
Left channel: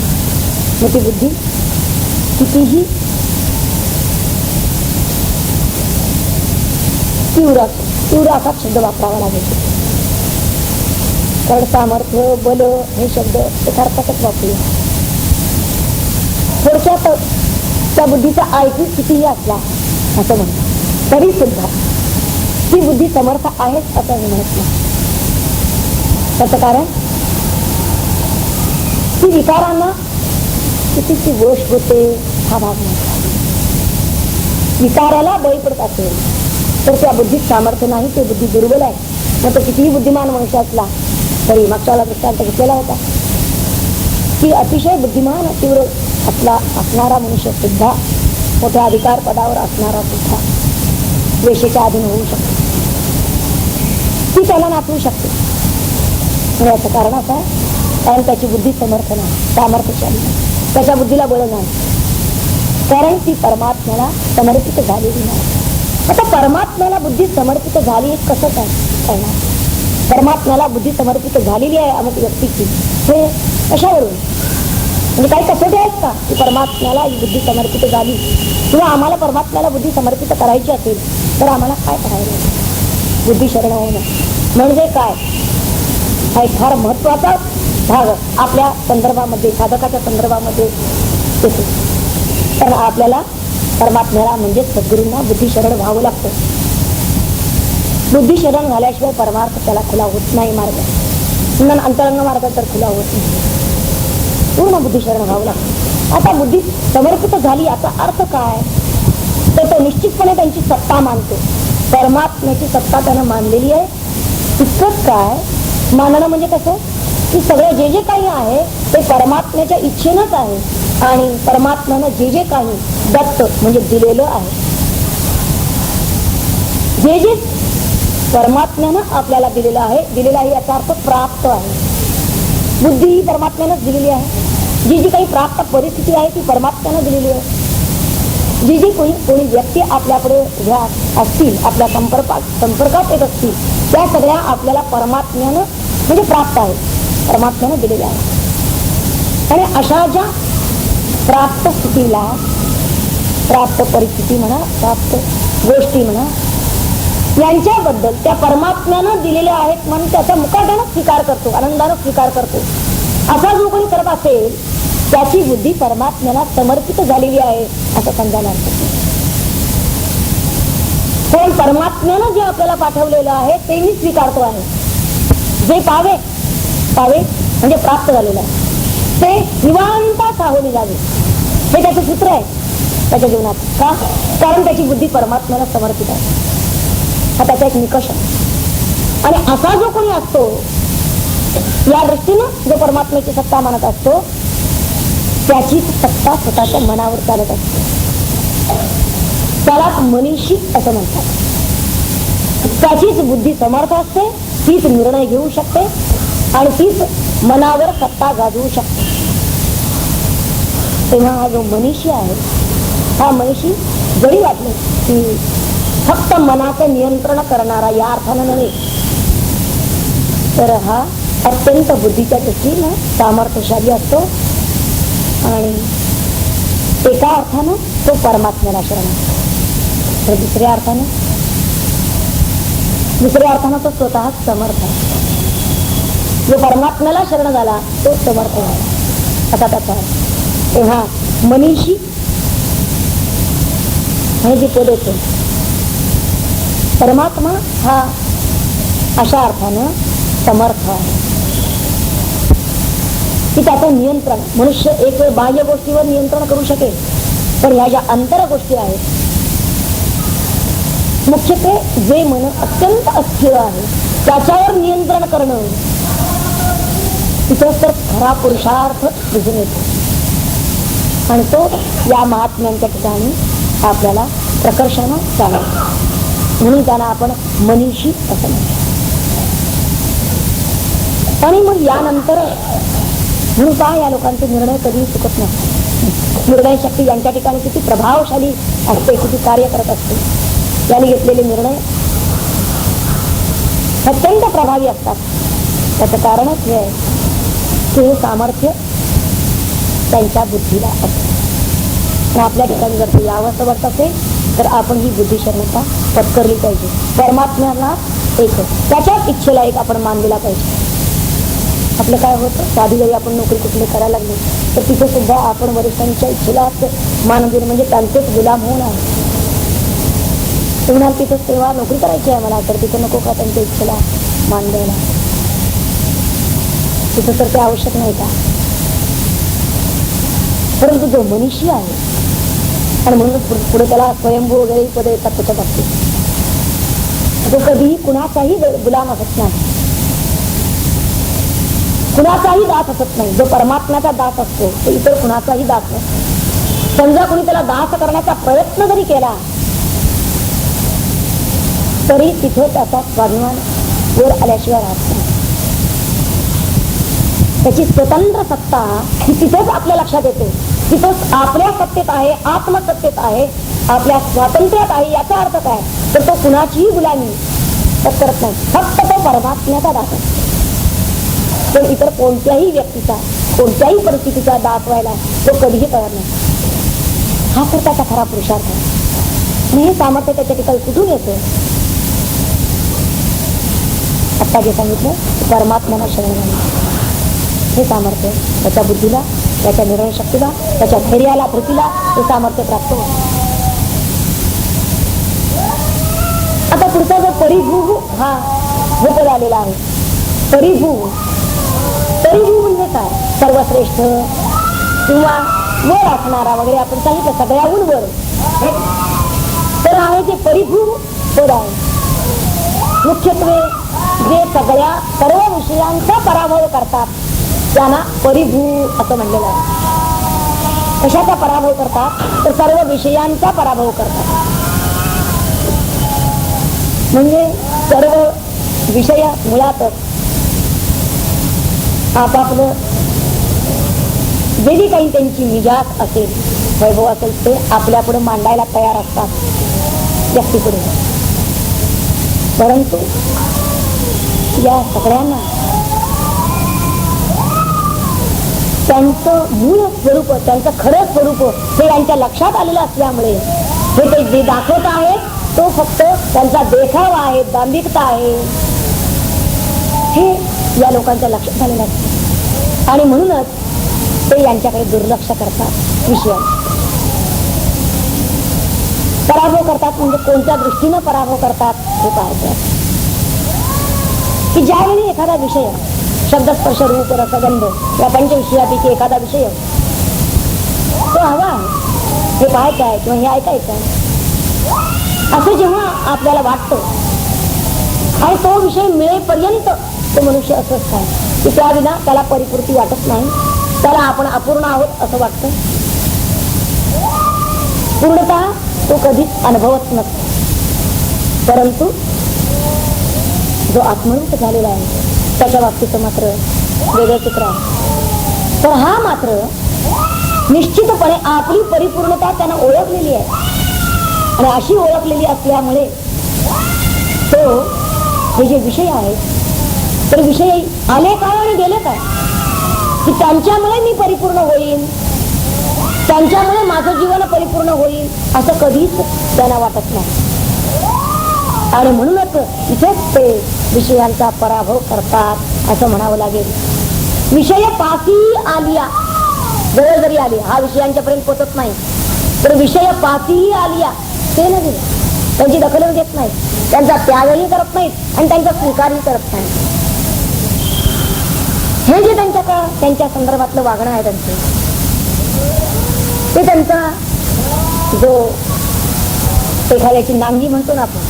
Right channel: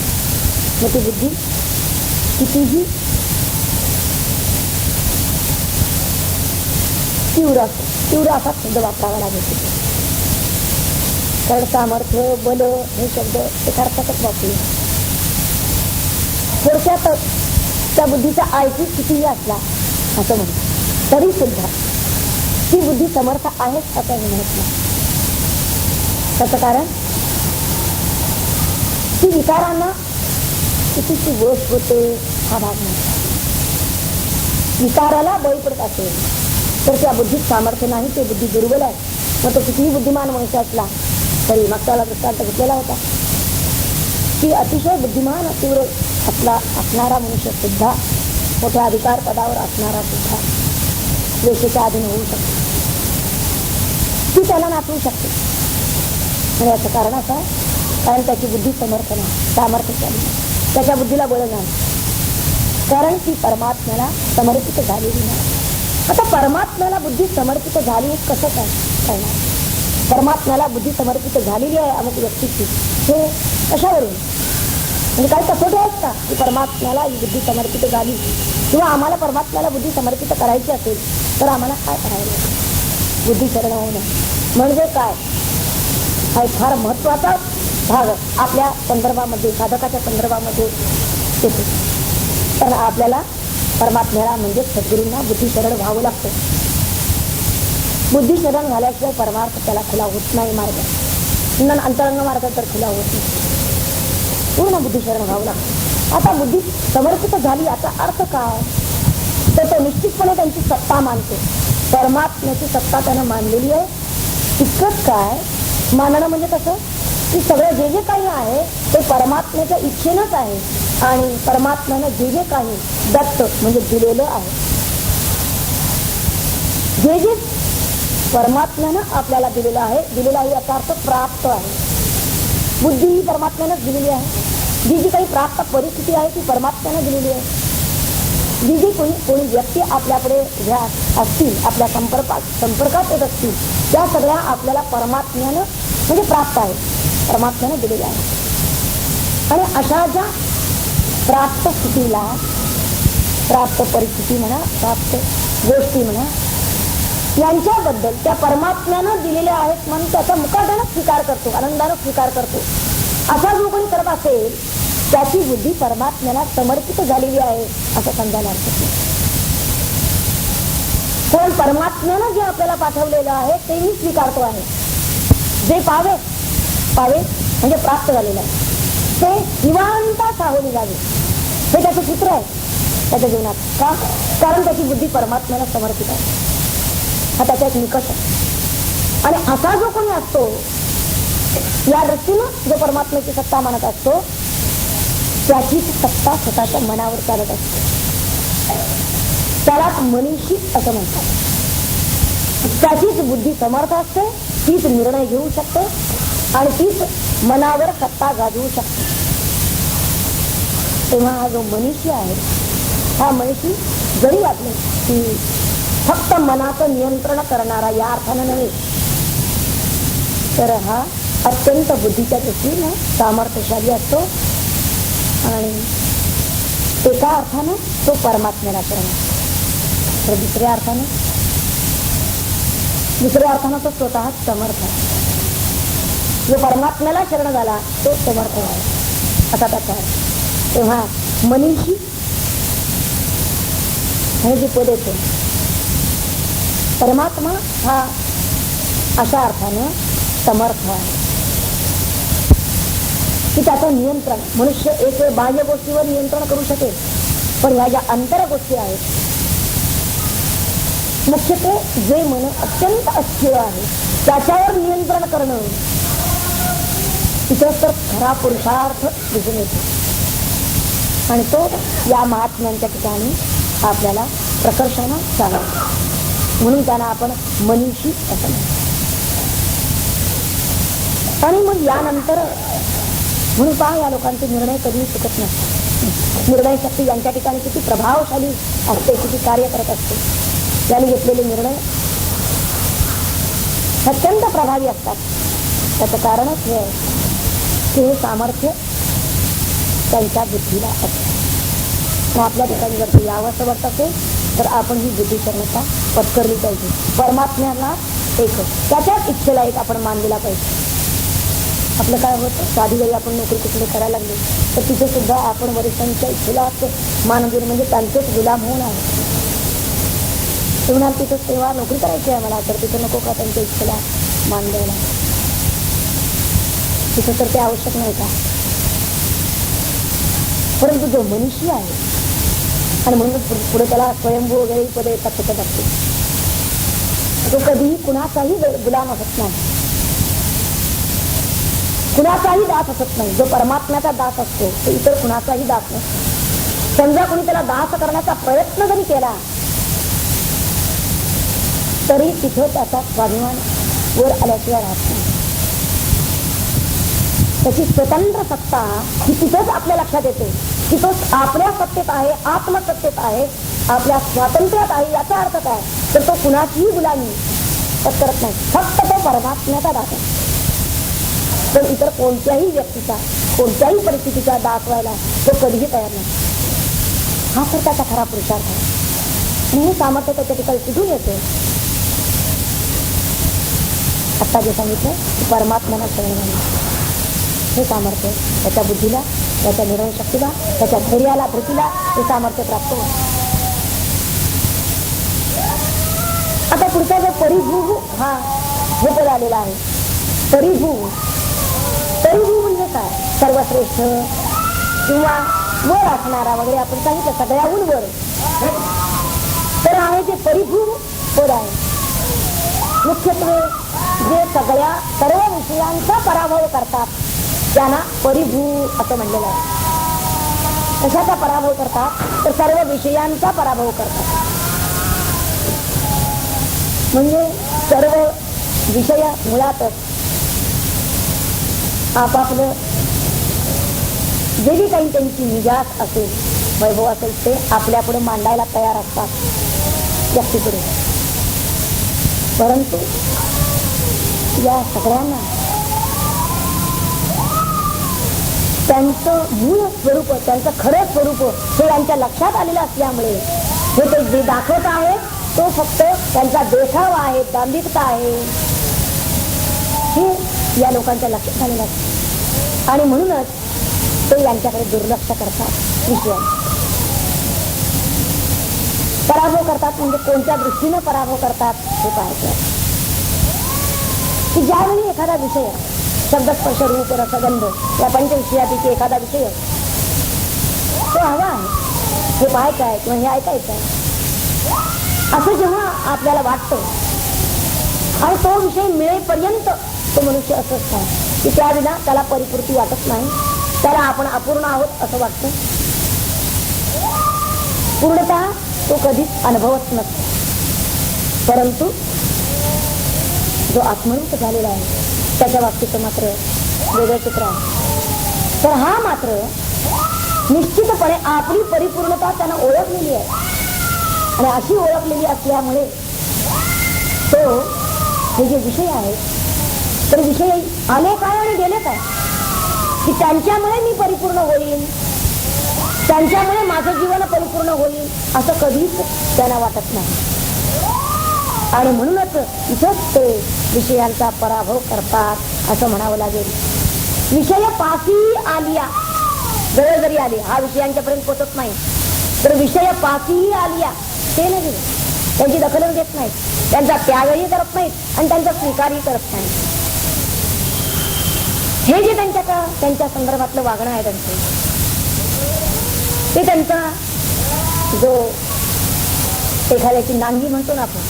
मग ती बुद्धी कितीही तीव्र असा शब्द वापरावा लागेल. कारण सामर्थ्य, बल हे शब्द यथार्थातच वापरू. थोडक्यात त्या बुद्धीचा आयक्यू कितीही असला असं म्हणतात, तरी सुद्धा ती बुद्धी समर्थ आहेच असं मी म्हणत नाही. त्याचं कारण ती विकारांना कितीची गोष होते हा भाग नाही. विकाराला बळी पडत असेल तर त्या बुद्धीत सामर्थ्य नाही, ते बुद्धी दुर्बल आहे. मग तो कितीही बुद्धिमान मनुष्य असला तरी मागच्याला दृष्टांत घेतलेला होता की अतिशय बुद्धिमान तीव्र असणारा मनुष्य सुद्धा, मोठ्या अधिकार पदावर असणारा सुद्धा द्वेषाच्या अधीन होऊ शकतो. ती त्याला नाचवू शकते. याचं कारण असं, कारण त्याची बुद्धी समर्थ नाही, सामर्थ्यशाली नाही, त्याच्या बुद्धीला बळ नाही, कारण ती परमात्म्याला समर्पित झालेली नाही. आता परमात्म्याला बुद्धी समर्पित झाली कसं काय करणार? परमात्म्याला बुद्धी समर्पित झालेली आहे अमुक व्यक्तीची, हे कशावरून, म्हणजे काही कसोटी आहेत का की परमात्म्याला ही बुद्धी समर्पित झाली, किंवा आम्हाला परमात्म्याला बुद्धी समर्पित करायची असेल तर आम्हाला काय करायला, बुद्धी शरण होणं म्हणजे काय, हा एक फार महत्वाचा भाग आपल्या संदर्भामध्ये, साधकाच्या संदर्भामध्ये येतो. तर आपल्याला परमात्म्याला म्हणजे सद्गुरूंना बुद्धी शरण व्हावं लागतं. बुद्धी शरण झाल्याशिवाय परमार्थ त्याला खुला होत नाही. मार्ग अंतरंग मार्ग तर खुला होत नाही, पूर्ण बुद्धी शरण व्हावं लागतं. आता बुद्धी समर्पित झाली याचा अर्थ काय, तर तो निश्चितपणे त्यांची सत्ता मानतो. परमात्म्याची सत्ता त्यानं मानलेली आहे. इतकंच काय, मानणं म्हणजे कसं की सगळं जे जे काही आहे ते परमात्म्याच्या इच्छेनंच आहे, आणि परमात्म्यानं जे जे काही दत्त म्हणजे दिलेलं आहे, जे जे परमात्म्यानं आपल्याला दिलेला आहे. दिलेला आहे याचा अर्थ प्राप्त आहे. बुद्धी ही परमात्म्यानंच दिलेली आहे. जी जी काही प्राप्त परिस्थिती आहे ती परमात्म्यानं दिलेली आहे. जी जी कोणी व्यक्ती आपल्याकडे ह्या असतील, आपल्या संपर्कात येत असतील, त्या सगळ्या आपल्याला परमात्म्यानं म्हणजे प्राप्त आहे, परमात्म्यानं दिलेल्या आहे. आणि अशा ज्या प्राप्त स्थितीला, प्राप्त परिस्थिती म्हणा, प्राप्त गोष्टी म्हणा, यांच्याबद्दल त्या परमात्म्यानं दिलेल्या आहेत म्हणून त्याचा मुकाट्यानं स्वीकार करतो, आनंदानं स्वीकार करतो. असा जो कोणी करत असेल त्याची बुद्धी परमात्म्याला समर्पित झालेली आहे असं समजायला पण परमात्म्यानं जे आपल्याला पाठवलेलं आहे ते मी स्वीकारतो आहे. जे पावे म्हणजे प्राप्त झालेलं आहे ते निवांत सावली जावे, हे त्याचं सूत्र आहे त्याच्या जीवनात. का? कारण त्याची बुद्धी परमात्म्याला समर्पित आहे. हा त्याचा एक निकष आहे. आणि असा जो कोणी असतो या दृष्टीने जो परमात्म्याची सत्ता मानत असतो त्याची सत्ता स्वतःच्या मनावर चालत असते. त्याला मनीषी असं म्हणतात. त्याचीच बुद्धी समर्थ असते, तीच निर्णय घेऊ शकते आणि तीच मनावर सत्ता गाजवू शकते. तेव्हा हा जो मनीषी आहे, हा मनीषी जरी वाटले की फक्त मनाचं नियंत्रण करणारा या अर्थानं नव्हे, तर हा अत्यंत बुद्धीच्या दृष्टीने सामर्थ्यशाली असतो. आणि एका अर्थानं तो परमात्म्याला शरण, तर दुसऱ्या अर्थानं तो स्वतः समर्थ आहे. जो परमात्म्याला शरण झाला तो समर्थ आहे असा त्याचा आहे. तेव्हा मनीषी आणि जी पद होते परमात्मा हा अशा अर्थानं समर्थ आहे की त्याचं नियंत्रण, मनुष्य एक वेळ बाह्य गोष्टीवर नियंत्रण करू शकेल, तर ह्या ज्या अंतर गोष्टी आहेत, मुख्यत्वे जे मन अत्यंत अस्थिर आहे त्याच्यावर नियंत्रण करणं, तिथेच तर खरा पुरुषार्थ दिसून येतो. आणि तो या महात्म्यांच्या ठिकाणी आपल्याला प्रकर्षानं चालतो. म्हणून त्यांना आपण मनीषी असं म्हणतो. आणि मग यानंतर म्हणून काय या लोकांचे निर्णय कधीही चुकत नाही. निर्णय शक्ती यांच्या ठिकाणी किती प्रभावशाली असते, किती कार्य करत असते. यांनी घेतलेले निर्णय अत्यंत प्रभावी असतात. त्याचं कारणच हे आहे की हे सामर्थ्य त्यांच्या बुद्धीला असते. आपल्या ठिकाणी जर ते यावं वाटत असेल तर आपण ही बुद्धी शरणता पत्करली पाहिजे. परमात्म्याला एक त्याच्याच इच्छेला एक आपण मान दिला पाहिजे. आपलं काय होतं, साधी जरी आपण नोकरी कुठली करायला लागली तर तिथे सुद्धा आपण वरिष्ठांच्या इच्छेला मान देणं म्हणजे त्यांचेच गुलाम होऊन आहे. तुम्हाला तिथे सेवा नोकरी करायची आहे मला, तर तिथे नको का त्यांच्या इच्छेला मान द्यायला? तिथे तर ते आवश्यक नाही का? परंतु जो मनीषी आहे आणि म्हणून पुढे त्याला स्वयंभू वगैरे पदे येतात तिथं असते, जो कधीही कुणाचाही गुलाम असत नाही, कुणाचाही दास असत नाही. जो परमात्म्याचा दास असतो तो इतर कुणाचाही दास नसतो. समजा कुणी त्याला दास करण्याचा प्रयत्न जरी केला तरी तिथे त्याचा स्वाभिमान वर आल्याशिवाय राहत नाही. त्याची स्वतंत्र सत्ता ही तिथेच आपल्या लक्षात येते. तिथंच आपल्या सत्तेत आहे, आत्मसत्तेत आहे, आपल्या स्वातंत्र्यात आहे. याचा अर्थ काय? तर तो कुणाचीही गुलामी करत नाही, फक्त तो परमात्म्याचा दास आहे. पण इतर कोणत्याही व्यक्तीचा, कोणत्याही परिस्थितीचा दास व्हायला तो कधीही तयार नाही. हा तर त्याचा खरा पुरुषार्थ आहे. आणि हे सामर्थ्य त्याच्या ठिकाणी कुठून येते? आता जे सांगितलं परमात्म्याला शरण जाणं हे सामर्थ्य त्याच्या बुद्धीला, त्याच्या निर्णय शक्तीला, त्याच्या धैर्याला, धृतीला हे सामर्थ्य प्राप्त होतं. आता पुढचा जो परिभू हा भूत आलेला आहे. परिभू म्हणजे काय? सर्वश्रेष्ठ किंवा वर असणारा वगैरे आपण सांगितलं, सगळ्याहून वर. तर हा जे परिभू पद आहे मुख्यत्वे जे सर्व विषयांचा पराभव करतात त्यांना परिभू असं म्हणलेलं आहे. कशाचा पराभव करतात? तर सर्व विषयांचा पराभव करतात. म्हणजे सर्व विषय मुळातच आपापलं जे काही त्यांची मिजाज असेल, वैभव असेल, ते आपल्यापुढे मांडायला तयार असतात व्यक्तीपुढे. परंतु या सगळ्यांना त्यांचं मूळ स्वरूप, त्यांचं खरं स्वरूप हे यांच्या लक्षात आलेलं असल्यामुळे हे ते जे दाखवत आहे तो फक्त त्यांचा देखावा आहे, दांभिकता आहे, हे या लोकांच्या लक्षात आलेलं असतं. आणि म्हणूनच ते यांच्याकडे दुर्लक्ष करतात. विषयाला पराभव करतात. म्हणजे कोणत्या दृष्टीनं पराभव करतात हे पाहतात की ज्यावेळी एखादा विषय शब्दस्पर्श रूप रसगंध या पंचविषयापैकी एखादा विषय तो हवा आहे, हे पाहायचं आहे किंवा हे ऐकायचं आहे असं जेव्हा आपल्याला वाटतं आणि तो विषय मिळेपर्यंत तो मनुष्य असं असतो की त्या विना त्याला परिपूर्ती वाटत नाही, त्याला आपण अपूर्ण आहोत असं वाटतं. पूर्णतः तो कधीच अनुभवत नसतो. परंतु जो आत्मरूप झालेला आहे त्याच्या बाबतीत मात्र वेगळं चित्र आहे. तर हा मात्र निश्चितपणे आपली परिपूर्णता त्यानं ओळखलेली आहे आणि अशी ओळखलेली असल्यामुळे तो हे जे विषय आहेत तर विषय आले काय आणि गेले काय की त्यांच्यामुळे मी परिपूर्ण होईल, त्यांच्यामुळे माझं जीवन परिपूर्ण होईल असं कधीच त्यांना वाटत नाही. आणि म्हणूनच इथेच ते विषयांचा पराभव करतात असं म्हणावं लागेल. विषय पासी आलिया, जवळ जरी आली, हा विषयांच्यापर्यंत पोचत नाही तर विषय पासी आलिया ते नाही, त्यांची दखलही घेत नाही, त्यांचा त्यागही करत नाहीत आणि त्यांचा स्वीकारही करत नाही. हे जे त्यांच्या संदर्भातलं वागणं आहे त्यांचं, ते त्यांचा जो एखाद्याची नांगी म्हणतो ना आपण,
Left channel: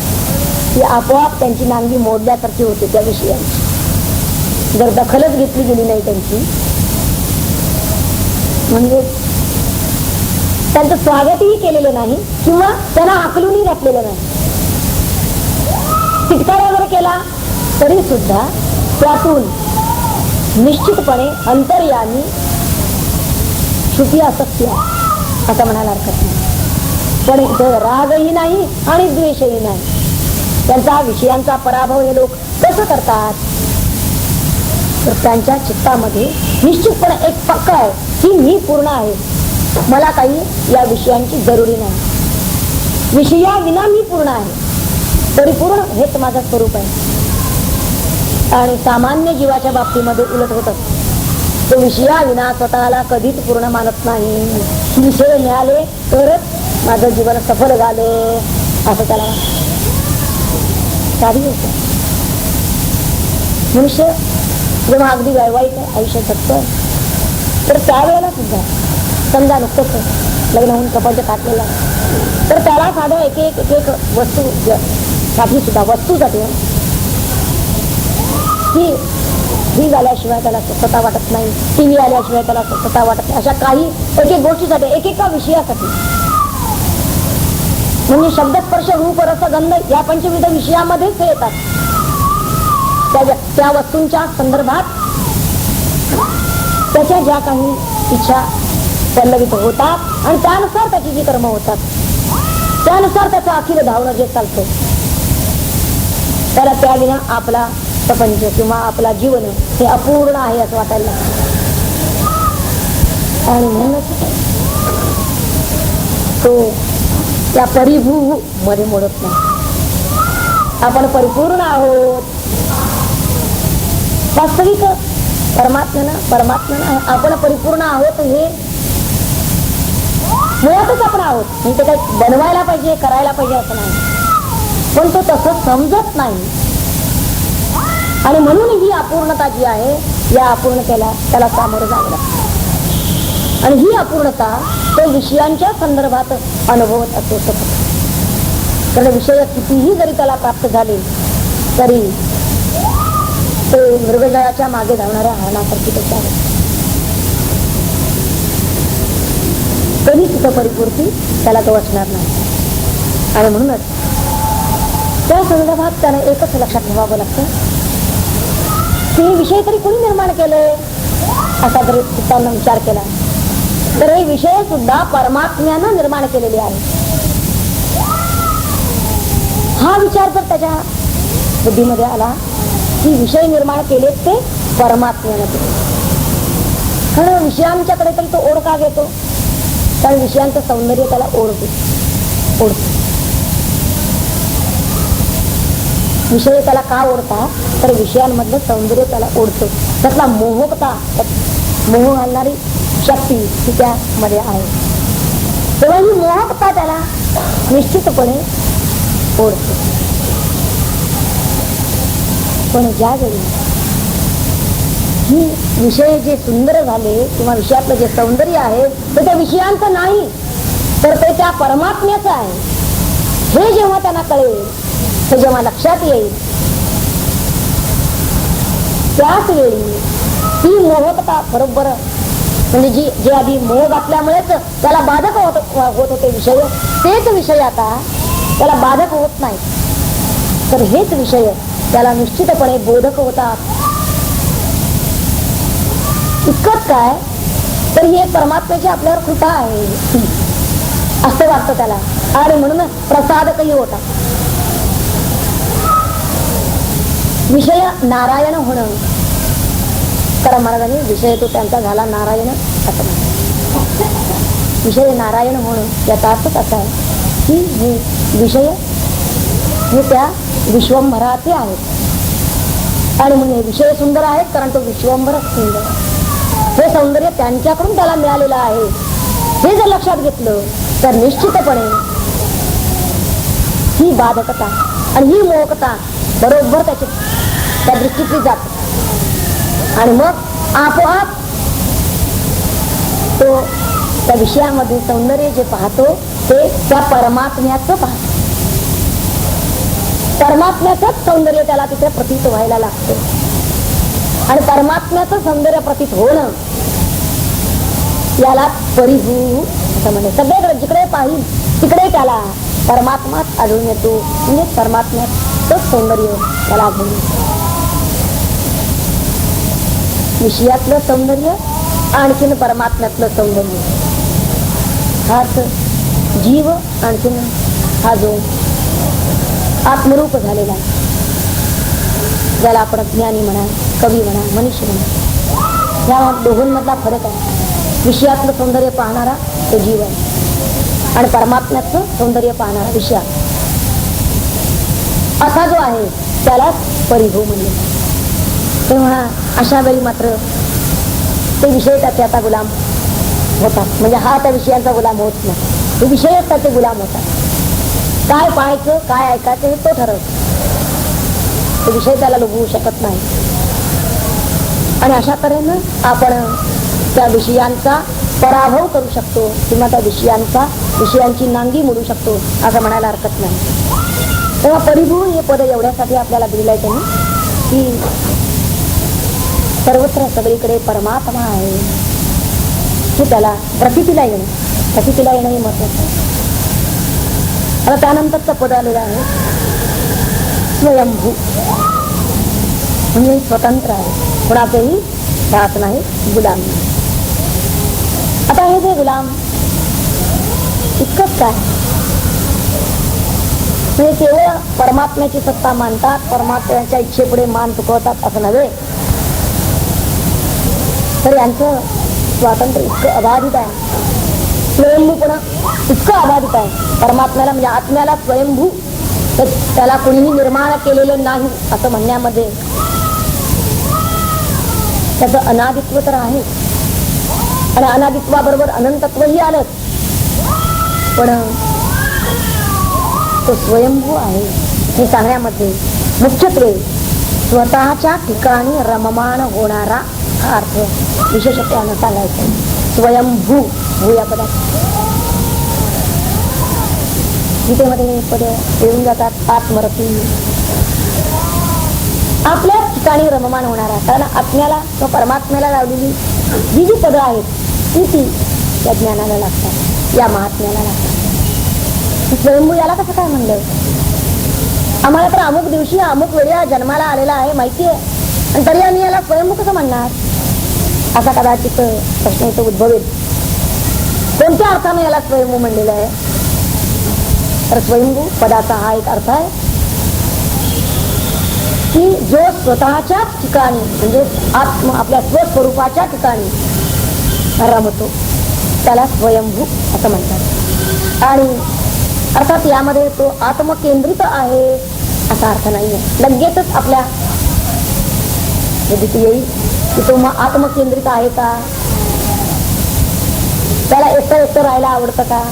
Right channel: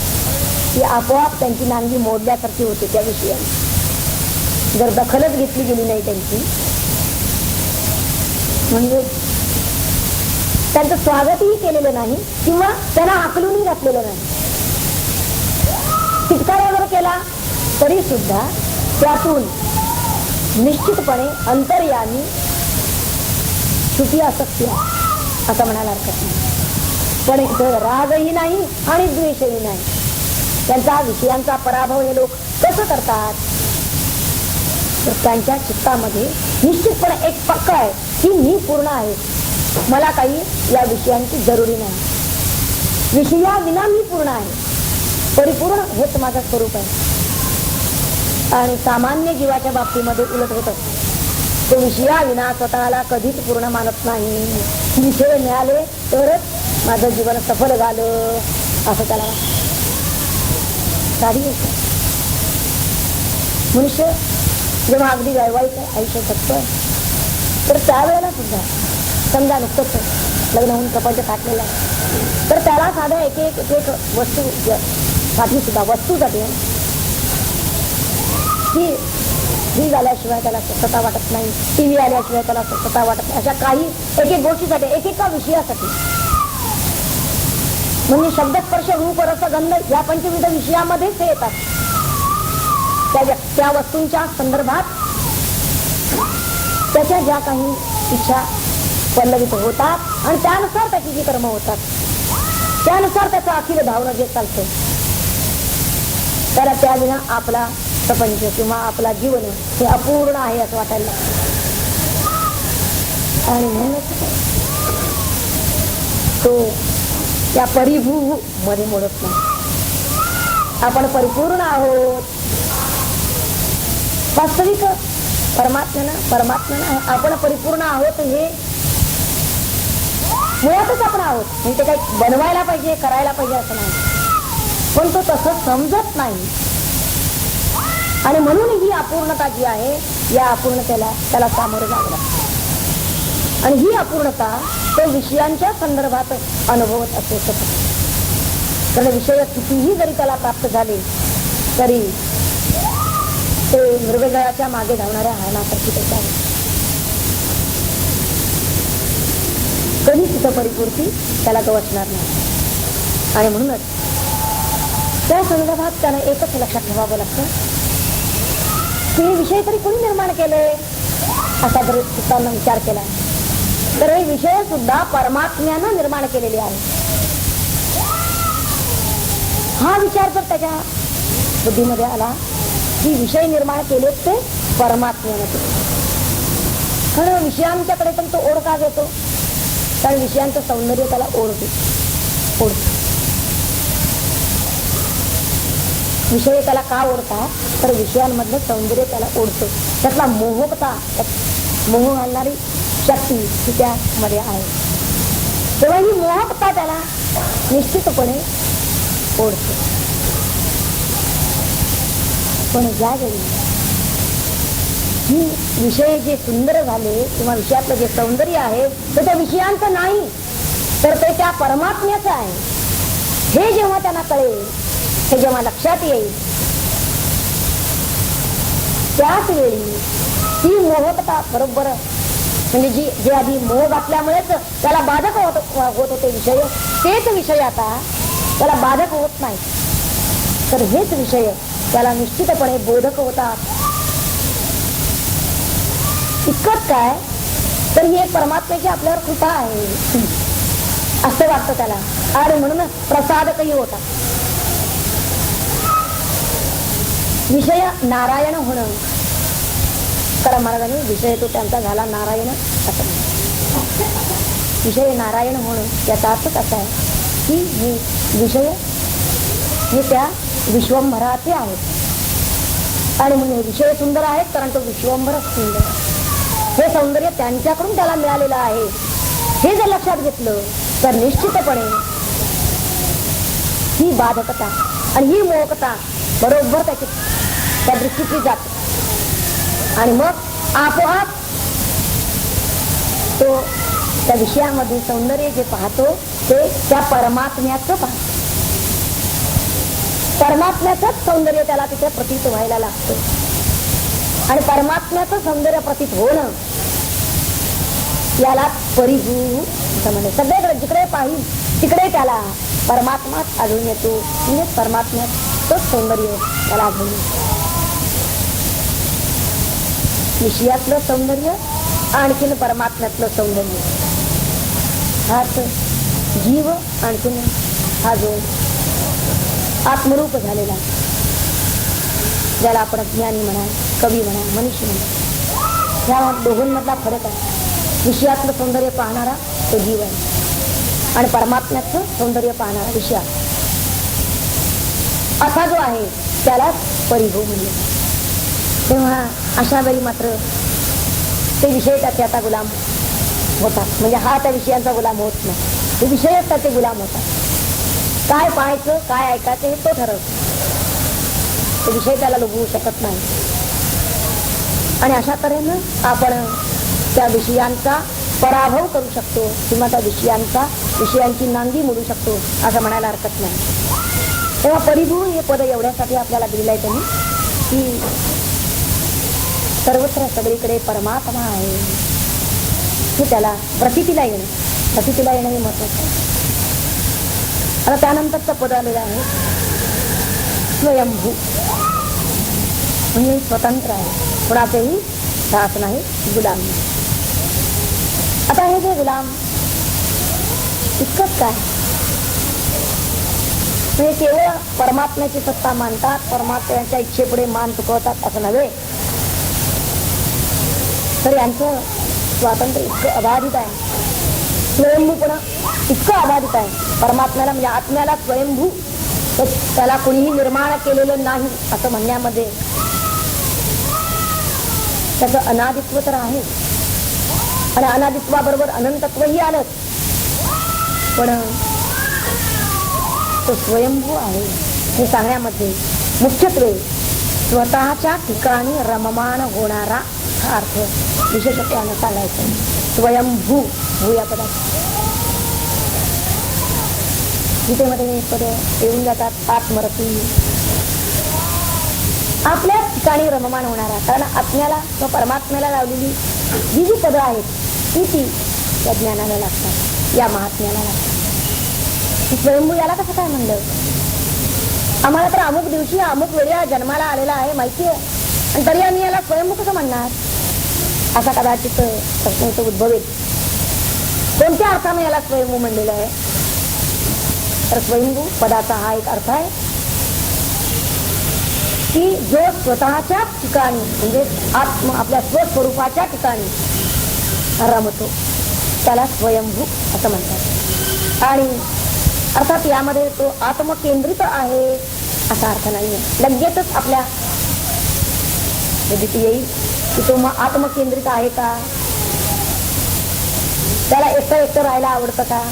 ती आपोआप त्यांची नांगी मोडल्यासारखी होते त्या विषयाची. जर दखलच घेतली गेली नाही त्यांची म्हणजे त्यांचं स्वागतही केलेलं नाही किंवा त्यांना आकलूनही घातलेलं नाही. तिटकारा जर केला तरी सुद्धा त्यातून निश्चितपणे अंतर्यामी सुखी असत्य असं म्हणायला हरकत नाही. पण इथं रागही नाही आणि द्वेषही नाही. त्यांचा विषयांचा पराभव हे लोक कसं करतात तर त्यांच्या चित्तामध्ये निश्चितपणे एक पक्का आहे की मी पूर्ण आहे, मला काही या विषयांची जरुरी नाही, विषया विना मी पूर्ण आहे, परिपूर्ण हेच माझं स्वरूप आहे. आणि सामान्य जीवाच्या बाबतीमध्ये उलट होत असत. तो विषया विना स्वतःला कधीच पूर्ण मानत नाही. विषय मिळाले तरच माझं जीवन सफल झाले असं त्याला साधी होत. मनुष्य जेव्हा अगदी वैवाहिक आयुष्य जगतो तर त्यावेळेला सुद्धा समजा नुकतंच लग्न होऊन कपडे टाकलेला तर त्याला साधं एक एक वस्तू साठी सुद्धा वस्तूसाठी ही झाल्याशिवाय त्याला स्वच्छता वाटत नाही, टीव्ही आल्याशिवाय त्याला स्वच्छता वाटत नाही, अशा काही एक एक गोष्टीसाठी एकेका विषयासाठी म्हणजे शब्दस्पर्श रूप रस गंध या पंचविध विषयामध्येच ते येतात. त्या वस्तूंच्या संदर्भात त्याच्या ज्या काही इच्छा पल्लवित होतात आणि त्यानुसार त्याची जी कर्म होतात त्यानुसार त्याचं अखिल धावणं जे चालतं त्याला त्याविना आपला प्रपंच किंवा आपला जीवन हे अपूर्ण आहे असं वाटायला लागतं. आणि म्हणूनच तो त्या परिभू मध्ये मोडत नाही. आपण परिपूर्ण आहोत, वास्तविक परमात्म्यानं आपण परिपूर्ण आहोत हे मुळातच आपण आहोत. म्हणजे ते काही बनवायला पाहिजे, करायला पाहिजे असं नाही, पण तो तसं समजत नाही. आणि म्हणून ही अपूर्णता जी आहे या अपूर्णतेला त्याला सामोरं जावं लागतं. आणि ही अपूर्णता तो विषयांच्या संदर्भात अनुभवत असतो. तर विषय कितीही जरी त्याला प्राप्त झाले तरी ते मृगजळाच्या मागे धावणाऱ्या हरणासारखी त्याच्या आहे. कधी तिथं परिपूर्ती त्याला तो असणार नाही. आणि म्हणूनच त्या संदर्भात त्याने एकच लक्षात ठेवावं लागतं, की हे विषय तरी कोणी निर्माण केले असा जरी चित्तानं विचार केला तर हे विषय सुद्धा परमात्म्यानं निर्माण केलेले आहे. हा विचार जर त्याच्या बुद्धीमध्ये आला की विषय निर्माण केले ते परमात्म्यानं केले, कारण विषयांच्याकडे तरी तो ओढ का घेतो, कारण विषयांचं सौंदर्य त्याला ओढतो. विषय त्याला का ओढतात तर विषयांमधलं सौंदर्य त्याला ओढतो, त्यातला मोहकता, मोह आणणारी शक्ती ही त्यामध्ये आहे. तेव्हा ही मोहकता त्याला निश्चितपणे ओढतो. पण ज्यावेळी ही विषय जे सुंदर झाले किंवा विषयातलं जे सौंदर्य आहे ते त्या विषयांचं नाही तर ते त्या परमात्म्याचं आहे, हे जेव्हा त्यांना कळेल, हे जेव्हा लक्षात येईल, त्याच वेळी ही मोहकता बरोबर, म्हणजे जे आधी मोह घातल्यामुळेच त्याला बाधक होत होते विषय, तेच विषय आता त्याला बाधक होत नाही, तर हेच विषय त्याला निश्चितपणे बोधक होतात. इतकंच काय तर ही एक परमात्म्याची आपल्यावर कृपा आहे असं वाटतं त्याला, आणि म्हणून प्रसादकही होता. विषय नारायण होणं, कारण महाराजांनी विषय तो त्यांचा झाला नारायण असं म्हणतात. विषय नारायण होणं याचा अर्थ असा आहे की हे विषय हे त्या विश्वंभराचे आहेत, आणि म्हणजे विषय सुंदर आहेत कारण तो विश्वंभर सुंदर, हे सौंदर्य त्यांच्याकडून त्याला मिळालेलं आहे. हे जर लक्षात घेतलं तर निश्चितपणे ही बाधकता आणि ही मोहकता बरोबर त्या दृष्टीची जाते, आणि मग आपोआप तो त्या विषयामध्ये सौंदर्य जे पाहतो ते त्या परमात्म्याचं पाहतो. परमात्म्याचंच सौंदर्य त्याला तिथे प्रतीत व्हायला लागतं, आणि परमात्म्याचं सौंदर्य प्रतीत होणं याला परिभू असं म्हणे. सगळीकडे जिकडे पाहिल तिकडे त्याला परमात्माच आढळून येतो, म्हणजे परमात्म्याचं सौंदर्य त्याला आढळून येतं. विषयातलं सौंदर्य आणखीन परमात्म्यातलं सौंदर्य, हा जीव आणखीन हा जो आत्मरूप झालेला आहे, ज्याला आपण ज्ञानी म्हणा, कवी म्हणा, मनुष्य म्हणा, या दोघांमधला फरक आहे. विषयातलं सौंदर्य पाहणारा तो जीव आहे, आणि परमात्म्याचं सौंदर्य पाहणारा विषय असा जो आहे त्याला परिभू म्हणले. तेव्हा अशा वेळी मात्र ते विषय त्याचे आता गुलाम होतात, म्हणजे हा त्या विषयांचा गुलाम होत नाही, ते विषयच त्याचे गुलाम होतात. काय पाहायचं काय ऐकायचं हे तो ठरवतो, ते विषय त्याला लुभवू शकत नाही. आणि अशा तऱ्हेनं आपण त्या विषयांचा पराभव करू शकतो किंवा त्या विषयांची नांगी मोडू शकतो असं म्हणायला हरकत नाही. तेव्हा परिभू हे पद एवढ्यासाठी आपल्याला दिलेलं आहे त्यांनी की सर्वत्र सगळीकडे परमात्मा आहे हे त्याला प्रतीला येणं हे महत्वाचं. आता त्यानंतरचं पद आलेलं आहे स्वयंभू, म्हणजे स्वतंत्र आहे, कोणाचेही दास नाही, गुलाम नाही. आता हे जे गुलाम इतकंच काय, हे केवळ परमात्म्याची सत्ता मानतात, परमात्म्याच्या इच्छेपुढे मान चुकवतात असं नव्हे, तर यांचं स्वातंत्र्य इतकं अबाधित आहे, स्वयंभूपणा इतकं अबाधित आहे. परमात्म्याला म्हणजे आत्म्याला स्वयंभू, तर त्याला कोणीही निर्माण केलेलं नाही असं म्हणण्यामध्ये त्याचं अनादित्व तर आहे, आणि अनादित्वाबरोबर अनंतत्वही आलं, पण तो स्वयंभू आहे हे सांगण्यामध्ये मुख्यत्वे स्वतःच्या ठिकाणी रममाण होणारा हा अर्थ विशेषत्वानं सांगायचं. स्वयंभू भू या पदात गीतेमध्ये पद येऊन जातात, आत्मरती, आपल्या ठिकाणी रममाण होणारा. कारण आत्म्याला किंवा परमात्म्याला लावलेली जी जी पदं आहेत ती त्या ज्ञानाला लागतात, या महात्म्याला लागतात. स्वयंभू याला कसं काय म्हणलंय? आम्हाला तर अमुक दिवशी अमुक वेळेला जन्माला आलेला आहे माहिती आहे, आणि तरी आम्ही याला स्वयंभू कसं म्हणणार, असा कदाचित प्रश्न इथं उद्भवेल. कोणत्या अर्थाने याला स्वयंभू म्हणलेलं आहे? तर स्वयंभू पदाचा हा एक अर्थ आहे की जो स्वतःच्या ठिकाणी म्हणजे आपल्या स्वस्वरूपाच्या ठिकाणी रमतो त्याला स्वयंभू असं म्हणतात. आणि अर्थात यामध्ये तो आत्मकेंद्रित आहे असा अर्थ नाहीये. लगेचच आपल्या विदित येईल की तो मग आत्मकेंद्रित आहे का, त्याला एकटं एकटं राहायला आवडतं का,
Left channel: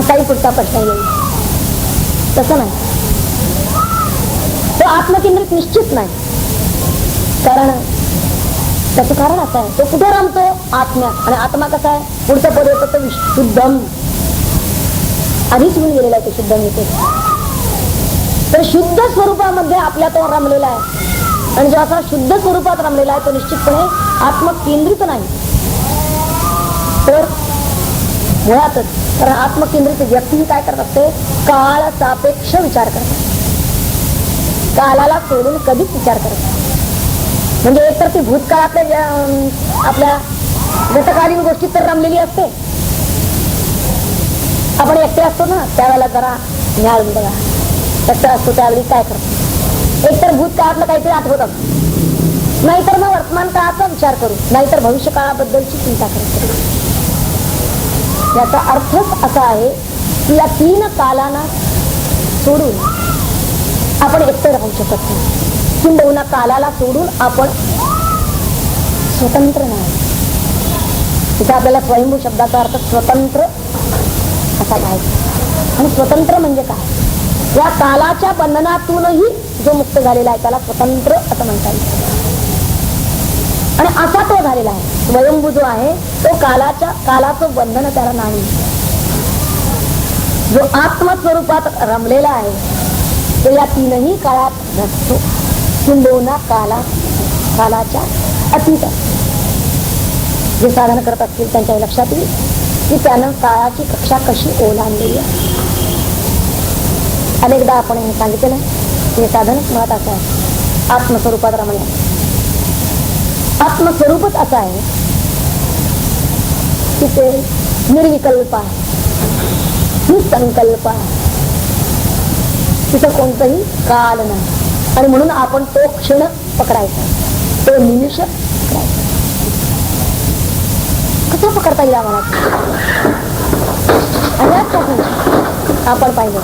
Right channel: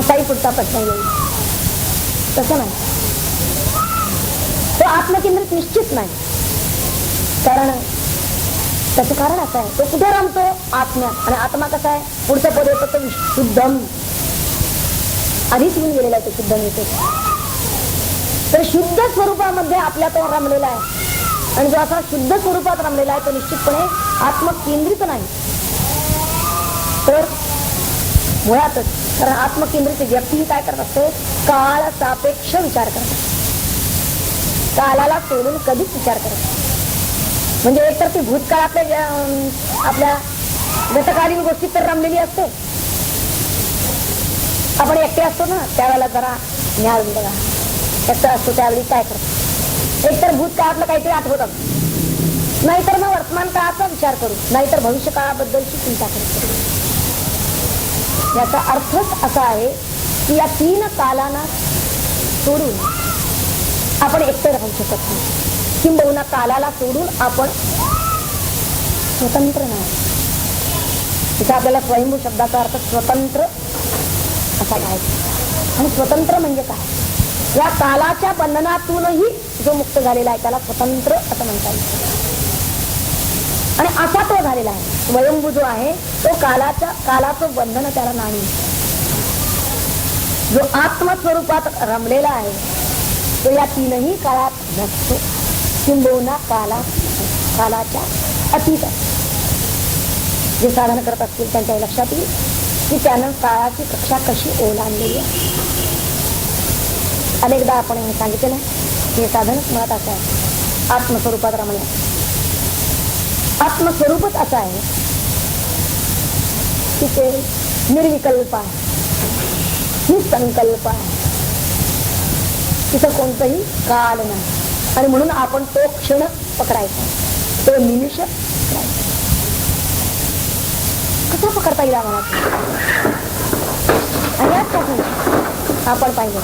असाही पुढचा प्रश्न येईल. तसं नाही, तो आत्मकेंद्रित निश्चित नाही. कारण त्याचं कारण असं आहे, तो कुठे रमतो? आत्म्यात. आणि आत्मा कसा आहे? पुढचं पद येतं तो शुद्धम, आधीच येऊन गेलेला आहे तो शुद्धम येते. तर शुद्ध स्वरूपामध्ये आपल्या तो रमलेला आहे, आणि जो असा शुद्ध स्वरूपात रमलेला आहे तो निश्चितपणे आत्मकेंद्रित नाही. तर मुळातच कारण आत्मकेंद्रित व्यक्ती काय करत असते? काळ सापेक्ष विचार करते, कालाला सोडून कधीच विचार करत नाही. म्हणजे एकतर ती भूतकाळातल्या आपल्या गतकालीन गोष्टीत तर रमलेली असते. आपण एकटे असतो ना त्यावेळेला जरा न्याय बघा, एकटा असतो त्यावेळी काय करतो? एकतर भूतकाळातलं काहीतरी आठवत, नाहीतर मग वर्तमान काळाचा विचार करू, नाहीतर भविष्य काळाबद्दलची चिंता करू. याचा अर्थच असा आहे की या तीन कालांना सोडून आपण एकटे राहू शकत नाही. किंबहुना कालाला सोडून आपण स्वतंत्र नाही. तिथे आपल्याला स्वयंभू शब्दाचा अर्थ स्वतंत्र असा पाहिजे. आणि स्वतंत्र म्हणजे काय? या कालाच्या बंधनातूनही जो मुक्त झालेला आहे त्याला स्वतंत्र असं म्हणता येईल. आणि असा तो झालेला आहे. स्वयंभू जो आहे तो कालाचं बंधन त्याला नाही. जो आत्मस्वरूपात रमलेला आहे तो या तीनही काळात नसतो. किंबहुना कालाच्या अतीत जे साधन करत असतील त्यांच्या लक्षात येईल की त्यानं काळाची कक्षा कशी ओलांडलेली आहे. अनेकदा आपण हे सांगितलं हे साधन मुळात असं आहे आत्मस्वरूपात रमण्याचं. आत्मस्वरूपच असं आहे की ते निर्विकल्प आहे, निसंकल्प आहे. तिथं कोणतंही काल नाही. आणि म्हणून आपण तो क्षण पकडायचा, तो निमिष पकडायचा. कसं पकडता येईल आम्हाला? आपण पाहिजे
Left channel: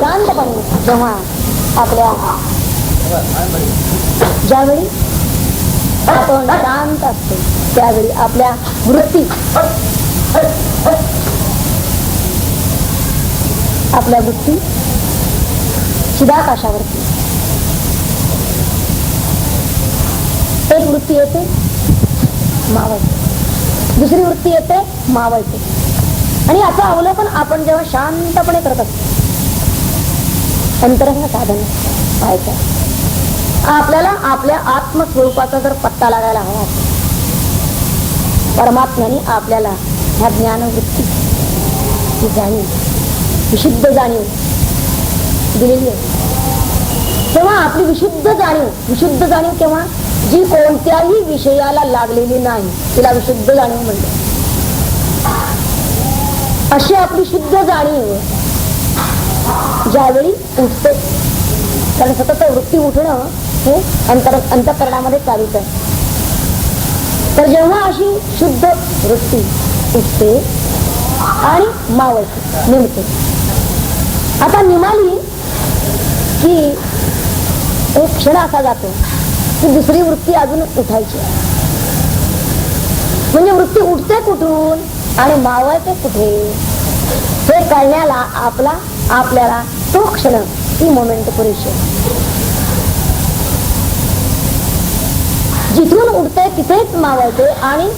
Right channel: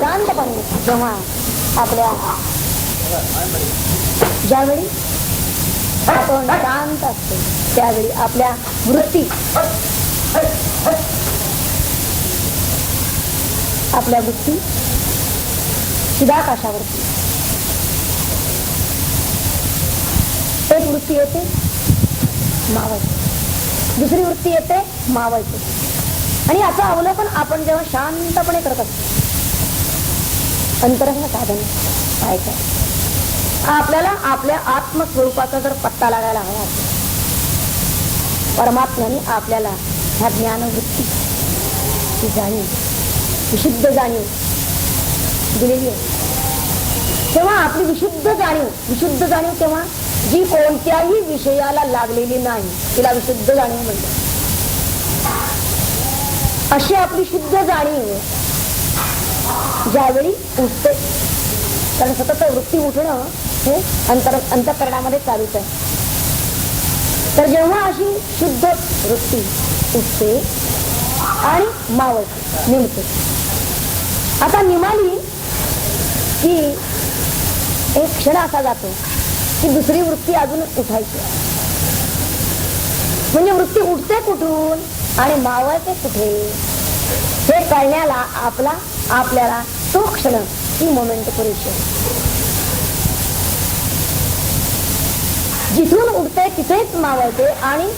शांतपणे जेव्हा आपल्या ज्यावेळी आपण शांत असतो त्यावेळी आपल्या वृत्ती चिदाकाशावरती एक वृत्ती येते मावायची, दुसरी वृत्ती येते मावायची. आणि याचं अवलोकन आपण जेव्हा शांतपणे करत असतो अंतरंग साधन पाहायचं. आपल्याला आपल्या आत्मस्वरूपाचा जर पत्ता लागायला हवा, परमात्म्याने आपल्याला ह्या ज्ञानवृत्ती ही जाणीव, विशुद्ध जाणीव दिलेली आहे. तेव्हा आपली विशुद्ध जाणीव तेव्हा जी कोणत्याही विषयाला लागलेली नाही तिला विशुद्ध जाणीव म्हणते. अशी आपली शुद्ध जाणीव ज्यावेळी उठते, कारण सतत वृत्ती उठणं हे अंतःकरणामध्ये चालूच आहे. तर जेव्हा अशी शुद्ध वृत्ती उठते आणि मावळते, निमते, आता निमाली की एक क्षण असा जातो की दुसरी वृत्ती अजून उठायची. म्हणजे वृत्ती उठते कुठून आणि मावळते कुठे हे कळण्याला आपल्याला तो क्षण, ती मोमेंट पुरेशी. जिथून उठते तिथेच मावळते आणि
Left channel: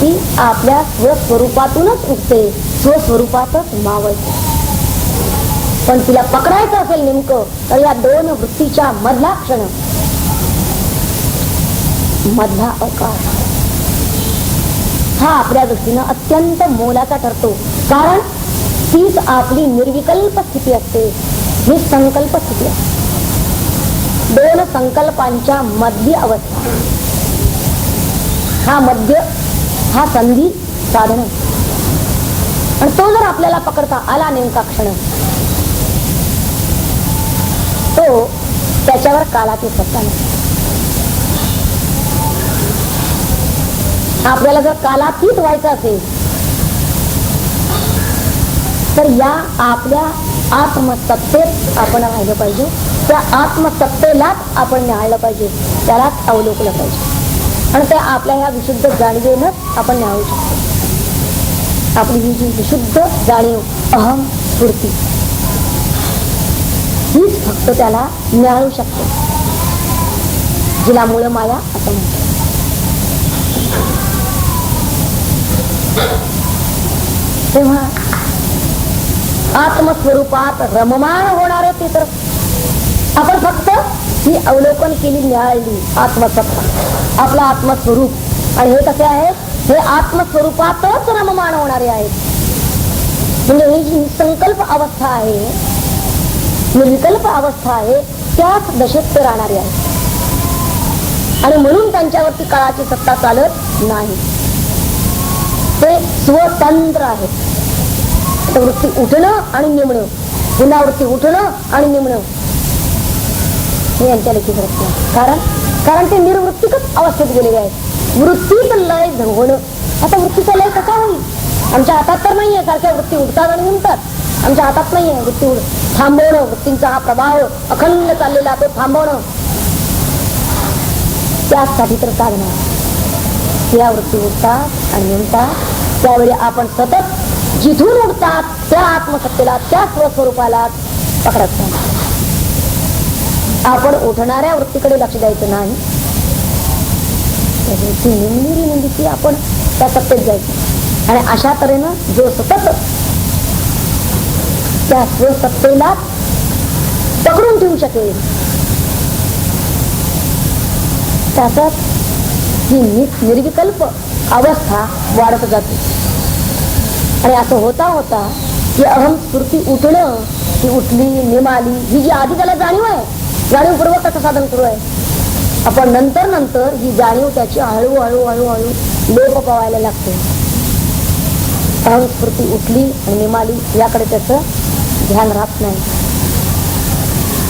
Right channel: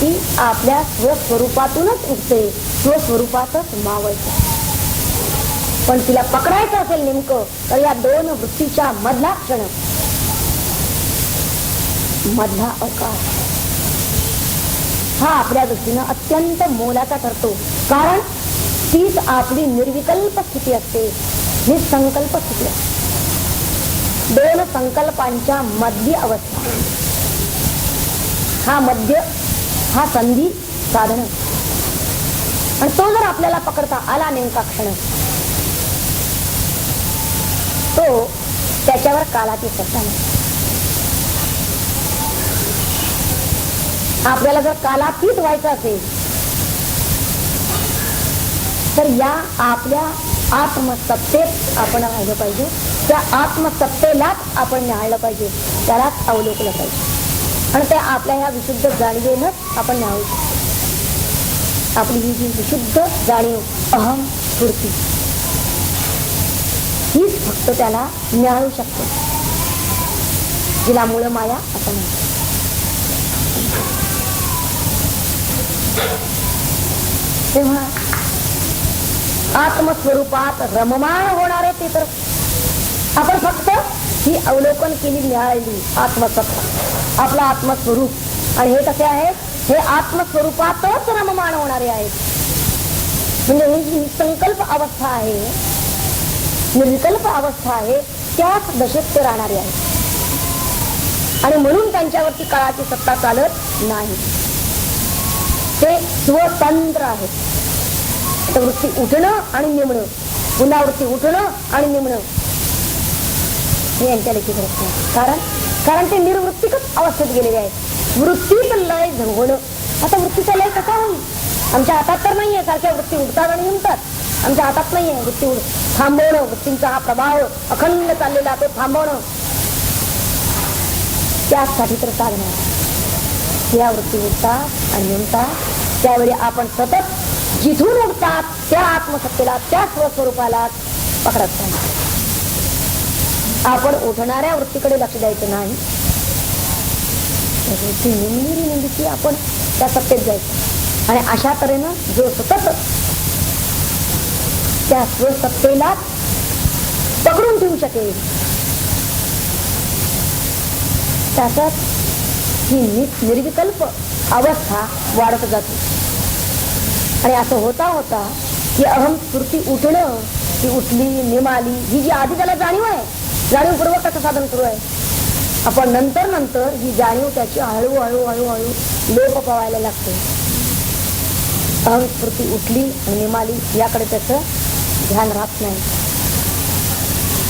ती आपल्या स्वस्वरूपातूनच उठते, स्वस्वरूपातच मावळते. पण तिला पकडायचं असेल नेमकं तर या दोन वृत्तीच्या मधला क्षण, मधला अवकाश हा आपल्या दृष्टीनं अत्यंत मोलाचा ठरतो. कारण हीच आपली निर्विकल्प स्थिती असते, ही संकल्प स्थिती असते. दोन संकल्पांच्या मध्य अवस्था, हा मध्य, हा संधी साधन. आणि तो जर आपल्याला पकडता आला नेमका क्षण, तो त्याच्यावर कालाची सत्ता नाही. आपल्याला जर कालातीत व्हायचं असेल तर या आपल्या आत्मसत्तेत आपण राहिलं पाहिजे. त्या आत्मसत्तेलाच आपण निहाळलं पाहिजे, त्यालाच अवलोकलं पाहिजे. आणि त्या आपल्या ह्या विशुद्ध जाणीवेनंच आपण निहाळू शकतो. आपली ही जी विशुद्ध जाणीव अहम स्फूर्ती, हीच फक्त त्याला निहाळू शकते, जिला मूळ माया असं म्हणतात. तेव्हा आत्मस्वरूपात रममाण होणारे ते तर आपण फक्त ही अवलोकन केली, निहाळली आत्मसत्ता, आपलं आत्मस्वरूप. आणि हे कसे आहे, हे आत्मस्वरूपातच रममाण होणारे आहेत. म्हणजे ही जी संकल्प अवस्था आहे, निर्विकल्प अवस्था आहे, त्याच दशेत ते राहणारी आहे. आणि म्हणून त्यांच्यावरती काळाची सत्ता चालत नाही. ते स्वतंत्र आहेत. वृत्ती उठणं आणि निमणं, पुन्हा वृत्ती उठणं आणि निमणं, हे यांच्या लेखीत रचना. कारण ते निर्वृत्तिकच अवस्थेत गेलेले आहेत. वृत्तीच लय होणं. आता वृत्तीचा लय कसा होईल? आमच्या हातात तर नाहीये. सारख्या वृत्ती उठतात आणि निमतात, आमच्या हातात नाहीये. वृत्ती थांबवणं, वृत्तींचा हा प्रभाव अखंड चाललेला तो थांबवणं, त्यासाठी तर साधना. या वृत्ती उठतात आणि निमतात, त्यावेळी आपण सतत जिथून उठतात त्या आत्मसत्तेला, त्या स्वस्वरूपाला पकडत नाही. आपण उठणाऱ्या वृत्तीकडे लक्ष द्यायचं नाही. वृत्ती आपण त्या सत्तेत जायचं. आणि अशा तऱ्हेनं जो सतत त्या स्वसत्तेला पकडून ठेवू शकेल, त्याच्यात ही निर्विकल्प अवस्था वाढत जाते. आणि असं होता होता की अहम स्फूर्ती उठणं, ही उठली, निमाली, ही जी आधी त्याला जाणीव आहे, जाणीवपूर्वक त्याचं साधन सुरू आहे. आपण नंतर ही जाणीव त्याची हळूहळू लोप पावायला लागते. अहम स्फूर्ती उठली आणि निमाली, याकडे त्याचं ध्यान राहत नाही,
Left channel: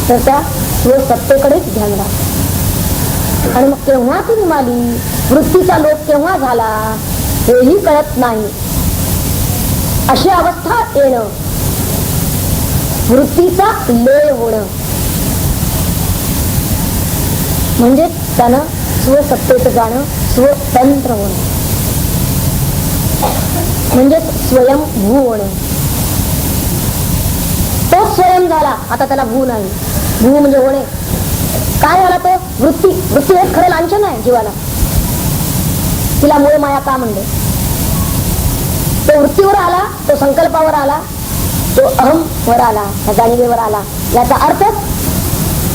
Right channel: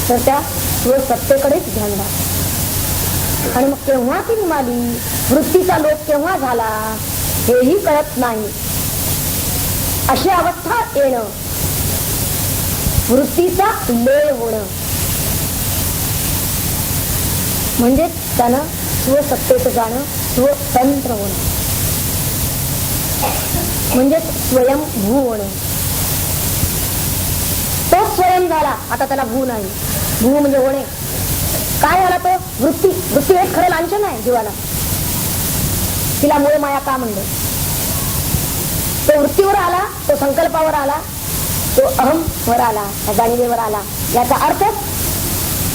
तर त्या स्वसत्तेकडेच ध्यान राहत. आणि मग केव्हा ती निमाली, वृत्तीचा लोप केव्हा झाला हेही कळत नाही. अशी अवस्था येणं, वृत्तीचा लय होणं, म्हणजे त्यानं स्वसत्तेत जाणं, स्वतंत्र होणं, म्हणजे स्वयंभू होणं. तो स्वयं झाला, आता त्याला भू नाही. भू म्हणजे होणे. काय झाला तो? वृत्ती. वृत्ती हेच खरं लांछन आहे जीवाला. तिला मूळ माया का म्हणले? तो वृत्तीवर आला, तो संकल्पावर आला, तो अहम वर आला, त्या जाणीवेवर आला. याचा अर्थ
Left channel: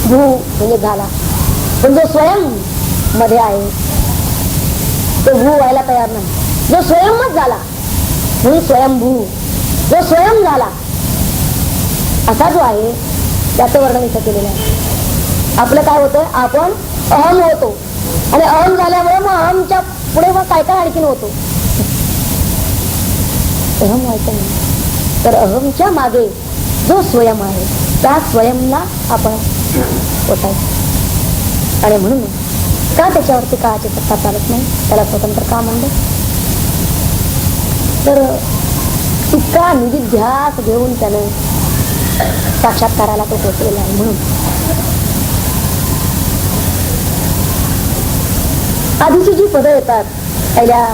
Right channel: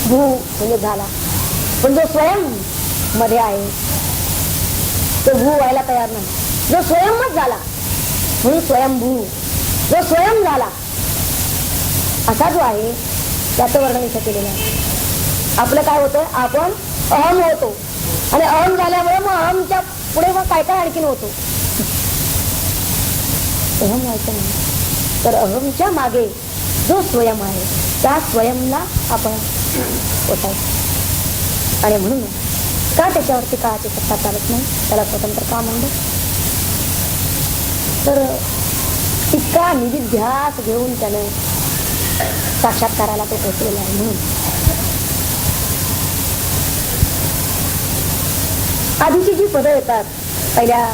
भू म्हणजे झाला. पण जो स्वयं मध्ये आहे तो भू व्हायला तयार नाही. जो स्वयंच झाला म्हणून स्वयंभू, जो स्वयं झाला असा जो आहे त्याचं वर्णन इथं केलेलं आहे. आपलं काय होतं, आपण अहम होतो आणि अहम झाल्यामुळे मग अहमच्या पुढे मग काय काय आणखीन होतो. अहम व्हायचं नाही, तर अहमच्या मागे जो स्वयं आहे त्या स्वयंला आपण ओटायचं. आणि म्हणून का त्याच्यावरती काळाची सत्ता चालत नाही, त्याला स्वतंत्र का म्हणलं, तर इतका निधिध्यास घेऊन त्याने साक्षात्काराला तो पोचलेला आहे. म्हणून आधीची जी पदं येतात पहिल्या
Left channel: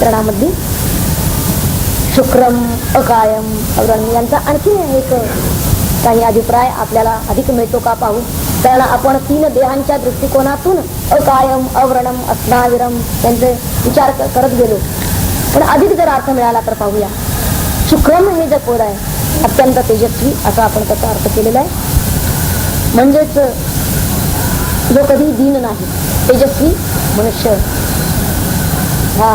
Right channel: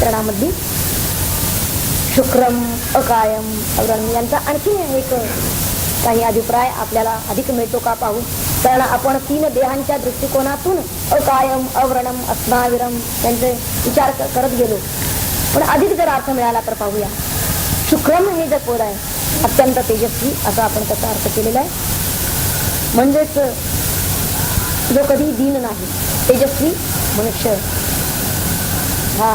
चरणामधली, शुक्रम, अकायम, अवरण, यांचा आणखी एक काही अभिप्राय आपल्याला अधिक मिळतो का पाहू. कारण आपण 3 देहांच्या दृष्टिकोनातून अकायम, अव्रणम, अस्नाविरम यांचे विचार करत गेलो. पण अधिक जर अर्थ मिळाला तर पाहूया. शुक्रम हे जे पद आहे अत्यंत तेजस्वी, असा आपण त्याचा अर्थ केलेला आहे. म्हणजेच जो कधी दीन नाही, तेजस्वी मनुष्य, हा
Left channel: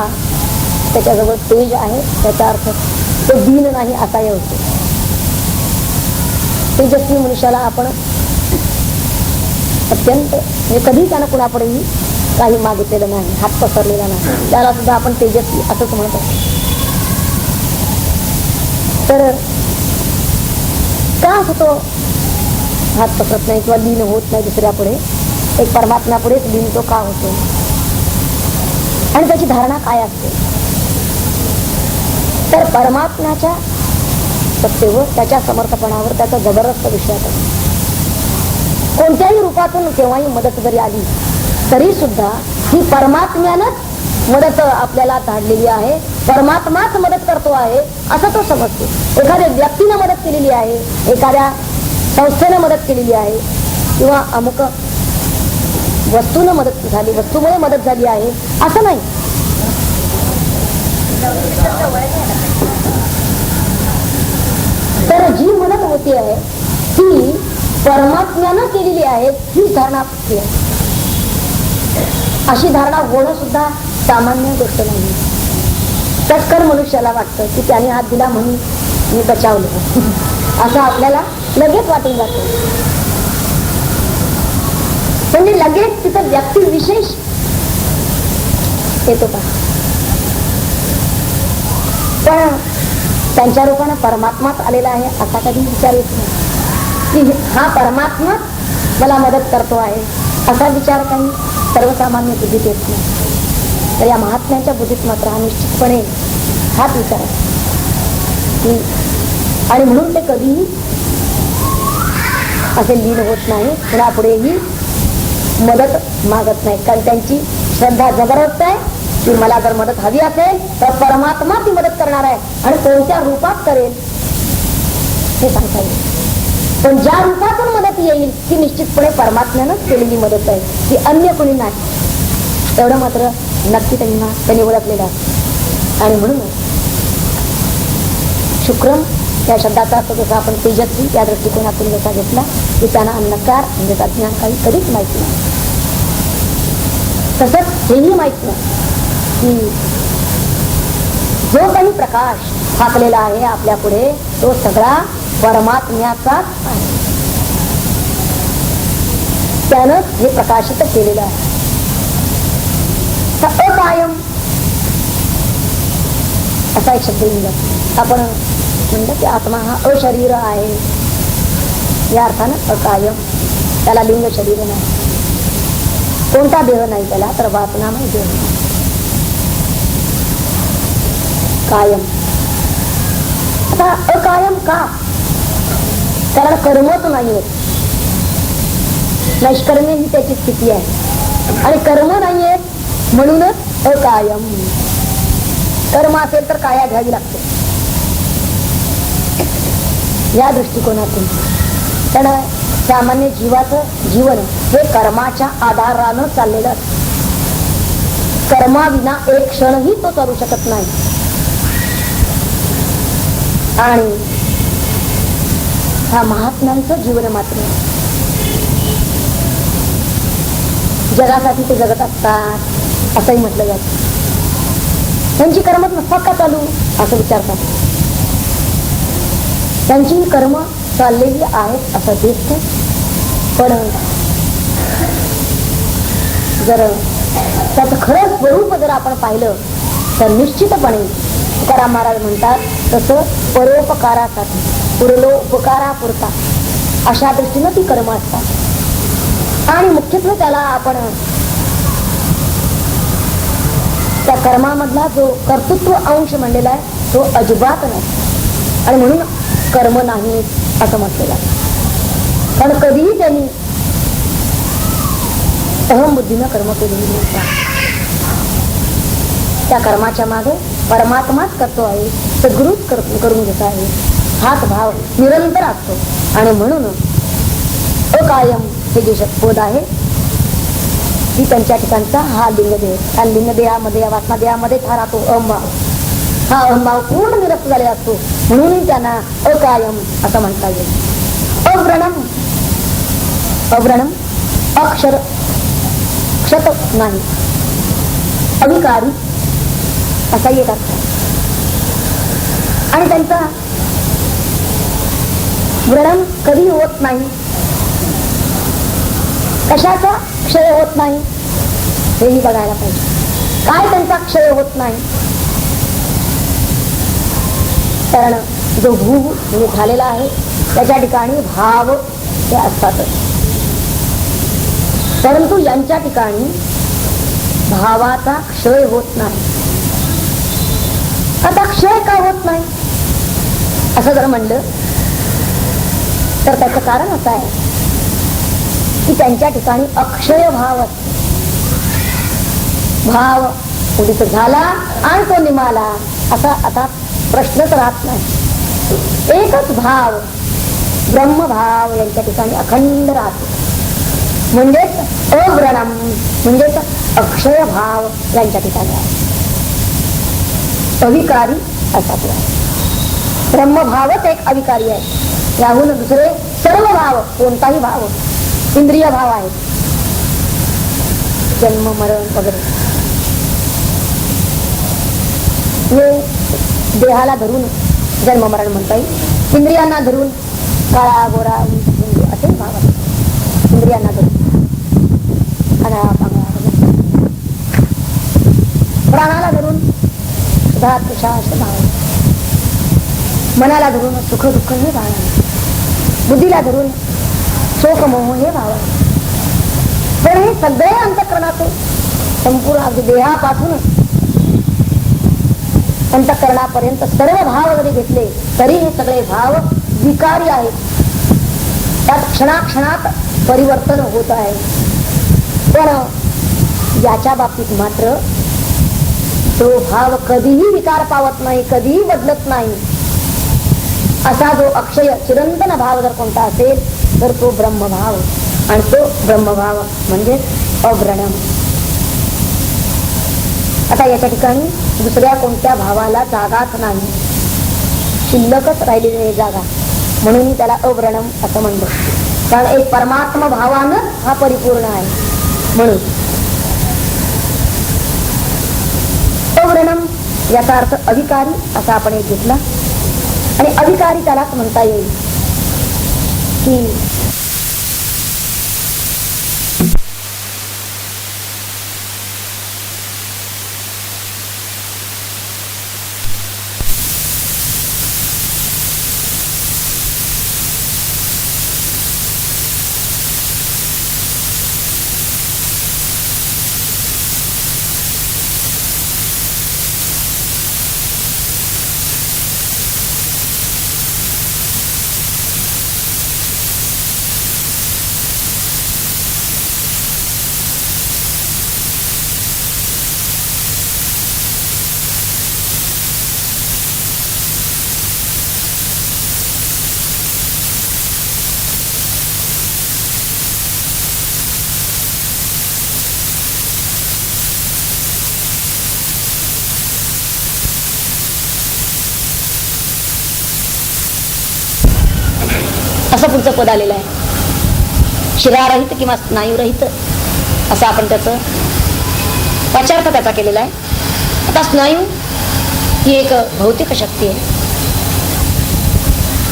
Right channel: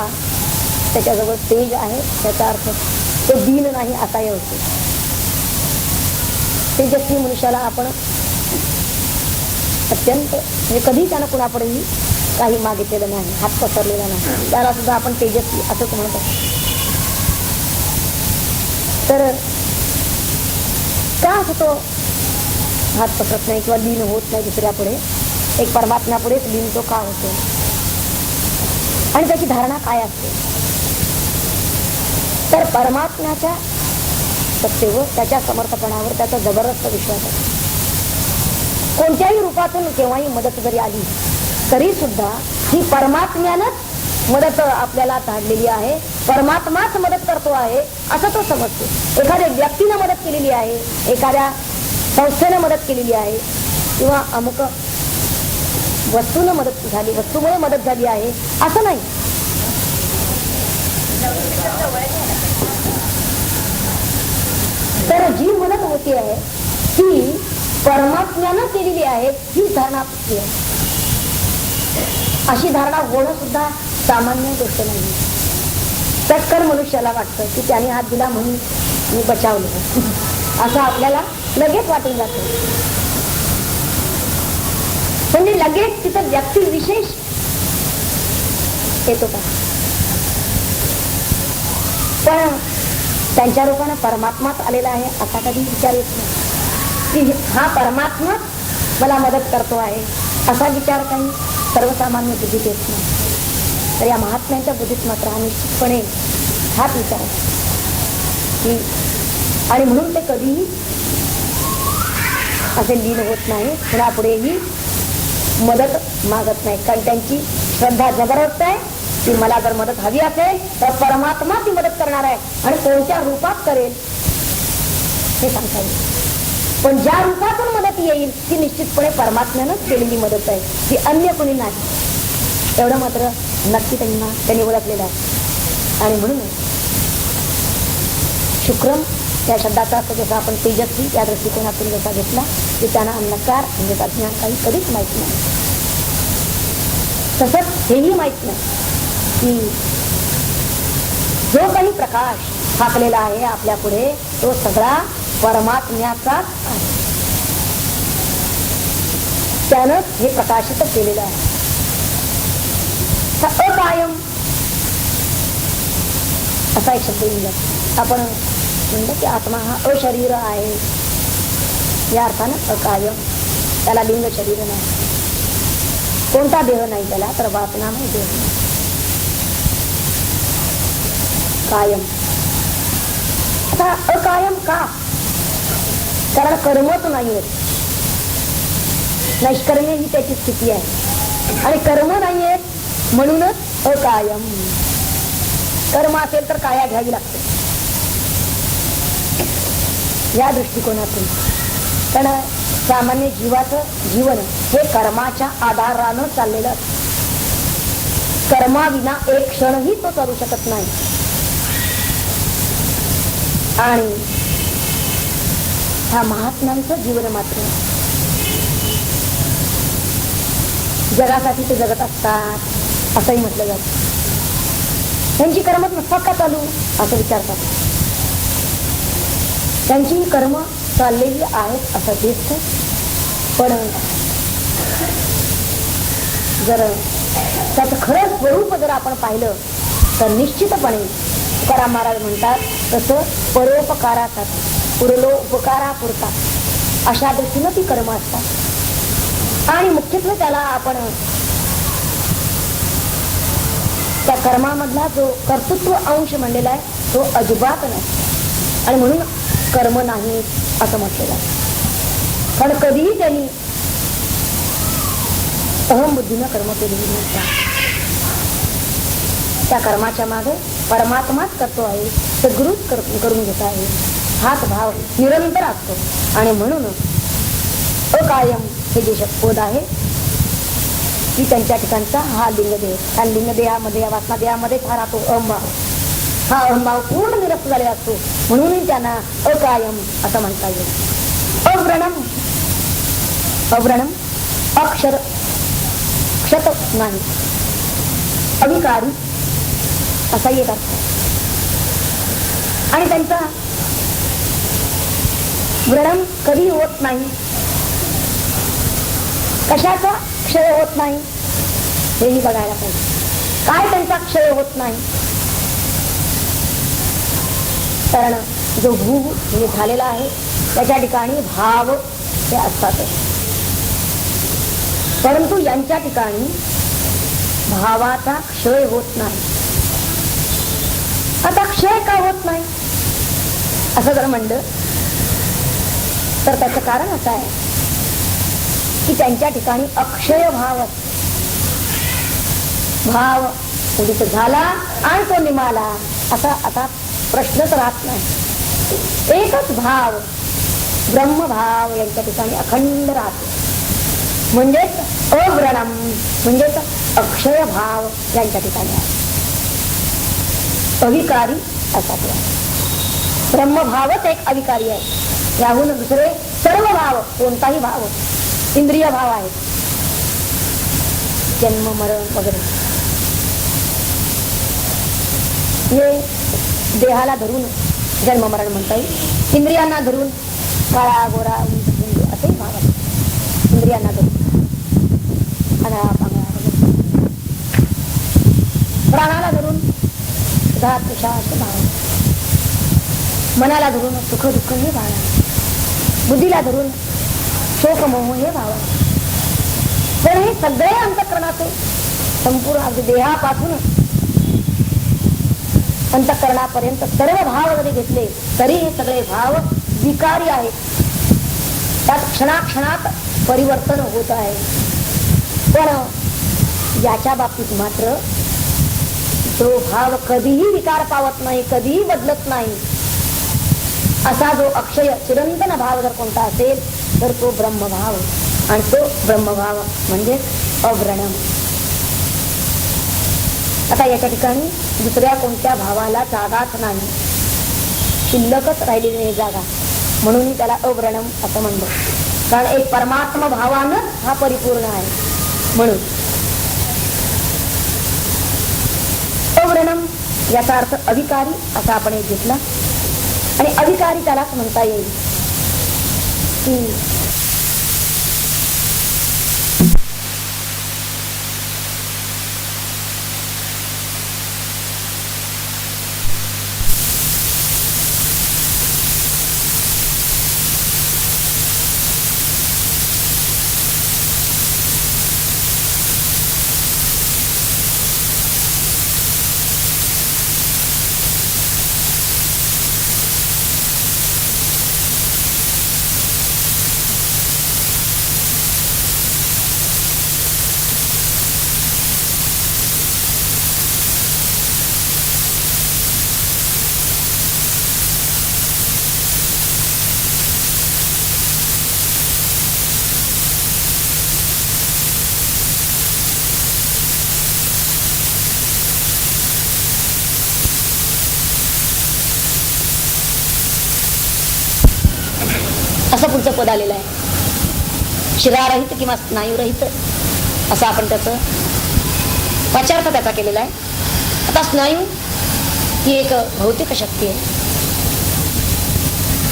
त्याच्याजवळ तेज आहे, त्याचा अर्थ तो दीन नाही असा होतो. तेजस्वी मनुष्याला आपण अत्यंत कधी त्यानं कुणापुढेही काही मागितलेलं नाही, हात पसरलेला नाही, त्याला सुद्धा आपण तेजस्वी असंच म्हणतो. तर का होतो हात पसरत नाही किंवा लीन होत नाही दुसऱ्या पुढे? एक परमात्म्यापुढेच लीन तो का होतो आणि त्याची धारणा काय असते? तर परमात्म्याच्या सत्तेवर, त्याच्या समर्थपणावर, त्याच्या जबरदस्त विश्वासावर कोणत्याही रूपातून केव्हाही मदत जरी आली तरी सुद्धा ही परमात्म्यानंच मदत आपल्याला धाडलेली आहे, परमात्माच मदत करतो आहे असं तो समजतो. एखाद्या व्यक्तीने मदत केलेली आहे, एखाद्या संस्थेने मदत केलेली आहे किंवा अमुक वस्तूने मदत झाली, वस्तूमुळे मदत झाली आहे असं नाही. तर जी मदत होती आहे ती परमात्म्यानं केलेली आहे ही धारणा आहे. अशी धारणा होणं सुद्धा सामान्य गोष्ट नाही. तत्कर मनुष्याला वाटतं की त्याने हात दिला म्हणून मी बचावलं असं आपल्याला लगेच वाटून जातं. म्हणजे लगेच तिथं व्यक्ती विशेष येत होता. पण त्यांच्या रूपानं परमात्माच आलेला आहे असा कधी विचार येत नाही की हा परमात्मा मला मदत करतो आहे असा विचार काही सर्वसामान्य बुद्धीत येत नाही. तर या महात्म्यांच्या बुद्धीत मात्र हा निश्चितपणे हाच विचार आहे. आणि म्हणून ते कधीही असे लीन होत नाही, कुणापुढेही मदत मागत नाही. कारण त्यांची श्रद्धा जबरदस्त आहे की मला जर मदत हवी असेल तर परमात्मा ती मदत करणार आहे आणि कोणत्या रूपात करेल हे सांगता येईल. पण ज्या रूपातून मदत येईल ती निश्चितपणे परमात्म्यानंच केलेली मदत आहे, की अन्य कोणी नाही. एवढं मात्र नक्की त्यांनी ओळखलेलं आहे. आणि म्हणून शुक्रम या शब्दाचा अर्थ जसा आपण तेजस्वी या दृष्टिकोनातून जसा घेतला की त्यांना अन्नकार म्हणजे अज्ञान काही कधीच माहिती नाही. तसंच हेही माहित नाही की जो काही प्रकाश फाकलेला आहे आपल्या पुढे तो सगळा परमात्म्याचाच आहे. त्यानं हे प्रकाशित केलेलं आहे. अकायम असा एक शब्द लिहिला. आपण म्हणतो की आत्मा हा अशरीर आहे या अर्थानं अकायम. त्याला लिंग शरीर नाही, कोणता देह नाही त्याला, तर वासनामय देह कायम. आता अकायम का? कारण कर्मच नाही होत. नैष्कर्म्य ही त्याची स्थिती आहे आणि कर्म नाही आहेत म्हणूनच अकायम. कर्म असेल तर काया घ्यावी लागते या दृष्टिकोनातून. पण सामान्य जीवाचं जीवन हे कर्माच्या आधारानं चाललेलं असतं. कर्माविना एक क्षणही तो चालू शकत नाही. आणि ह्या महात्म्यांचं जीवन मात्र जगासाठी ते जगत असतात असंही म्हटलं जातं. त्यांची कर्म नसतात का चालू असं विचारतात. त्यांची कर्म चाललेली आहेत असं दिसतं. पण जर त्याचं खरं स्वरूप जर आपण पाहिलं तर निश्चितपणे तुकाराम महाराज म्हणतात तसं परोपकारासाठी, पुरलो उपकारापुरता अशा दृष्टीनं ती कर्म असतात. आणि मुख्यत्वे त्याला आपण त्या कर्मामधला जो कर्तृत्व अंश म्हणलेला आहे तो अजिबात नाही. आणि म्हणून कर्म नाही असं म्हटलं जातं. कारण कधीही त्यांनी अहमबुद्धीनं कर्म केलेली नसतात. त्या कर्माच्या मागे परमात्माच करतो आहे, सद्गुरूच करून घेत आहे हाच भाव निरंतर असतो. आणि म्हणून अकायम हे जे शब्द आहे की त्यांच्या ठिकाणचा हा लिंगदेह, हा लिंगदेहामध्ये या वासनादेहामध्ये हा राहतो अहंभाव. हा अहंभाव पूर्ण निरस्त झालेला असतो म्हणून त्यांना अकायम असं म्हणता येईल. अव्रणम, अव्रणम अक्षर क्षत नाही, अविकारी असा एक असतो. आणि त्यांचा व्रणम कधी होत नाही, कशाचा क्षय होत नाही हेही बघायला पाहिजे. काय त्यांचा क्षय होत नाही? कारण जो भू झालेला आहे त्याच्या ठिकाणी भाव हे असतातच, परंतु यांच्या ठिकाणी भावाचा क्षय होत नाही. आता क्षय का होत नाही असं जर म्हणलं तर त्याचं कारण असं आहे की त्यांच्या ठिकाणी अक्षय भाव असतो. भाव उदित झाला आणि तो निमाला असा आता प्रश्नच राहत नाही. एकच भाव ब्रह्मभाव यांच्या ठिकाणी अखंड राहतो, म्हणजेच अव्रणम, म्हणजेच अक्षय भाव यांच्या ठिकाणी आहे. अविकारी असा ब्रह्मभावच एक अविकारी आहे. याहून दुसरे सर्व भाव, कोणताही भाव इंद्रिय भाव आहे, जन्म मरण वगैरे हे देहाला धरून जन्म मरण म्हणता येईल. इंद्रियांना धरून काळा गोरा असे भाव आहे. इंद्रियांना धरून प्राणाला धरून धात श्वास भाव, मनाला धरून सुख दुःख हे भाव, बुद्धीला धरून शोक मोह हे भाव. तर हे सगळे अंतःकरणाचे संपूर्ण अगदी देहापासून अंतःकरणापर्यंत सर्व भाव जरी घेतले तरी हे सगळे भाव विकारी आहेत. त्यात क्षणाक्षणात परिवर्तन होत आहे. पण याच्या बाबतीत मात्र तो भाव कधीही विकार पावत नाही, कधीही बदलत नाही. असा जो अक्षय चिरंतन भाव जर कोणता असेल तर तो ब्रह्मभाव, आणि तो ब्रह्मभाव म्हणजे अव्रणम. आता याच्या ठिकाणी दुसऱ्या कोणत्या भावाला जागाच नाही, शिल्लकच राहिलेली नाही जागा, म्हणून त्याला अव्रणम असं म्हणतो. कारण एक परमात्मा भावानं हा परिपूर्ण आहे. म्हणून अव्रणम याचा अर्थ अविकारी असा आपण एक घेतला. आणि अविकारी त्यालाच म्हणता येईल की असं पुढचं पद आलेलं आहे. शिरारहित किंवा स्नायूरहित असं आपण त्याचं वाचार्थ त्याचा केलेला आहे. आता स्नायू ही एक भौतिक शक्ती आहे,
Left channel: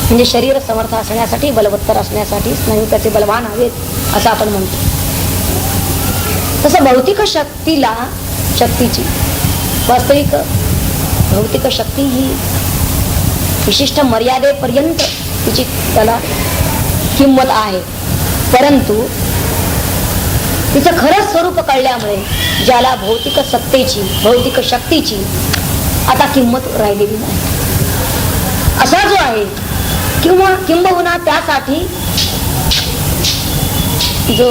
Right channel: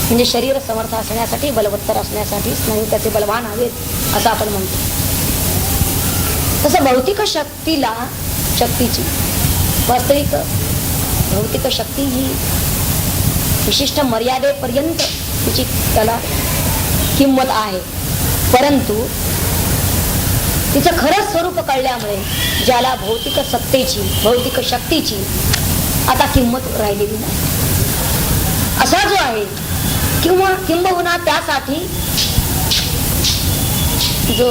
म्हणजे शरीर समर्थ असण्यासाठी, बलवत्तर असण्यासाठी स्नायू त्याचे बलवान हवेत असं आपण म्हणतो. तसं भौतिक शक्तीची वास्तविक भौतिक शक्ती ही विशिष्ट मर्यादेपर्यंत तिची त्याला किंमत आहे, परंतु तिचं खरं स्वरूप कळल्यामुळे ज्याला भौतिक सत्तेची, भौतिक शक्तीची आता किंमत राहिलेली नाही असा जो आहे, किंवा किंबहुना त्यासाठी जो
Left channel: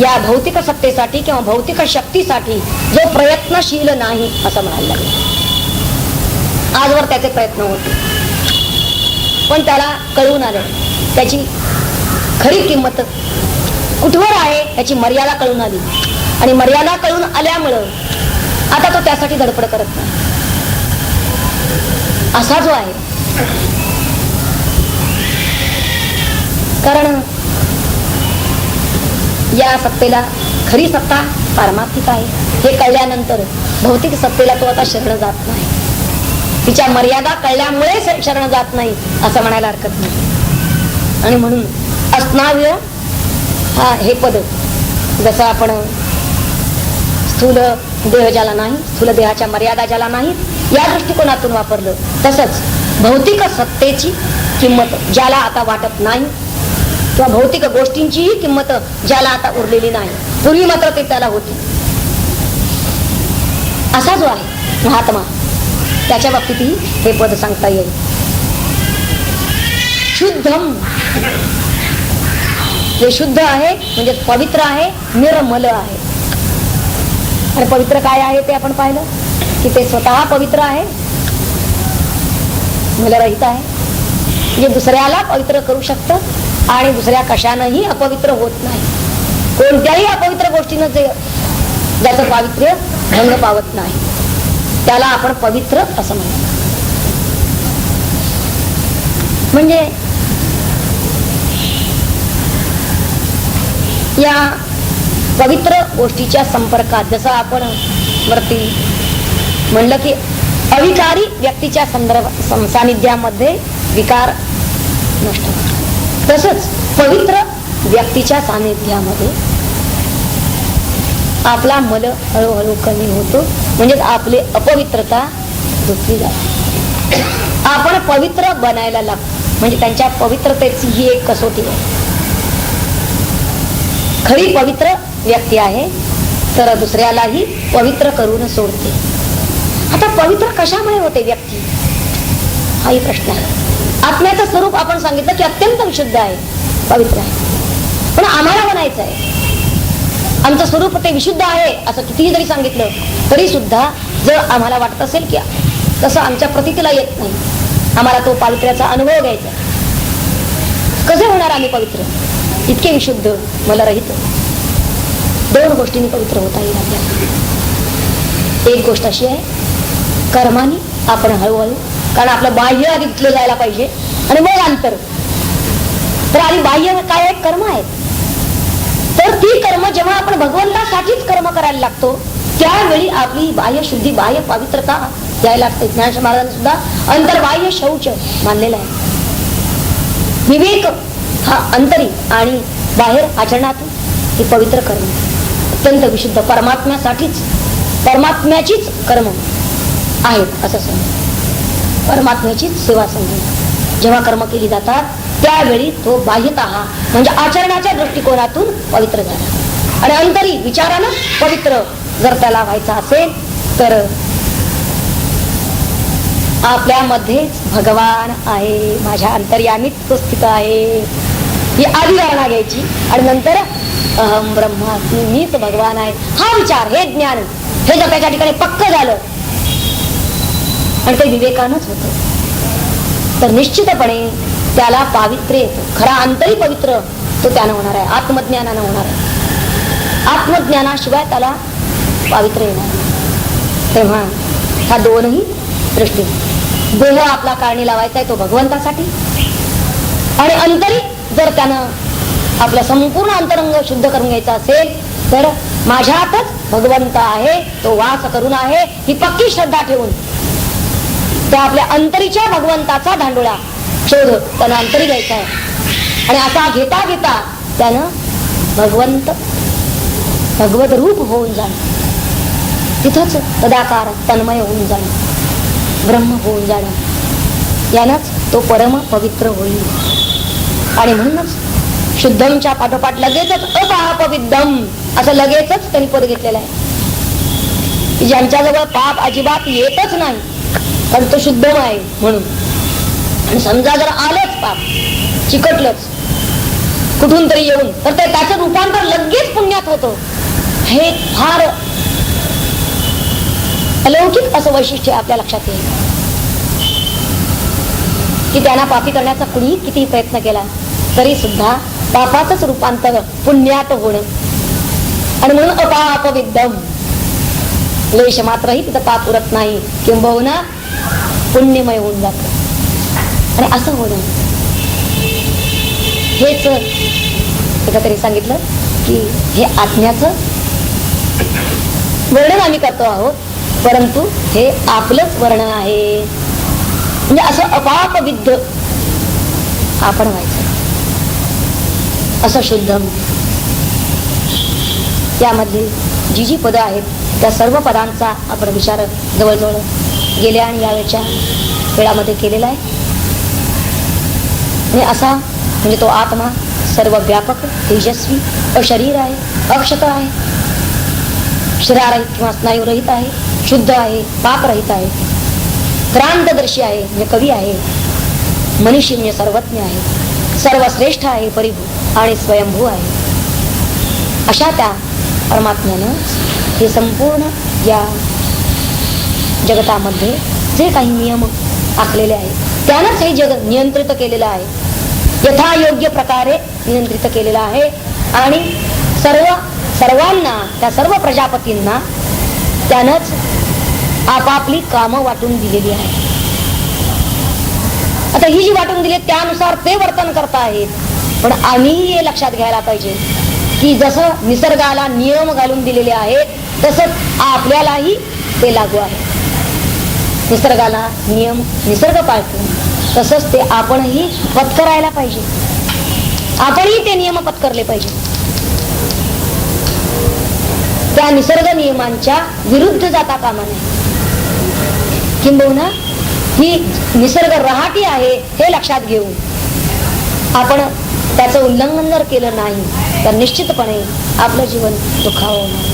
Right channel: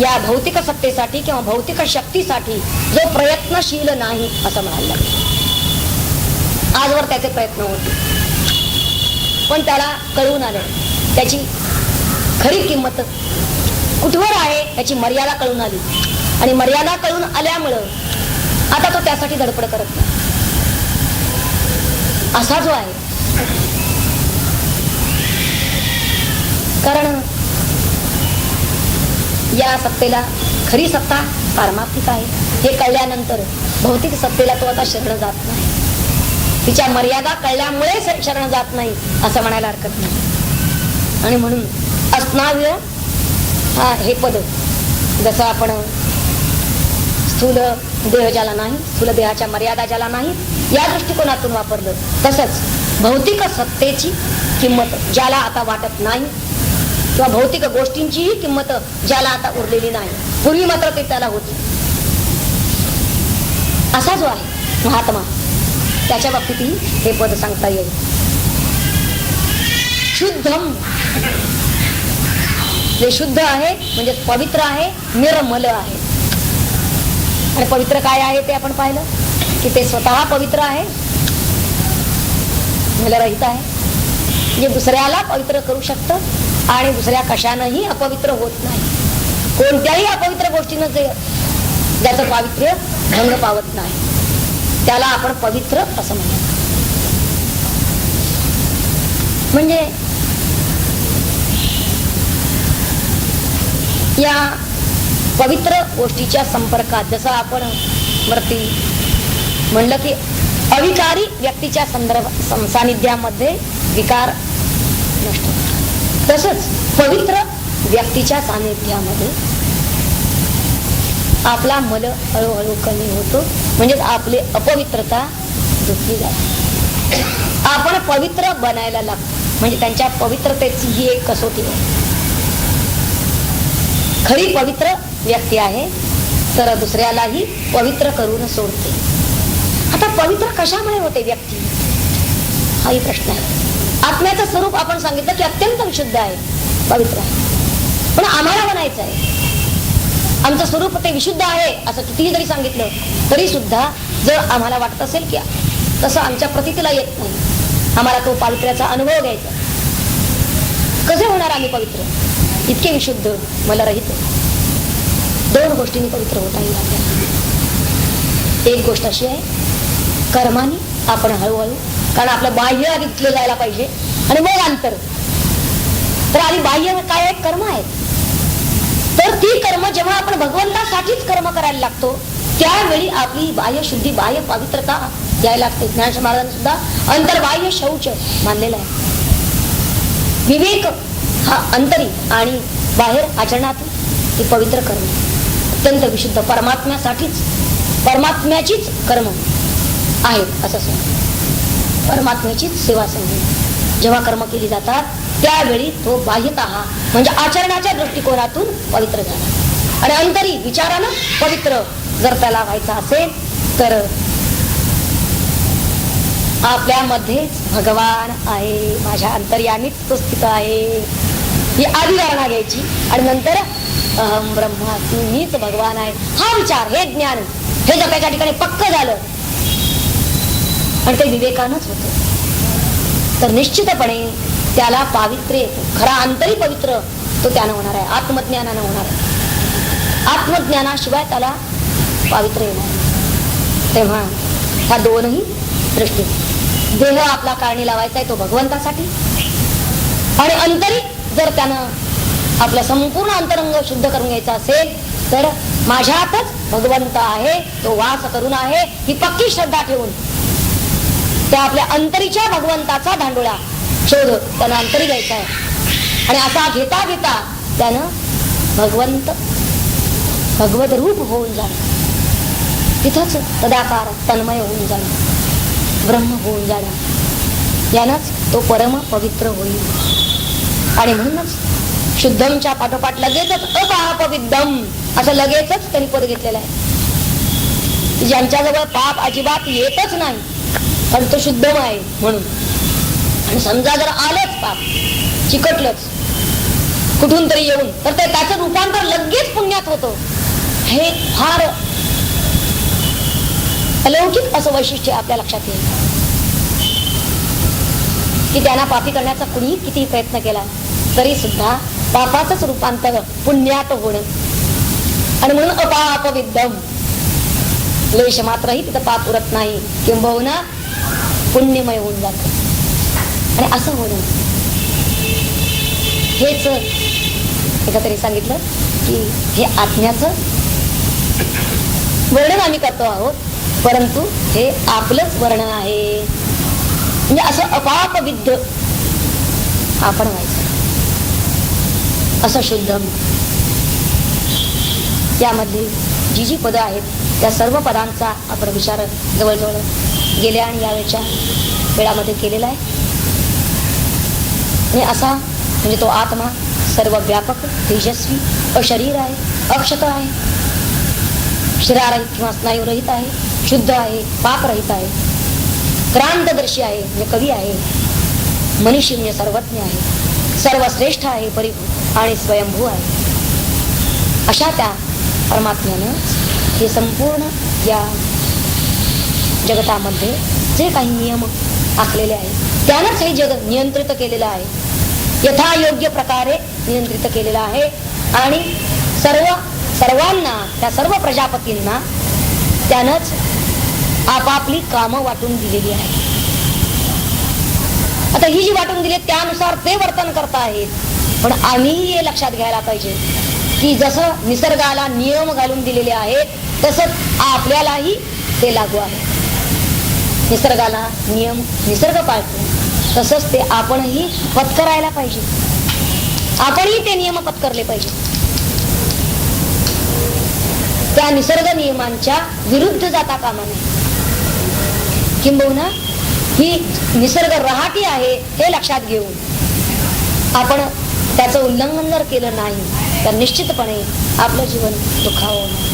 या भौतिक सत्तेसाठी किंवा भौतिक शक्तीसाठी जो प्रयत्नशील नाही असं म्हणायला लागेल. आजवर त्याचे प्रयत्न होते, पण त्याला कळून आलं त्याची खरी किंमत कुठवर आहे, त्याची मर्यादा कळून आली. आणि मर्यादा कळून आल्यामुळं आता तो त्यासाठी धडपड करत नाही असा जो आहे. कारण या सत्तेला खरी सत्ता पारमार्थिक आहे हे कळल्यानंतर भौतिक सत्तेला तो आता शरण जात नाही. तिच्या मर्यादा कळल्यामुळे शरण जात नाही असं म्हणायला हरकत नाही. आणि म्हणून अस्नाव्य हा हे पद जसं आपण स्थूल देह ज्याला नाही, स्थूल देहाच्या मर्यादा ज्याला नाही या दृष्टिकोनातून वापरलं, तसंच भौतिक सत्तेची किंमत ज्याला आता वाटत नाही किंवा भौतिक गोष्टींचीही किंमत ज्याला आता उरलेली नाही, पूर्वी मात्र ते त्याला होती, असा जो आहे महात्मा त्याच्या बाबतीतही हे पद सांगता येईल. शुद्धम, जे शुद्ध आहे म्हणजे पवित्र आहे, निर्मल आहे. आणि पवित्र काय आहे ते आपण पाहिलं की ते स्वतः पवित्र आहे, मलरहित आहे, म्हणजे दुसऱ्याला पवित्र करू शकतं आणि दुसऱ्या कशानंही अपवित्र होत नाही. कोणत्याही अपवित्र गोष्टीनं जे ज्याचं पावित्र्य भंग पावत नाही त्याला आपण पवित्र असं म्हणतो. म्हणजे या पवित्र गोष्टीच्या संपर्कात जसं आपण वरती म्हणलं की अविकारी व्यक्तीच्या सानिध्यामध्ये विकार नष्ट होतात, तसंच पवित्र व्यक्तीच्या सानिध्यामध्ये आपला मल हळूहळू कमी होतो, म्हणजेच आपली अपवित्रता धुतली जाते. आपण पवित्र बनायला लागतो, म्हणजे त्यांच्या पवित्रतेची ही एक कसोटी आहे. खरी पवित्र व्यक्ती आहे तर दुसऱ्यालाही पवित्र करून सोडते. आता पवित्र कशामुळे होते व्यक्ती हाही प्रश्न आहे. आत्म्याचं स्वरूप आपण सांगितलं की अत्यंत विशुद्ध आहे, पवित्र आहे, पण आम्हाला म्हणायचं आहे आमचं स्वरूप ते विशुद्ध आहे असं कितीही जरी सांगितलं तरी सुद्धा जर आम्हाला वाटत असेल की तसं आमच्या प्रतीतीला येत नाही, आम्हाला तो पावित्र्याचा अनुभव घ्यायचा, कसे होणार आम्ही पवित्र? इतके विशुद्ध मला रहित. दोन गोष्टींनी पवित्र होता येईल आपल्याला. एक गोष्ट अशी आहे, कर्मानी आपण हळूहळू, कारण आपलं बाह्य आधी धुतलं जायला पाहिजे आणि मग अंतर. तर आधी बाह्य काय आहे? कर्म आहेत. तर ती कर्म जेव्हा आपण भगवंतासाठीच कर्म करायला लागतो त्यावेळी आपली बाह्य शुद्धी, बाह्य पवित्रता यायला लागते. ज्ञानेश्वर महाराजांनी सुद्धा अंतर्बाह्य शौच मानलेला आहे. विवेक हा अंतरी आणि बाहेर आचरणातून हे पवित्र कर्म अत्यंत विशुद्ध परमात्म्यासाठीच, परमात्म्याचीच कर्म आहेत असं समज. परमात्म्याचीच सेवा समजून जेव्हा कर्म केली जातात त्यावेळी तो बाह्यतः म्हणजे आचरणाच्या दृष्टिकोनातून पवित्र झाला आणि अंतरी विचारानं पवित्र जर त्याला व्हायचा असेल तर आपल्यामध्ये भगवान आहे, माझ्या अंतर्यामीच तो स्थित आहे ही आधी धारणा घ्यायची आणि नंतर अहम ब्रह्मास्मी, मीच भगवान आहे हा विचार, हे ज्ञान, हे जर त्याच्या ठिकाणी पक्क झालं आणि ते विवेकानंच होतं तर निश्चितपणे त्याला पावित्र्य येतं. खरा अंतरी पवित्र तो त्यानं होणार आहे, आत्मज्ञानानं होणार आहे. आत्मज्ञानाशिवाय त्याला पावित्र्य येणार आहे. तेव्हा ह्या दोनही दृष्टी, देह आपला कारणी लावायचा आहे तो भगवंतासाठी आणि अंतरी जर त्यानं आपलं संपूर्ण अंतरंग शुद्ध करून घ्यायचा असेल तर माझ्यातच भगवंत आहे, तो वास करून आहे ही पक्की श्रद्धा ठेवून त्या आपल्या अंतरीच्या भगवंताचा धांडोळा शोध त्यानं अंतरी घ्यायचा आहे आणि असा घेता घेता त्यानं भगवंत भगवत रूप होऊन जाणं, तिथंच सदाकार तन्मय होऊन जाणं, ब्रह्म होऊन जाणं, यानंच तो परम पवित्र होईल. आणि म्हणूनच शुद्धमच्या पाठोपाठ लगेचच अपापविद्धम असं लगेचच त्यांनी पद घेतलेलं आहे. ज्यांच्याजवळ पाप अजिबात येतच नाही पण तो शुद्धम आहे म्हणून. आणि समजा जर आलंच पाप, चिकटलंच कुठून तरी येऊन तर ते त्याचं रूपांतर लगेच पुण्यात होतं. हे फार अलौकिक असं वैशिष्ट्य आपल्या लक्षात येईल की त्यांना पापी करण्याचा कुणीही किती प्रयत्न केला तरी सुद्धा पापाचंच रूपांतर पुण्यात होणं. आणि म्हणून अपापविद्धम, लेश मात्रही तिथं पाप उरत नाही, किंबहुना पुण्यमय होऊन जात. आणि असं होणं हेच एकतरी सांगितलं की हे आत्म्याचं वर्णन आम्ही करतो आहोत, परंतु हे आपलंच वर्णन आहे. म्हणजे असं अपाप विद्ध आपण व्हायचं, असं शुद्धम. यामध्ये जी जी पदं आहेत त्या सर्व पदांचा आपण विचार जवळजवळ गेल्या आणि यावेळच्या वेळामध्ये केलेला आहे. आणि असा म्हणजे तो आत्मा सर्व व्यापक, तेजस्वी, अशरीर आहे, अक्षत आहे, शरीररहित किंवा स्नायूरहित आहे, शुद्ध आहे, पापरहित आहे, क्रांतदर्शी आहे म्हणजे कवी आहे, मनीषी म्हणजे सर्वज्ञ आहे, सर्वश्रेष्ठ आहे, परिभू आणि स्वयंभू आहे. अशा त्या परमात्म्यानं हे संपूर्ण या जगतामध्ये जे काही नियम आखलेले आहेत त्यानंच हे जगत नियंत्रित केलेलं आहे, यथायोग्य प्रकारे नियंत्रित केलेलं आहे. आणि सर्वांना, त्या सर्व प्रजापतींना त्यानंच आपापली कामं वाटून दिलेली आहे. आता ही जी वाटून दिली त्यानुसार ते वर्तन करत आहेत. पण आम्हीही हे लक्षात घ्यायला पाहिजे की जसं निसर्गाला नियम घालून दिलेले आहेत तसंच आपल्यालाही ते लागू आहे. निसर्गाला नियम निसर्ग पाळतो तसंच ते आपणही पत्करायला पाहिजे, आपणही ते नियम पत्करले पाहिजे. त्या निसर्ग नियमांच्या विरुद्ध जाता कामा नये. किंबहुना ही निसर्ग रहाटी आहे हे लक्षात घेऊन आपण त्याचं उल्लंघन जर केलं नाही तर निश्चितपणे आपलं जीवन दुःखावं नाही.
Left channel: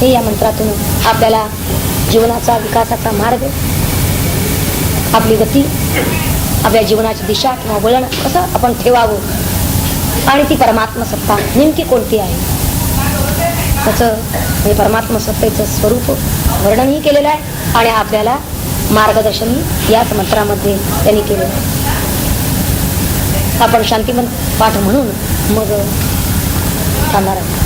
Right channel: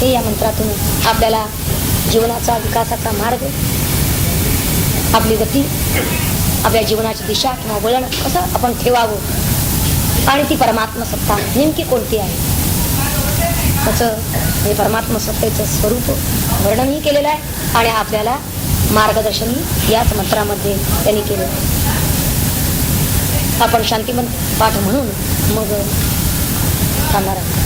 हे या मंत्रातून आपल्याला जीवनाचा विकासाचा मार्ग, आपली गती, आपल्या जीवनाची दिशा किंवा वळण कसं आपण ठेवावं आणि ती परमात्मा सत्ता नेमकी कोणती आहे त्याचं हे परमात्मा सत्तेचं स्वरूप वर्णनही केलेलं आहे आणि आपल्याला मार्गदर्शनही याच मंत्रामध्ये त्यांनी केलेलं आहे. आपण शांतिमंत पाठ म्हणून मग थांबणार आहोत.